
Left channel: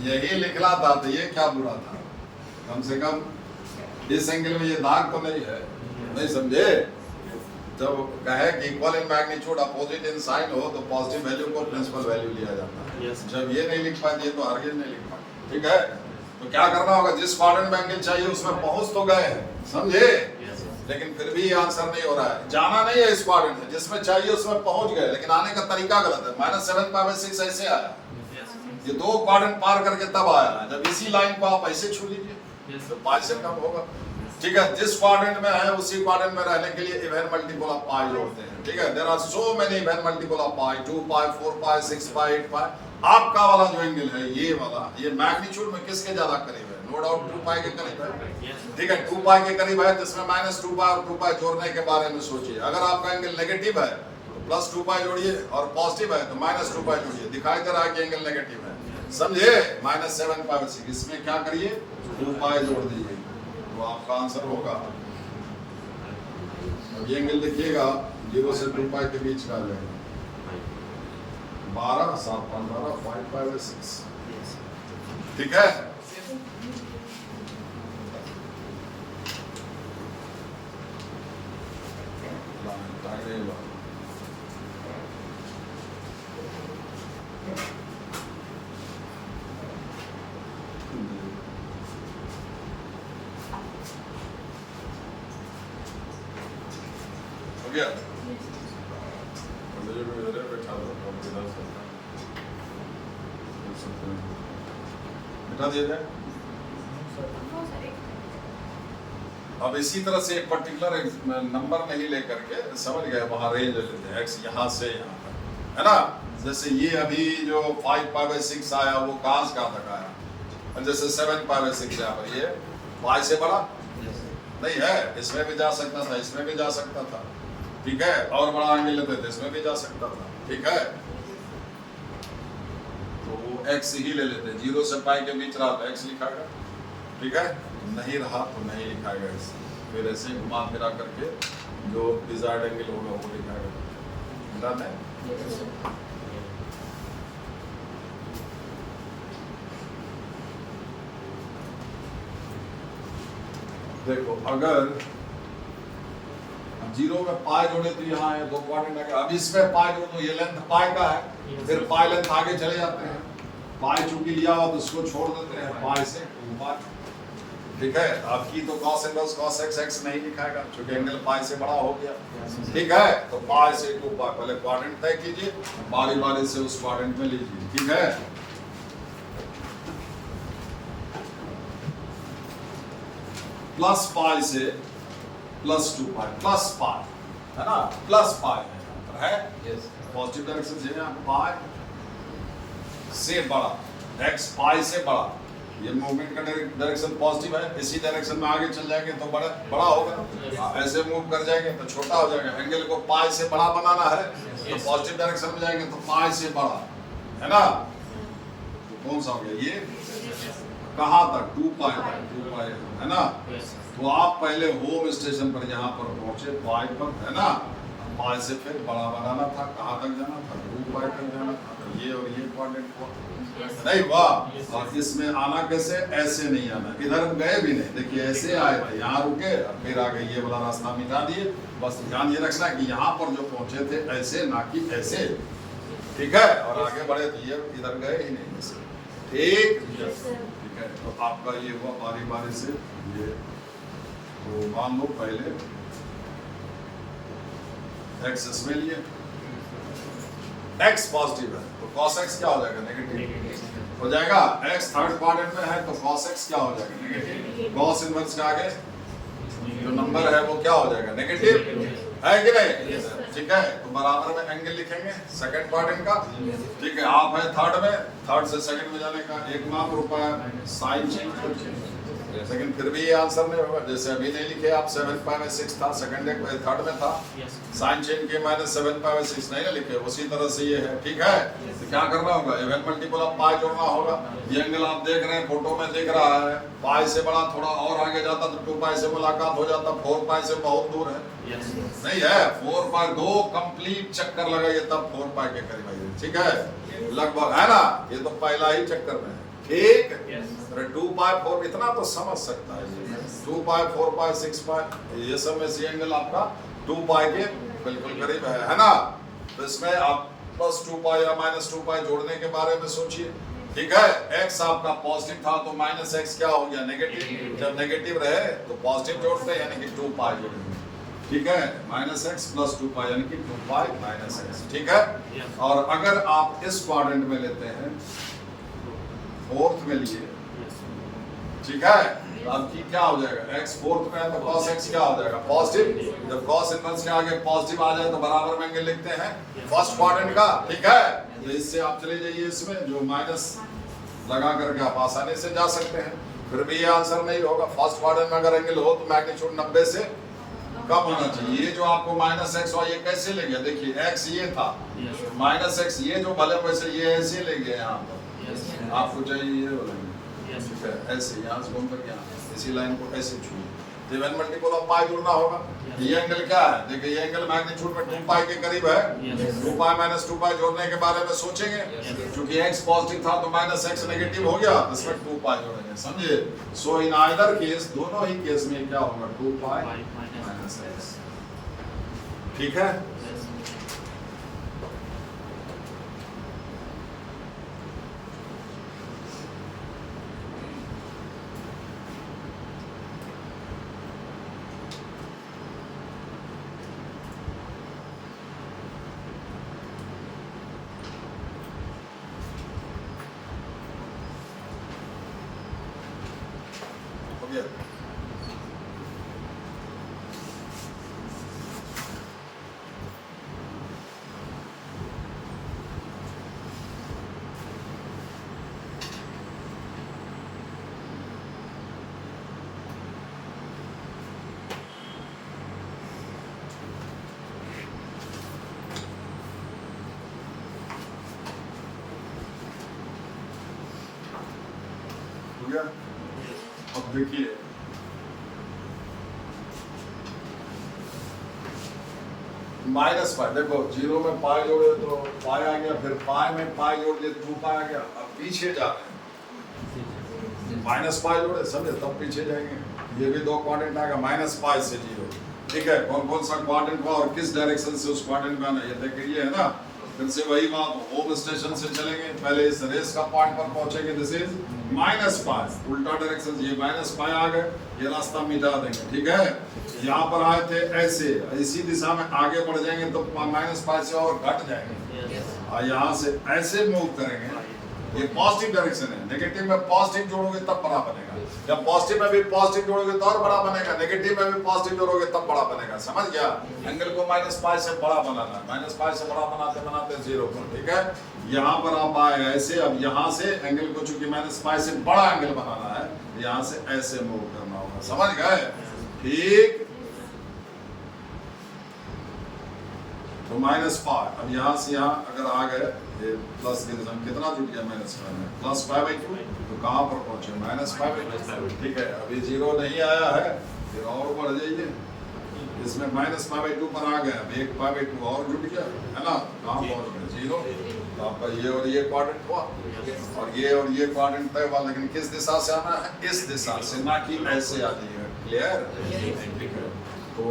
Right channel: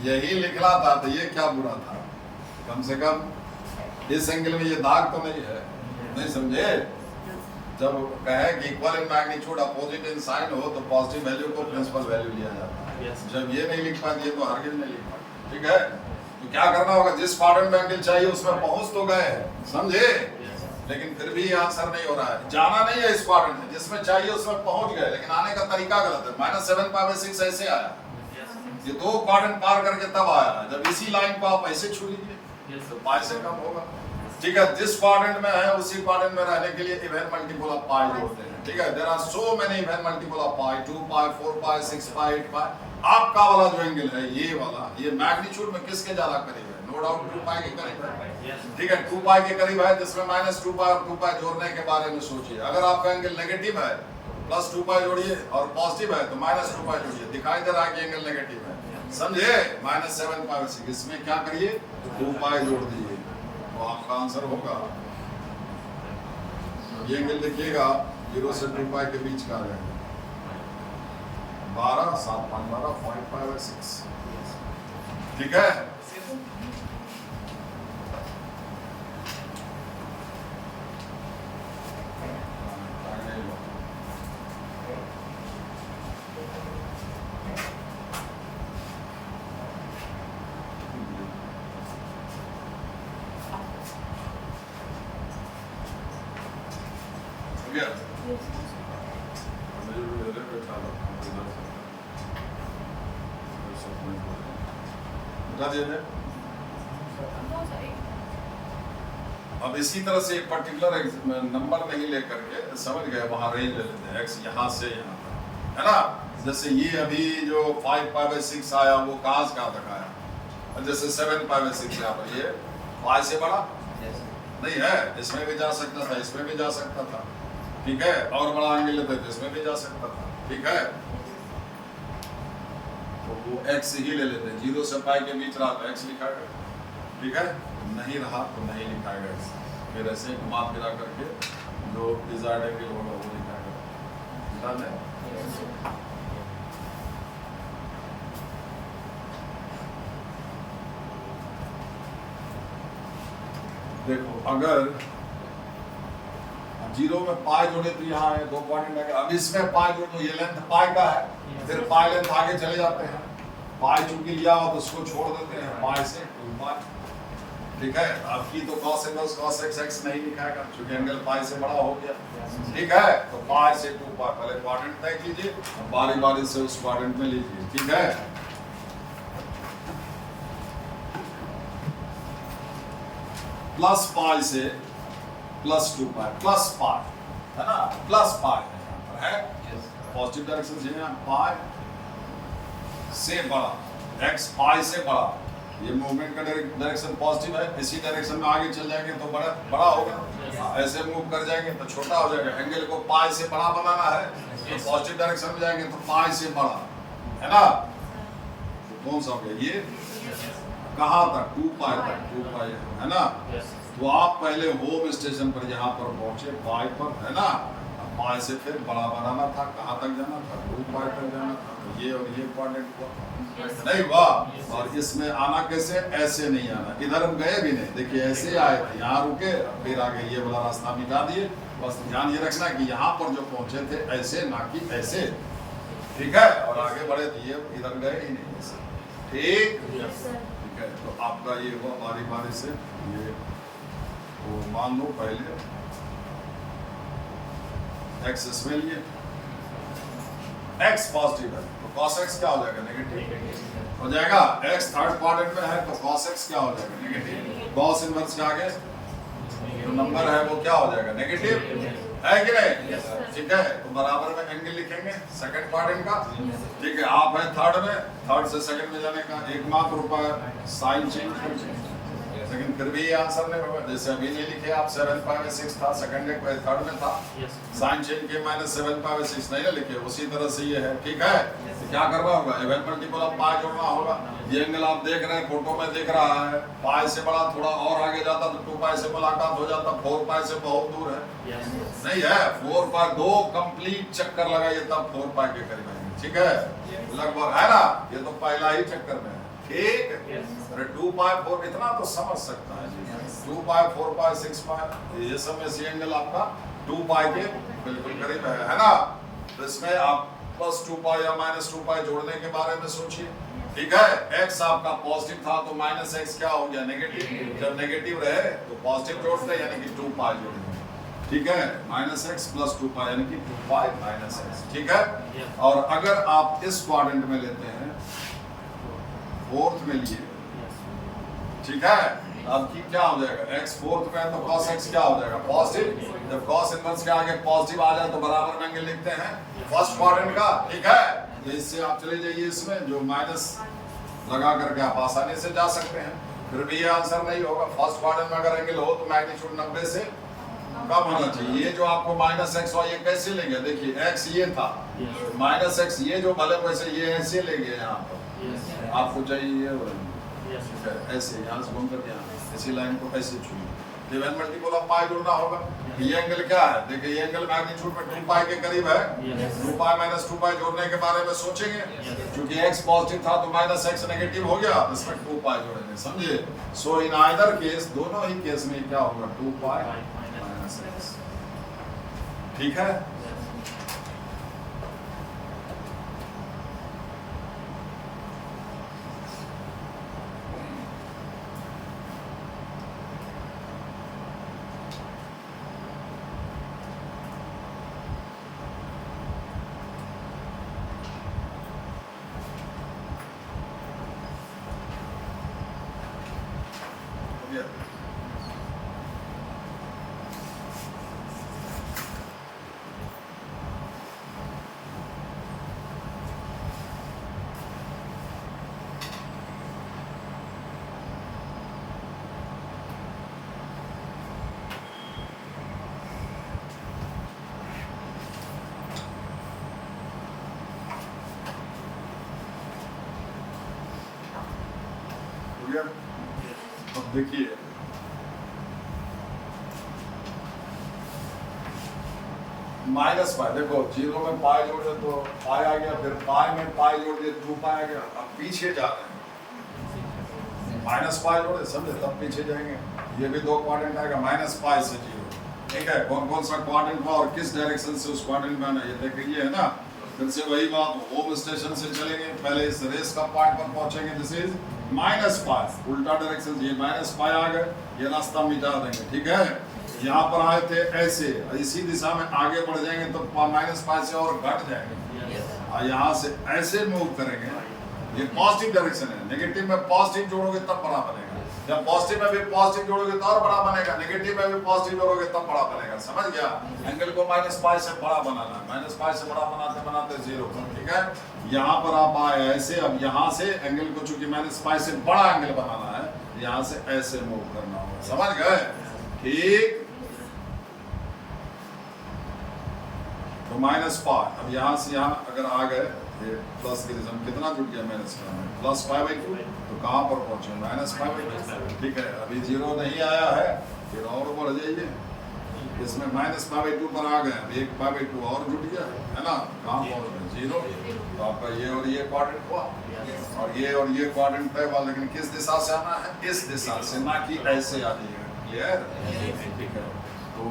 यही लिखना था तो ये क्या बुरा था, कम से कम इस एंगल में ये दाग तो नहीं है, नहीं समझे। जब कहे कि equal in magnitude opposite in sign हो तो पॉजिटिव वैल्यू को प्रिंसिपल वैल्यू लिया जाता है। जब ये नहीं लिख पाए तो हरगिज नहीं लिख पाए, ठीक है। तो क्या करना होगा, जिस क्वाड्रेंट में एंगल चाहिए उसमें पहुंच तो गए, समझे, लेकिन फिर भी आंसर नहीं हो रहा है। जाना नहीं है इस क्वाड्रेंट में, जिसमें चाहिए उसमें पहुंच गए, लेकिन आने का तरीका गलत है। -7 π/6 ऐसे आया, ये 2 क्वाड्रेंट पार करके तब आया। जब इसी लाइन को आप ऐसे छू लीजिए तो पाई से कम होगा, ठीक है। जिस क्वाड्रेंट में है उसी क्वाड्रेंट में रहने के लिए इवन मल्टीपल ऑफ पाई जोड़ते हैं, ठीक है। There are so many even multiple of pi, 2 pi, 4 pi, 6 pi, 8 pi. आपका वाला जो एंगल है ये वाला, ये मैग्नीट्यूड में किसके ज्यादा करीब है, नो डाउट 2 पाई के करीब है, ठीक है। 2 पाई के करीब है, जिसमें -2 पाई और 2 पाई जोड़ने के बारे में सोचिए। अगर आपका एंगल नेगेटिव है तो +2 पाई जोड़िए, और पॉजिटिव है तो -2 पाई जोड़िए। दिखाई दे रहा है कि एंगल नेगेटिव है, समझे। -7 π/6, इसमें क्या करिए 2 पाई जोड़ दीजिए तो आपका आंसर होगा। ये एंगल देखिएगा 0 से 2 पाई के बीच का आ जाएगा 12 7 5 12 5 π/6, ठीक है। अब इसी तरह से एक पर्टिकुलर नंबर नहीं लेकर के, समझ गए, वहां रेंज ले लेते हैं, x यहाँ से यहाँ, है ना। जैसे ये अभी जो 5 π/6 आया वो कहाँ से कहाँ तक आया, और जैसे 7 π/6 यहाँ पर, ये पाई से बड़ा नहीं है, इसमें भी जा सकता था, इसमें भी जा सकता था, ठीक है। और बड़ा एंगल लेते थे, इसमें भी जा सकता था, ठीक है। तो वो x ही ले लेते हैं, 0 से पाई के बीच रहा तो x लिखाएगा, ठीक है, नहीं रहा तो नहीं लिखाएगा। फिर ऐसे घुमा फिरा करके जो डिजायर्ड एंगल होगा वो लिखाएगा, डन है। देखो अगर 0 में पाई जोड़े तो यहाँ है 2 क्वाड्रेंट है, अब इसमें पाई जोड़ दो, ये लेंथ पाई का है, फिर पाई लेंथ आगे चले जाते हैं, पाई चूंकि लिया हो तो उसको छोड़ देते हैं, पाई से 2 पाई, ठीक है। आपकी तो cos इनवर्स cos x नहीं लिखाएगा क्योंकि एंगल पाई से बड़ा हो गया, ठीक है। तो पाई से 2 पाई, पहले क्वाड्रेंट तय कीजिए, बारी बारी से उस क्वाड्रेंट में लीजिए, ठीक है। प्लस पाई से +2 पाई, प्लस पाई है ना, प्लस पाई है यहाँ पर, है पॉजिटिव डायरेक्शन से, यहाँ पाई से बड़ा, x पाई से बड़ा, ये मूवमेंट का डायरेक्शन पॉजिटिव है, इसी डायरेक्शन में आगे चल जाएंगे तो बड़ा होगा, ऐसे मूव कर जाएंगे तो छोटा हो जाएगा। एंगल को पाई से बड़ा बनाना है तो पॉजिटिव डायरेक्शन में जाएंगे तो पाई से बड़ा, है ना। तो कौन सा हो गया ये, कहाँ तक, 2 पाई तक, 2 पाई है ना। तो आप पहले होम स्टेशन पर यहाँ पर पहुंचे पाई पर, है ना, पाई से फिर बड़ा बनाना था, कहाँ तक जाना था, 2 पाई तक जाना था, तो ये और ये क्वाड्रेंट हुआ, नहीं वाह। और इसमें आना कैसे, ऐसे नहीं आना, इधर हम गए भी नहीं, देखिए ऐसे आए थे, यहाँ रुके, फिर आगे ये वाला रास्ता मिटा दिए। बस ध्यान ये रखना कि यहाँ पर जो पहुंचे थे ऐसे, ना कि ऐसे, ठीक है, और आगे बढ़े तो ये इधर गए ही नहीं इससे। ठीक, ठीक है। तो आपका ये हुआ बारी बारी से ये। तो मान लो पहले x इसमें लिए, x पॉजिटिव है तो cos x क्या हो जाएगा? नेगेटिव हो जाएगा। x थर्ड क्वाड्रेंट में है तो cos x क्या हो जाएगा? नेगेटिव। cos इनवर्स के आगे जो नंबर है वो क्या हो जाएगा? नेगेटिव है कि नहीं? ठीक है, तो बराबर में एंगल लिखेंगे सेकंड क्वाड्रेंट का। ठीक है, आप है थर्ड में, थर्ड से सेकंड में जाने का एकमात्र उपाय साइन चेंज, लेकिन फिर भी ये आंसर नहीं होगा। जैसे अभी नहीं लिखे आप 7/6 था, सेकंड थर्ड में था, साइन चेंज के -7/6 नहीं ना लिखे, उसी तरह से ये है। ठीक है, तो क्या करना होगा? इवन मल्टीपल ऑफ पाई जोड़ना होगा। ये एंगल आप देख रहे हैं, फोटो में दिख रहा है, पाई से बड़ा थोड़ा और आगे जाता तो 2 पाई से मुलाकात हो जाता, 4 पाई से बहुत दूर है। नहीं है, 4 पाई 2 कंप्लीट चक्कर लगाइए तब 4 पाई के करीब आइए। ठीक है, लगभग है ना, ये तो पहला ही चक्कर में। ठीक, अरे 2 पाई 4 इतना तो समझ सकता है जी। 2 पाई 4 पाई 6 पाई ये सब में सी एंगल आपका 2 पाई के बिल्कुल करीब है ना। तो इसमें आप +2 पाई या -2 पाई जोड़ने के बारे में सोचिए। ठीक है, x आपका पॉजिटिव था तो -x क्या हो गया? नेगेटिव। जब नेगेटिव रहे तो पॉजिटिव जोड़ते हैं यानी कि 2 पाई जोड़ेंगे। ठीक है, -x + 2 पाई यानी कि 2 पाई -x। ठीक है, और अगर आप इस क्वाड्रेंट में लेते हैं, फोर्थ में लिए, ठीक है, तो आपकी क्या हो जाएगा? x फोर्थ में है तो cos x क्या हो जाएगा? पॉजिटिव। जब cos इनवर्स के आगे पॉजिटिव आ जाए तो बराबर में एंगल लिखते हैं फर्स्ट क्वाड्रेंट का। ठीक है, तो इससे आप चले जाइए इसमें, जो माइनस लगा करके आप आसानी से जा सकते हैं। फिर भी ये आंसर नहीं होगा। फर्स्ट क्वाड्रेंट में अगर एंगल हो तो मैग्नीट्यूड 90 से कम होना चाहिए। ये जो आपको -x हुआ ये कैसे ले गया? देखिए x ये था, -x ये जो भले वैसे ये ऐसे ले गया यहाँ पर, आपको चाहिए ये ऐसे यहाँ से घूम कर यहाँ इसी लाइन को ऐसे छूइए, तो इवन मल्टीपल ऑफ पाई जुड़ना होगा। ये एंगल क्या है? देखिए ये एंगल मैग्नीट्यूड में 2 पाई के करीब है। 2 पाई -2 पाई जोड़ने के बारे में सोचेंगे, क्योंकि x पॉजिटिव था तो -x नेगेटिव हो गया, इसमें 2 पाई जोड़ेंगे। समझिए, सो इन आइदर केस, दोनों ही केस में क्या होगा? 2 पाई -x। ठीक है, अब देखिए माइनस पाई, देखो 0 में पाई जोड़े तो पाई आ गया, फिर पाई में पाई जोड़ दिए तो 2 पाई आ गया। अब पीछे जा रहे हैं, माइनस पाई जोड़े, समझे, तब पीछे जाएंगे। ये भी 2 क्वाड्रेंट आएगा -पाई से 0। ठीक है, कौन कौन सा क्वाड्रेंट हुआ और किस डायरेक्शन से उस क्वाड्रेंट में आना, ये तय करिए, है ना। फिर से वही बात, होम स्टेशन से चलेंगे, पहले इस रेस का पॉइंट पर पहुंचेंगे, दिस इज -पाई, उल्टा डायरेक्शन, ये -पाई आ गए, ये रास्ता मिटा देंगे। ठीक है, यहाँ पर आए थे ऐसे, इसी दिशा में आगे बढ़ जाएंगे तो -पाई से और घट जाएंगे, और यहाँ से ऐसे मूव करेंगे। ये पॉजिटिव डायरेक्शन है, नेगेटिव में पॉजिटिव जोड़ोगे तब बड़ा बनेगा, जब पॉजिटिव में भी पॉजिटिव जोड़ोगे तो और बड़ा बनेगा, नेगेटिव में भी पॉजिटिव जोड़ोगे तब बड़ा बनेगा। समझ गया? एंगल को -पाई से बड़ा बनाना, -पाई से बड़ा बनाते बनाते 0 पर। ठीक है, यहाँ पर आप आए ऐसे, अब यहाँ से एंगल को चूंकि -पाई से बड़ा एंगल बनाना है, यहाँ से ऐसे मूव करना होगा। समझ गए? ठीक, तो -पाई, अब यहाँ से यहाँ अगर आ गए, ये प्लस के रिजल्ट कितना जुट गया? -पाई में +5/2, तो कहाँ पर पहुंचे? -5/2। ठीक है, अभी 0 नहीं आया है, फिर और बढ़ जाइए, इसमें -5/2 पर आ गया, 1/2 और जुट गया, है ना। कहाँ पहुंच गए? 0। तो आपका ये और ये क्वाड्रेंट हुआ, और ये क्वाड्रेंट तय हुआ, लेकिन किस दिशा से आना है? इस दिशा से, ना कि ऐसे आनी है। क्लियर? ठीक है, तो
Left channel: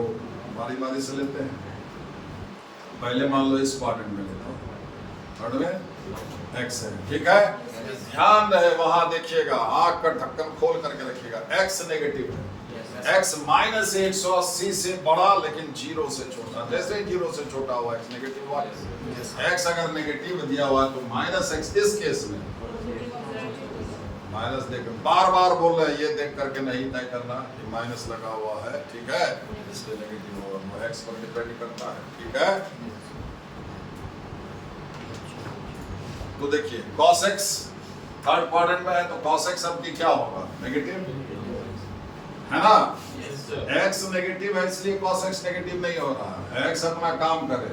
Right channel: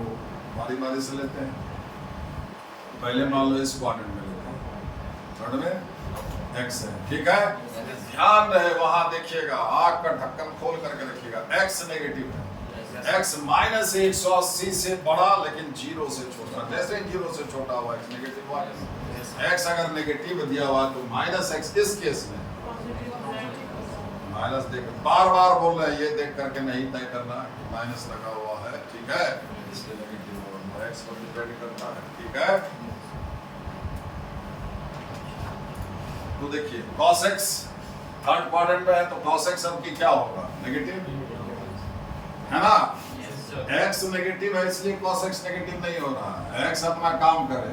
बारी बारी से लेते हैं। पहले मान लो इस क्वाड्रेंट में लेते हैं, थर्ड में x है, ठीक है। ध्यान रहे वहां देखिएगा, आग का ढक्कन खोल करके रखिएगा, x नेगेटिव है, x माइनस 180 से बड़ा लेकिन 0 से छोटा। जैसे 0 से छोटा हुआ x नेगेटिव हुआ, x अगर नेगेटिव दिया हुआ तो माइनस x इस केस में माइनस देख, बार बार बोल रहे हैं, ये देख करके नहीं तय करना, माइनस लगा हुआ है, ठीक है, इसलिए नेगेटिव होगा, x पर डिपेंड करता है, ठीक है। तो देखिए cos x थर्ड क्वाड्रेंट में है तो cos x अब की क्या होगा, नेगेटिव है ना। x नेगेटिव है इसलिए cos x नेगेटिव नहीं हो रहा है, x अपना काम करे,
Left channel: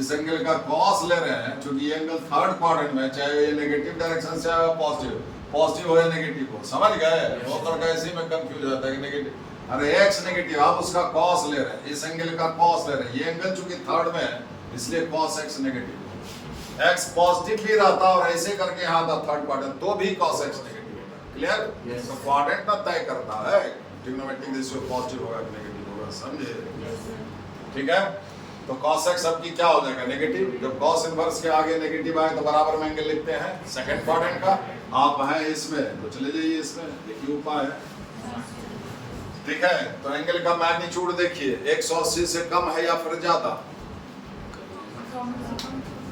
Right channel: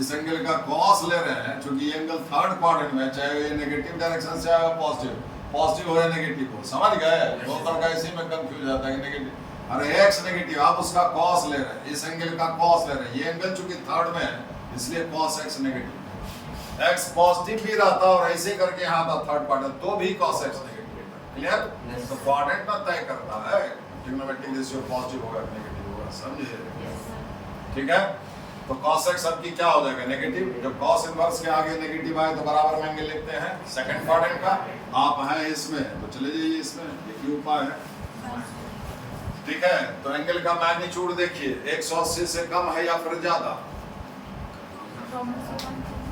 इस एंगल का cos ले रहे हैं, क्योंकि ये एंगल थर्ड क्वाड्रेंट में, चाहे ये नेगेटिव डायरेक्शन से आए पॉजिटिव, पॉजिटिव हो या नेगेटिव हो, समझ गए। बहुत लड़का इसी में कंफ्यूज जाता है कि नेगेटिव, अरे x नेगेटिव, आप उसका cos ले रहे हैं, इस एंगल का cos ले रहे हैं, ये एंगल चूंकि थर्ड में है इसलिए cos x नेगेटिव है। x पॉजिटिव भी रहता और ऐसे करके यहाँ था थर्ड क्वाड्रेंट तो भी cos x नेगेटिव है, क्लियर। तो क्वाड्रेंट ना तय करता है ट्रिग्नोमेट्रिक रेशियो पॉजिटिव होगा नेगेटिव होगा, समझे, ठीक है। तो cos x अब की क्या हो जाएगा, नेगेटिव। जब cos इनवर्स के आगे नेगेटिव आए तो बराबर में एंगल लिखते हैं सेकंड क्वाड्रेंट का, आप हैं इसमें तो चले जाइए इसमें, एक ही उपाय है, ठीक है। तो एंगल का मैग्नीट्यूड देखिए 180 से कम है या फिर ज्यादा,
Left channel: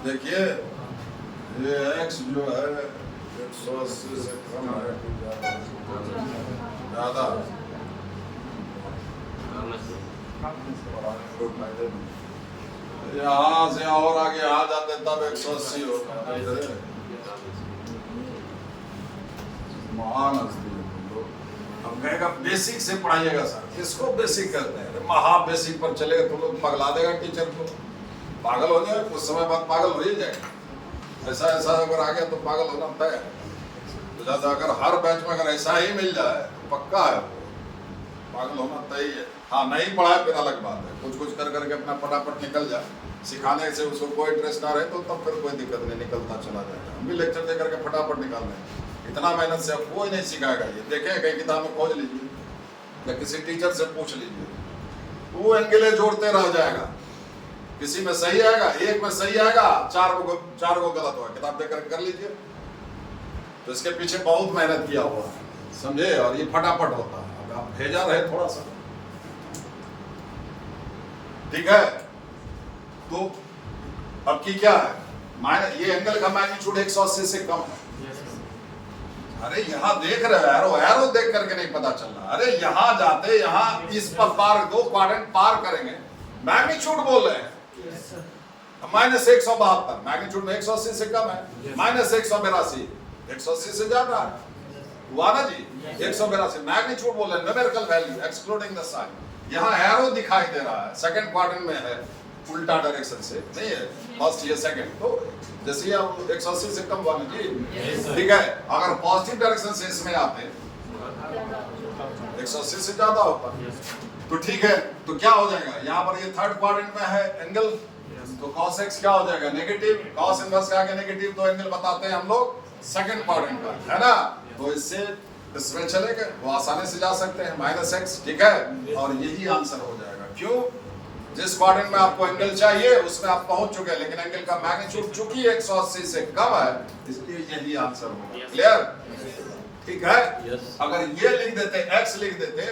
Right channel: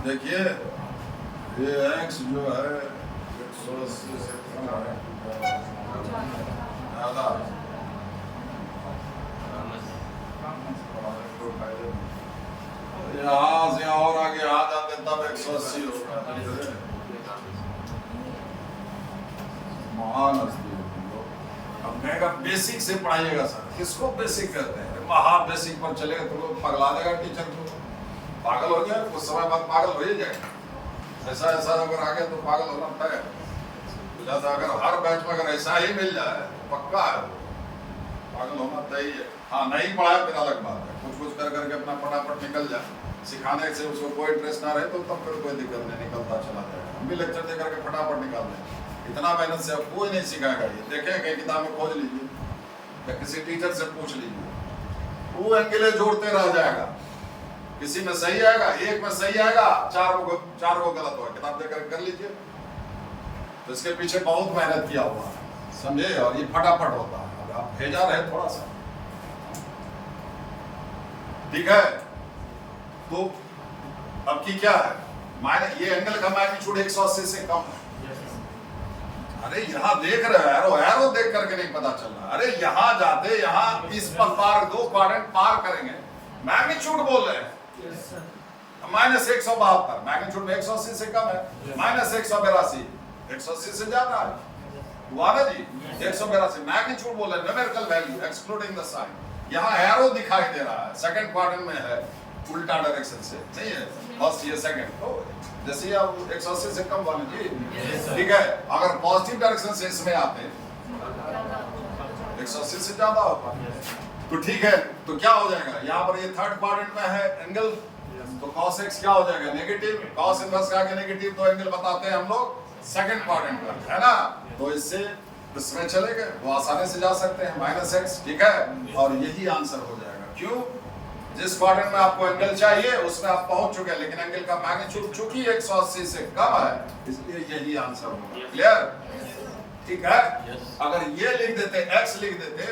देखिए ये x जो है 180 से कम है ज्यादा, यहाँ से और आगे आ जाते तब 180 होगा, महान हस्ती है तुम लोग। अब कहेगा बेसिक से पढ़ाइएगा सर, किसको बेसिक कहते हैं, महा बेसिक पर चलेगा तुम लोग, पगला देगा टीचर को, पागल हो जाए, कुछ समय बाद पागल हो ही जाए, ऐसा ऐसा अगर आ गया तो पागल होना तय है। तो अगर हर बैच में अगर ऐसा ही मिल जाए पक्का है, पागल होना तय ही है। हाँ नहीं पढ़ाए फिर अलग बात है, कुछ कुछ कर करके अपना फटाफट निकल जाए, सिखाने से उसको कोई इंटरेस्ट ना रहे तो तब फिर कोई दिक्कत नहीं, निकलता चला जाएगा। हम भी लेक्चर दे करके फटाफट निकाल दें, इतना मेहनत से अब कोई नहीं सिखाएगा। ये देखें कहीं किताब में खोज लीजिए या किसी टीचर से पूछ लीजिए, वो एंगल जोड़ते रह जाएगा, किसी में सही आएगा, एक में सही आएगा, चार को गलत होगा, किताब देकर कर लीजिए। तो इसके पीछे बहुत मेहनत किया हुआ है, समझे, और ये फटाफट होता है। अब आप भेजा रहे थोड़ा सा, ठीक है। तो अब की क्या है, माइनस, ये एंगल का मैग्नीट्यूड 180 से कम है। अरे यहाँ देख रहे हो, एरो देख करके नहीं पता चल रहा, अरे यहाँ जाते, यहाँ इस पर पार, दो क्वाड्रेंट पार करेंगे, मैग्नीट्यूड बोल रहे हैं माइनस 172, मैग्नीट्यूड में 180 से कम है, माइनस 182 180 से ज्यादा है, हुआ ना जी, 182 मैग्नीट्यूड बोल रहे हैं, numerical value excluding the sign. यहाँ एरो दिखाई दे रहा है, सेकंड क्वाड्रेंट में है, उल्टा डायरेक्शन से नहीं है, फर्स्ट या सेकंड, तो जैसे आप 180 से कम वाले जी, ठीक है। अगर पॉजिटिव डायरेक्शन से इसमें आते 180 से ज्यादा होता, तो ठीक है। तो क्या हो जाएगा, यहाँ पर ये थर्ड क्वाड्रेंट में है एंगल, तो cos x क्या हो जाएगा, नेगेटिव। cos इनवर्स का आगे नेगेटिव तो एंगल बताते हैं हम लोग सेकंड क्वाड्रेंट पर, है ना। तो इससे इसमें चले गए, वो आसानी से जा सकते हैं, माइनस x, ठीक है। और यही आंसर हो जाएगा, क्यों, जिस क्वाड्रेंट में आपको एंगल चाहिए उसमें आप पहुंच चुके हैं, लेकिन एंगल का मैग्नीट्यूड चूंकि 180 से कम है इसलिए यही आंसर होगा, क्लियर, ठीक है। अगर ये लिख देते, x लिख देते,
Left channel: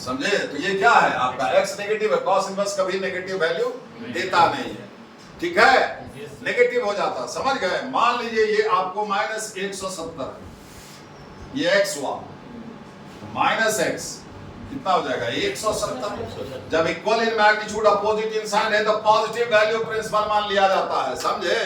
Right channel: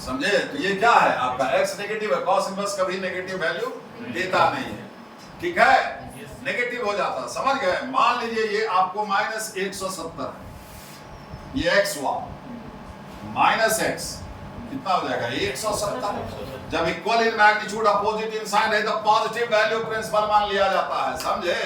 समझे, तो ये क्या है आपका x नेगेटिव है, cos इनवर्स कभी नेगेटिव वैल्यू देता नहीं है, ठीक है, नेगेटिव हो जाता, समझ गए। मान लीजिए ये आपको माइनस 170 है, ये x हुआ, माइनस x कितना हो जाएगा 170। जब equal in magnitude opposite in sign है तो पॉजिटिव वैल्यू प्रिंसिपल मान लिया जाता है, समझे।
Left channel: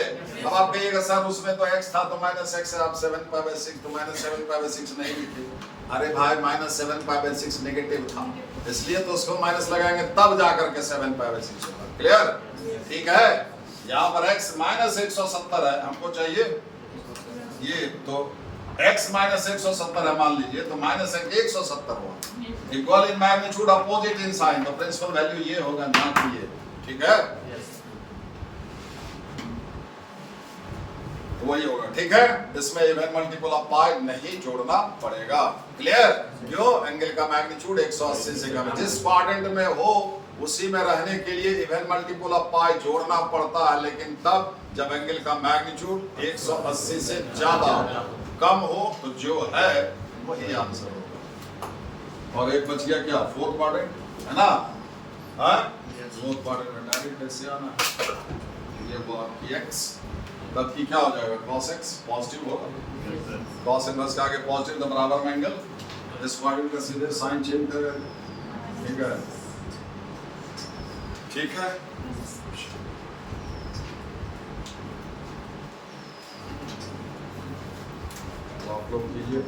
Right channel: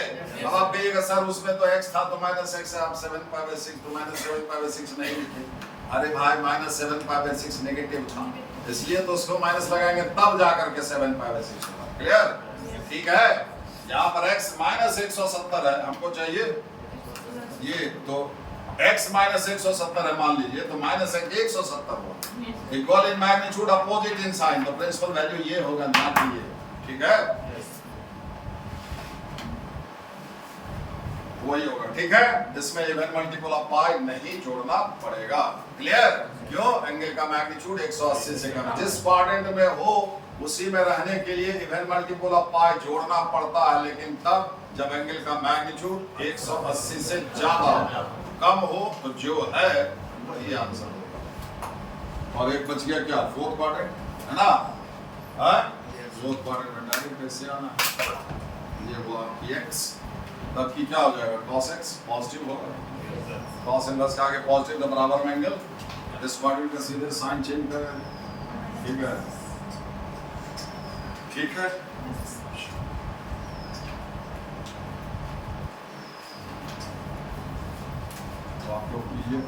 अब आप कहिएगा सर उसमें तो x था तो माइनस x है, आप 7π/6 तो माइनस 7π/6 नहीं लिखे, अरे भाई माइनस 7π/6 नेगेटिव था, इसलिए तो उसको माइनस लगाएंगे तब जाकर के 7π/6 होगा, क्लियर, ठीक है। यहाँ पर x माइनस 170 है, हमको चाहिए ये, तो x माइनस 170 है मान लीजिए, तो माइनस 170 होगा, equal in magnitude opposite in sign, तो प्रिंसिपल वैल्यू ये होगा ना कि ये, ठीक है। तो वही होगा, ठीक है। इसमें इवन मल्टीपल ऑफ पाई नहीं जोड़ना पड़ेगा। क्लियर? क्यों? एंगल का मैग्नीट्यूड 180 से कम है। जिस क्वाड्रेंट में हो उसी में रहने के लिए इवन मल्टीपल ऑफ पाई जोड़ना पड़ता है, लेकिन तब जब एंगल का मैग्नीट्यूड 180 से ज्यादा हो। कम हो तो जो है वही आंसर होगा। और एक बच गया क्या? फोर्थ क्वाड्रेंट, है ना? फोर्थ क्वाड्रेंट में डायरेक्ट कैसे आना? ये वो आपकी x, तब की क्या हो जाएगा? cos x पॉजिटिव होगा। cos इनवर्स का आगे पॉजिटिव तो बराबर में एंगल, इस क्वाड्रेंट का सीधे साइन चेंज करें। ठीक है, ठीक है। तो आप लोग कीजिए।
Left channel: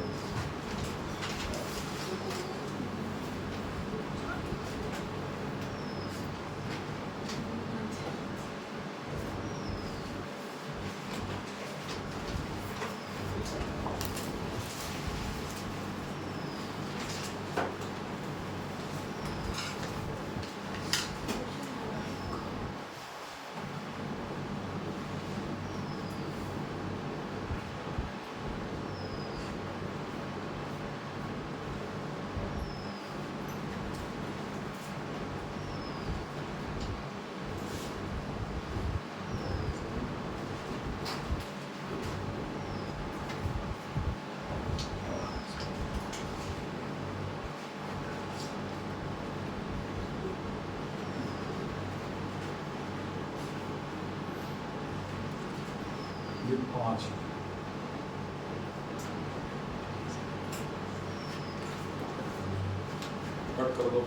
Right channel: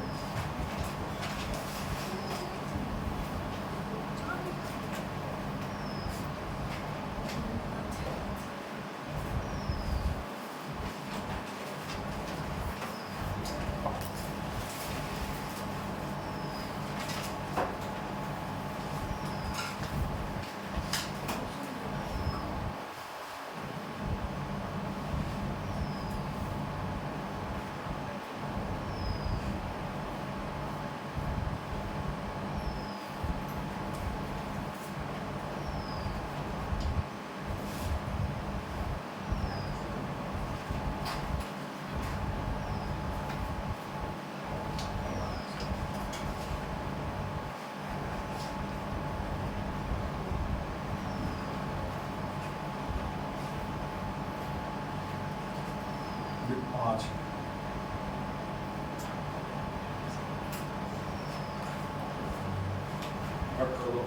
ये 5 कट कर दो।